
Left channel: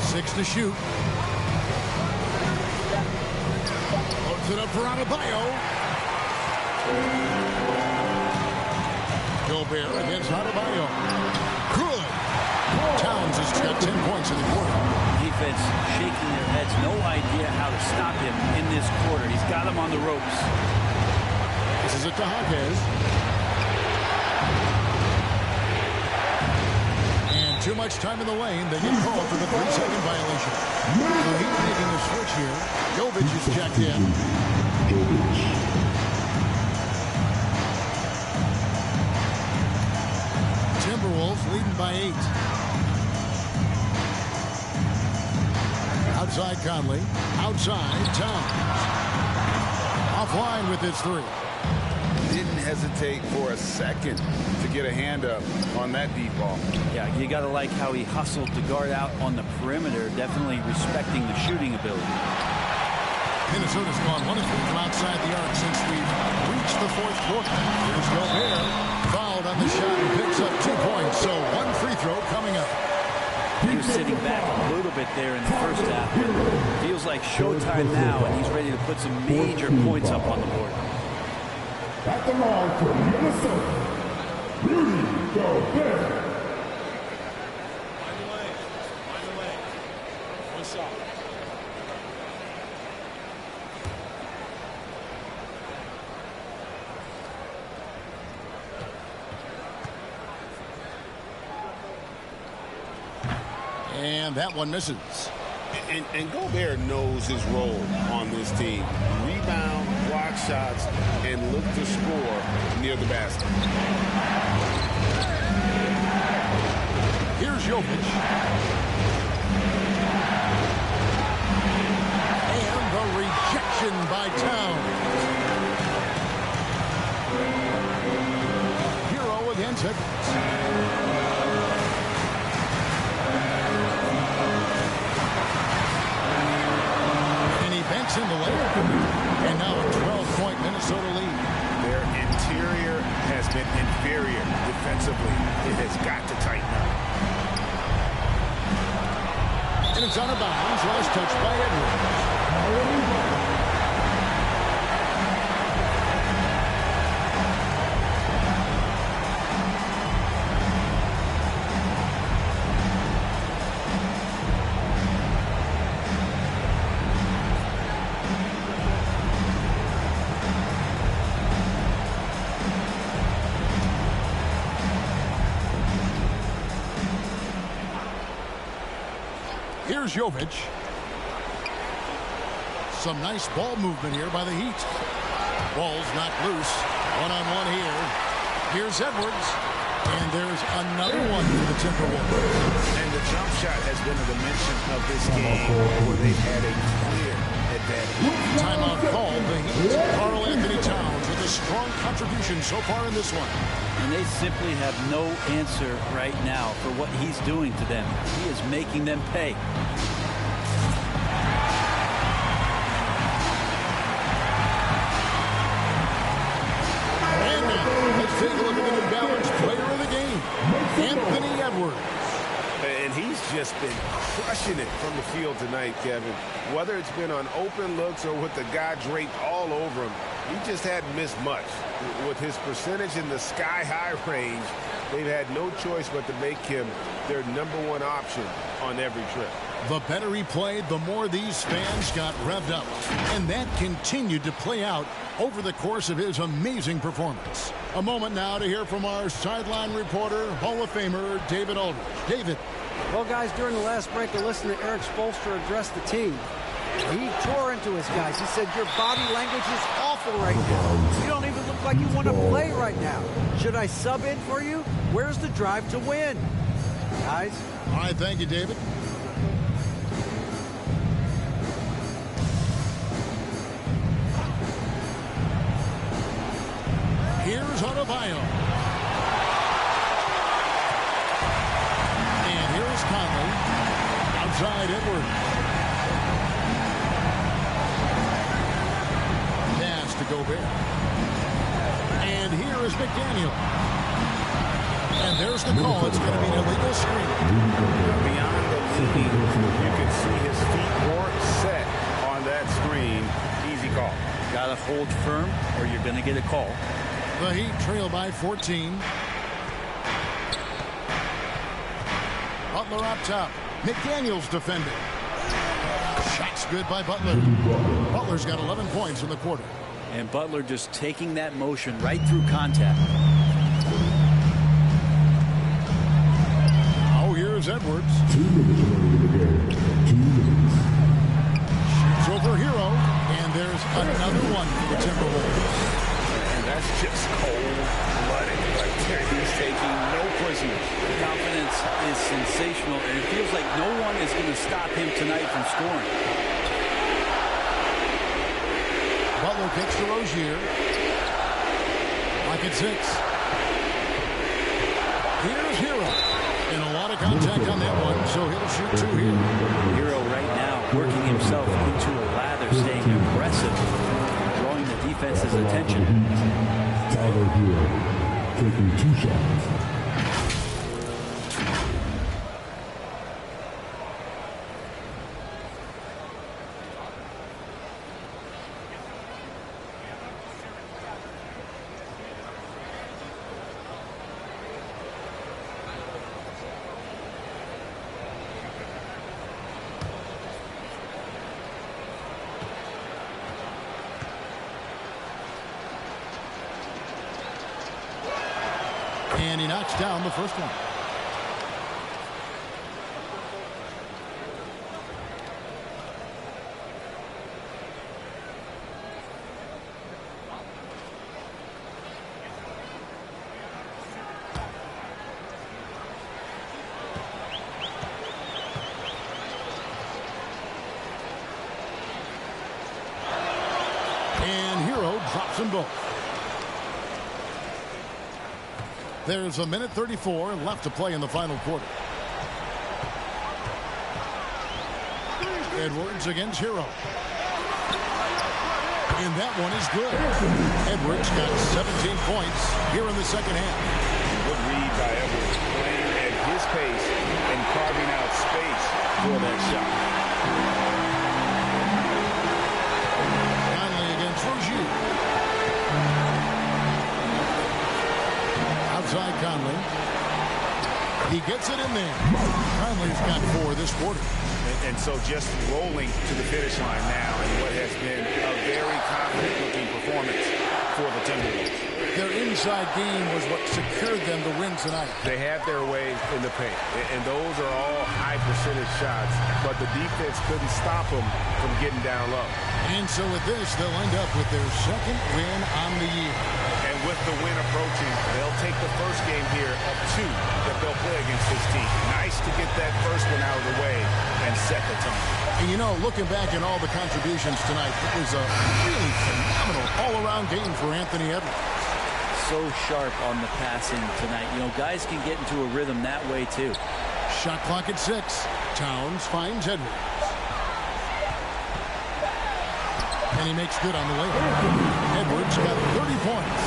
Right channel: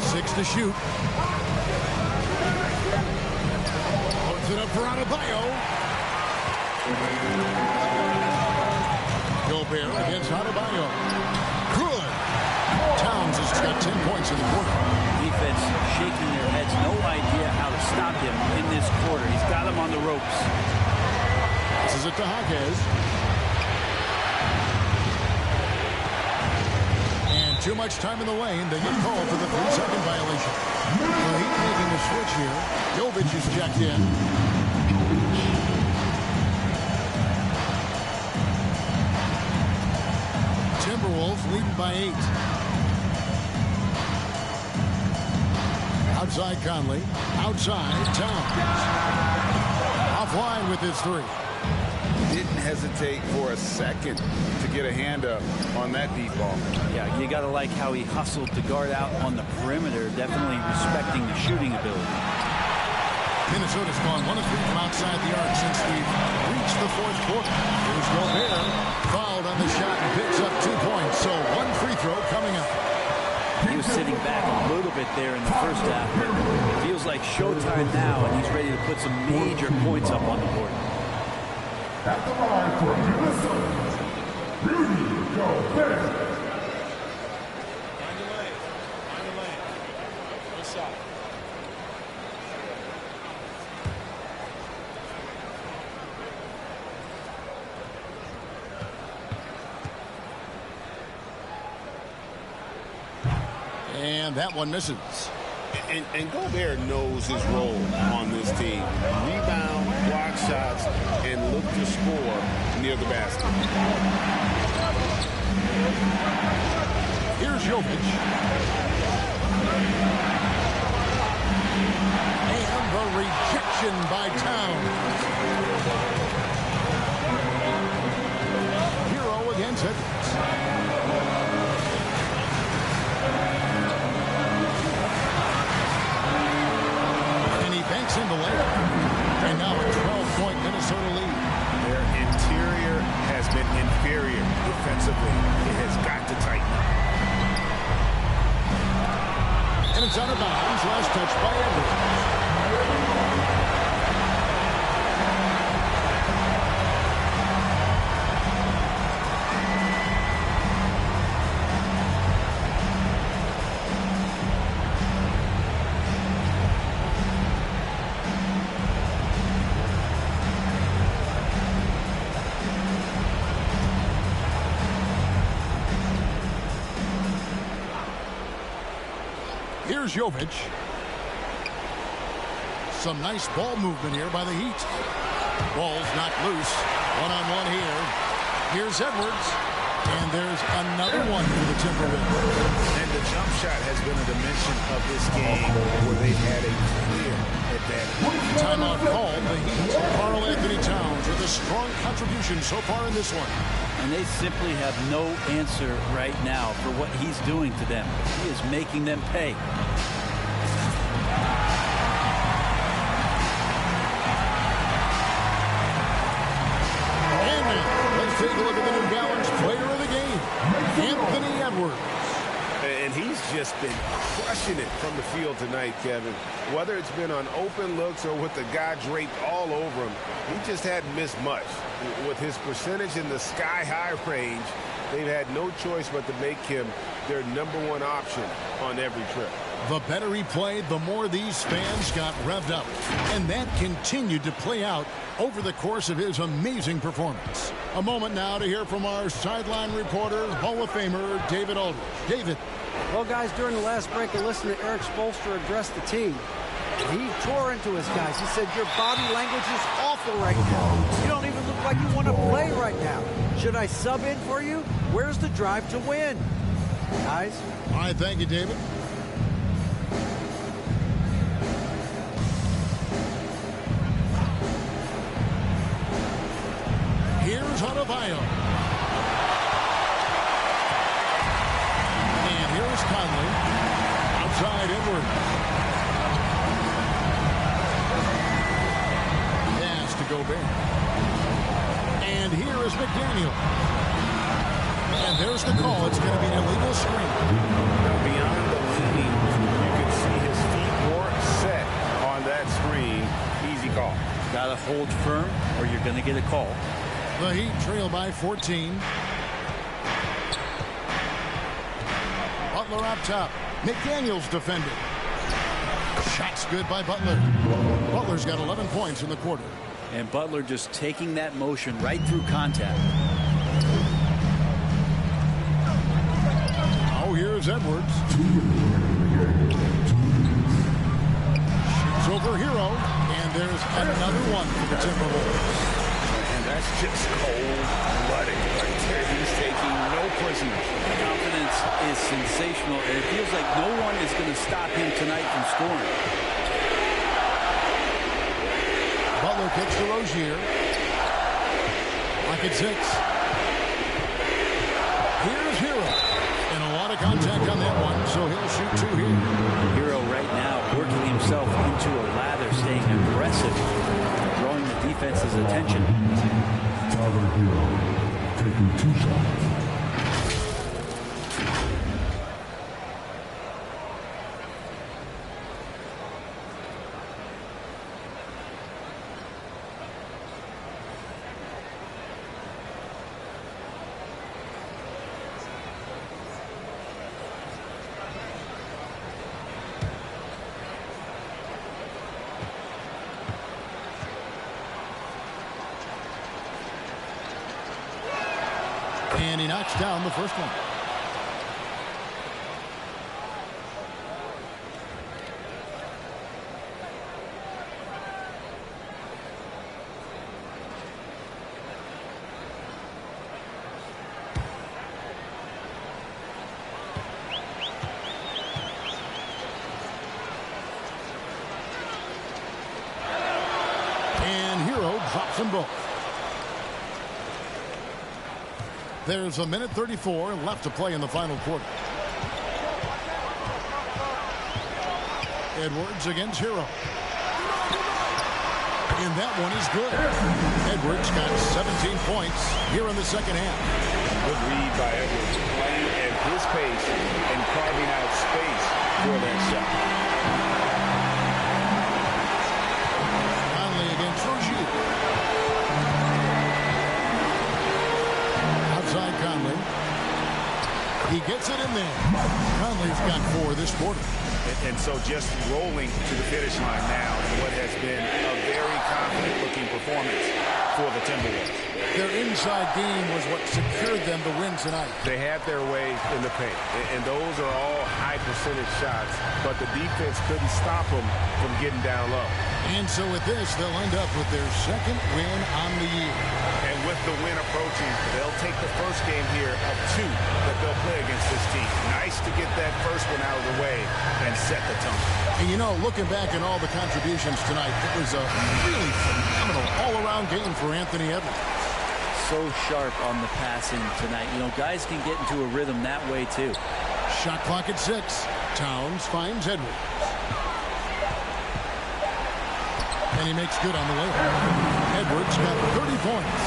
Six to shoot. Loads it up for Adebayo. Gobert against Adebayo. Good. Towns has got 10 points in the quarter. Defense shaking their heads. No idea how to stop him in this quarter. He's got him on the ropes. This is it to Hawkes. And too much time in the lane. They get called for the 3-second violation. The Heat making a switch here. Jovic is checked in. Timberwolves leading by 8. Outside Conley. Outside Towns. Offline with his three. Didn't hesitate for a second to get a hand up on that deep ball. Yeah, you got to like how he hustled to guard out on the perimeter, definitely respecting the shooting ability. Minnesota's gone 1 of 3 from outside the arc since we've reached the fourth quarter. Here's Gobert. Fouled on the shot and picks up 2 points. So 1 free throw coming up. He was sitting back a little bit there in the first half, but feels like showtime now, and he's ready to put some major points up on the board. At the line for Minnesota, Rudy Gobert. Mind the lane. Mind the lane. One shot. And that one misses. And Gobert knows his role on this team. Rebound, block shots, and look to score near the basket. Here's Jovic. And the rejection by Towns. Hero against Edwards. Banks in the layup. And now a 12-point Minnesota lead. Their interior has been inferior defensively. It has got to tighten up. And it's out of bounds. Last touch by Edwards. Here's Jovic. Some nice ball movement here by the Heat. Ball's knocked loose. One-on-one here. Here's Edwards. And there's another one for the Timberwolves. And the jump shot has been a dimension of this game where they've had a clear advantage. Timeout called. The Heat. Karl Anthony Towns with a strong contribution so far in this one. And they simply have no answer right now for what he's doing to them. He is making them pay. And now, let's take a look at the New Balance player of the game, Anthony Edwards. And he's just been crushing it from the field tonight, Kevin. Whether it's been on open looks or with the guy draped all over him, he just hadn't missed much. With his percentage in the sky-high range, they've had no choice but to make him their #1 option on every trip. The better he played, the more these fans got revved up. And that continued to play out over the course of his amazing performance. A moment now to hear from our sideline reporter, Hall of Famer David Aldridge. David. Well, guys, during the last break, I listened to Eric Spoelstra address the team. He tore into his guys. He said, your body language is awful right now. You don't even look like you want to play right now. Should I sub in for you? Where's the drive to win? Guys? All right, thank you, David. Here's Adebayo. And here's Conley. Outside Edwards. Pass to Gobert. And here is McDaniel. And there's the call. It's going to be an illegal screen. Now, beyond the leading, you can see his feet weren't set on that screen. Easy call. Got to hold firm or you're going to get a call. The Heat trail by 14. Butler up top. McDaniels defended. Shots good by Butler. Butler's got 11 points in the quarter. And Butler just taking that motion right through contact. Oh, here's Edwards. 2 minutes remaining in the game. 2 minutes. Shoots over Hero. And there's another one for the Timberwolves. And that's just cold-blooded right there. He's taking no prisoners. Confidence is sensational, and it feels like no one is going to stop him tonight from scoring. Butler kicks to Rozier. Lock at 6. Here's Hero. And a lot of contact on that one, so he'll shoot 2 here. Hero right now working himself into a lather, staying aggressive, drawing the defense's attention. Tyler Hero taking 2 shots. And he knocks down the first one. And Hero drops them both. There's a minute 34 left to play in the final quarter. Edwards against Hero. And that one is good. Edwards got 17 points here in the second half. Good read by Edwards, playing at his pace and carving out space for that shot. Conley against Rozier. Outside Conley. He gets it in there. Conley's got 4 this quarter. And so just rolling to the finish line now in what has been a very confident-looking performance for the Timberwolves. their inside game was what secured them the win tonight. They had their way in the paint, and those are all high percentage shots, but the defense couldn't stop them from getting down low. And so with this, they'll end up with their second win on the year. And with the win approaching, they'll take the first game here of 2 that they'll play against this team. Nice to get that first one out of the way and set the tone. And you know, looking back at all the contributions tonight, it was a really phenomenal all-around game for Anthony Edwards. So sharp on the passing tonight. You know, guys can get into a rhythm that way too. Shot clock at 6. Towns finds Edwards. And he makes good on the way. Edwards got 30 points.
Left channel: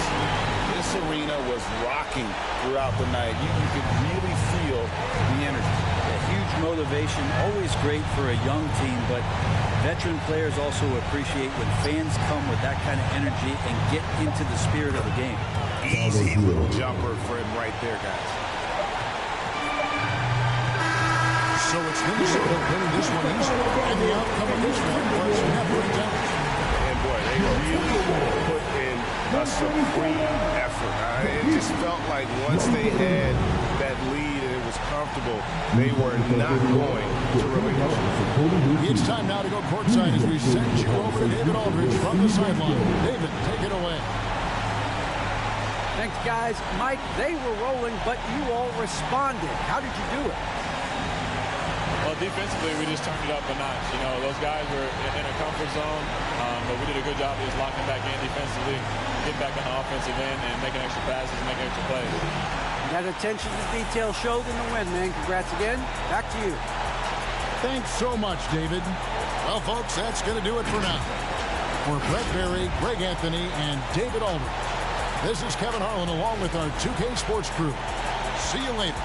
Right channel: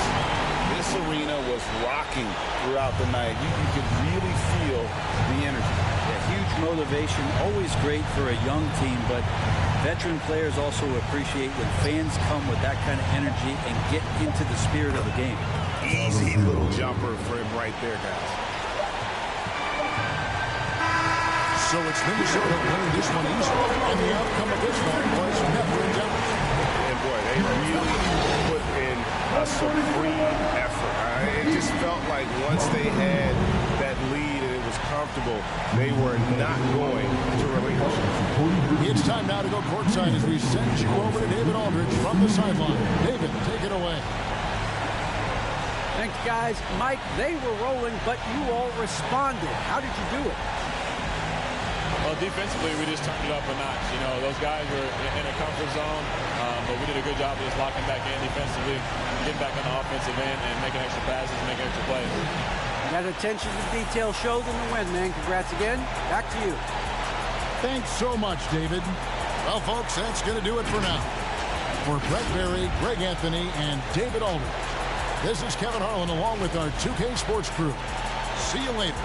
This arena was rocking throughout the night. You could really feel the energy. Yeah, huge motivation, always great for a young team, but veteran players also appreciate when fans come with that kind of energy and get into the spirit of the game. Easy little jumper for him right there, guys. So it's Minnesota winning this one easily, and the outcome of this one was never in doubt. And boy, they really put in a supreme effort. It just felt like once they had that lead and it was comfortable, they were not going to relinquish it. It's time now to go courtside as we send you over to David Aldridge from the sideline. David, take it away. Thanks, guys. Mike, they were rolling, but you all responded. How did you do it? Well, defensively, we just turned it up a notch. You know, those guys were in a comfort zone, but we did a good job of just locking back in defensively, getting back on the offensive end, and making extra passes, making extra plays. That attention to detail showed in the win, man. Congrats again. Back to you. Thanks so much, David. Well, folks, that's going to do it for now. For Brett Berry, Greg Anthony, and David Aldridge, this is Kevin Harlan along with our 2K Sports crew. See you later.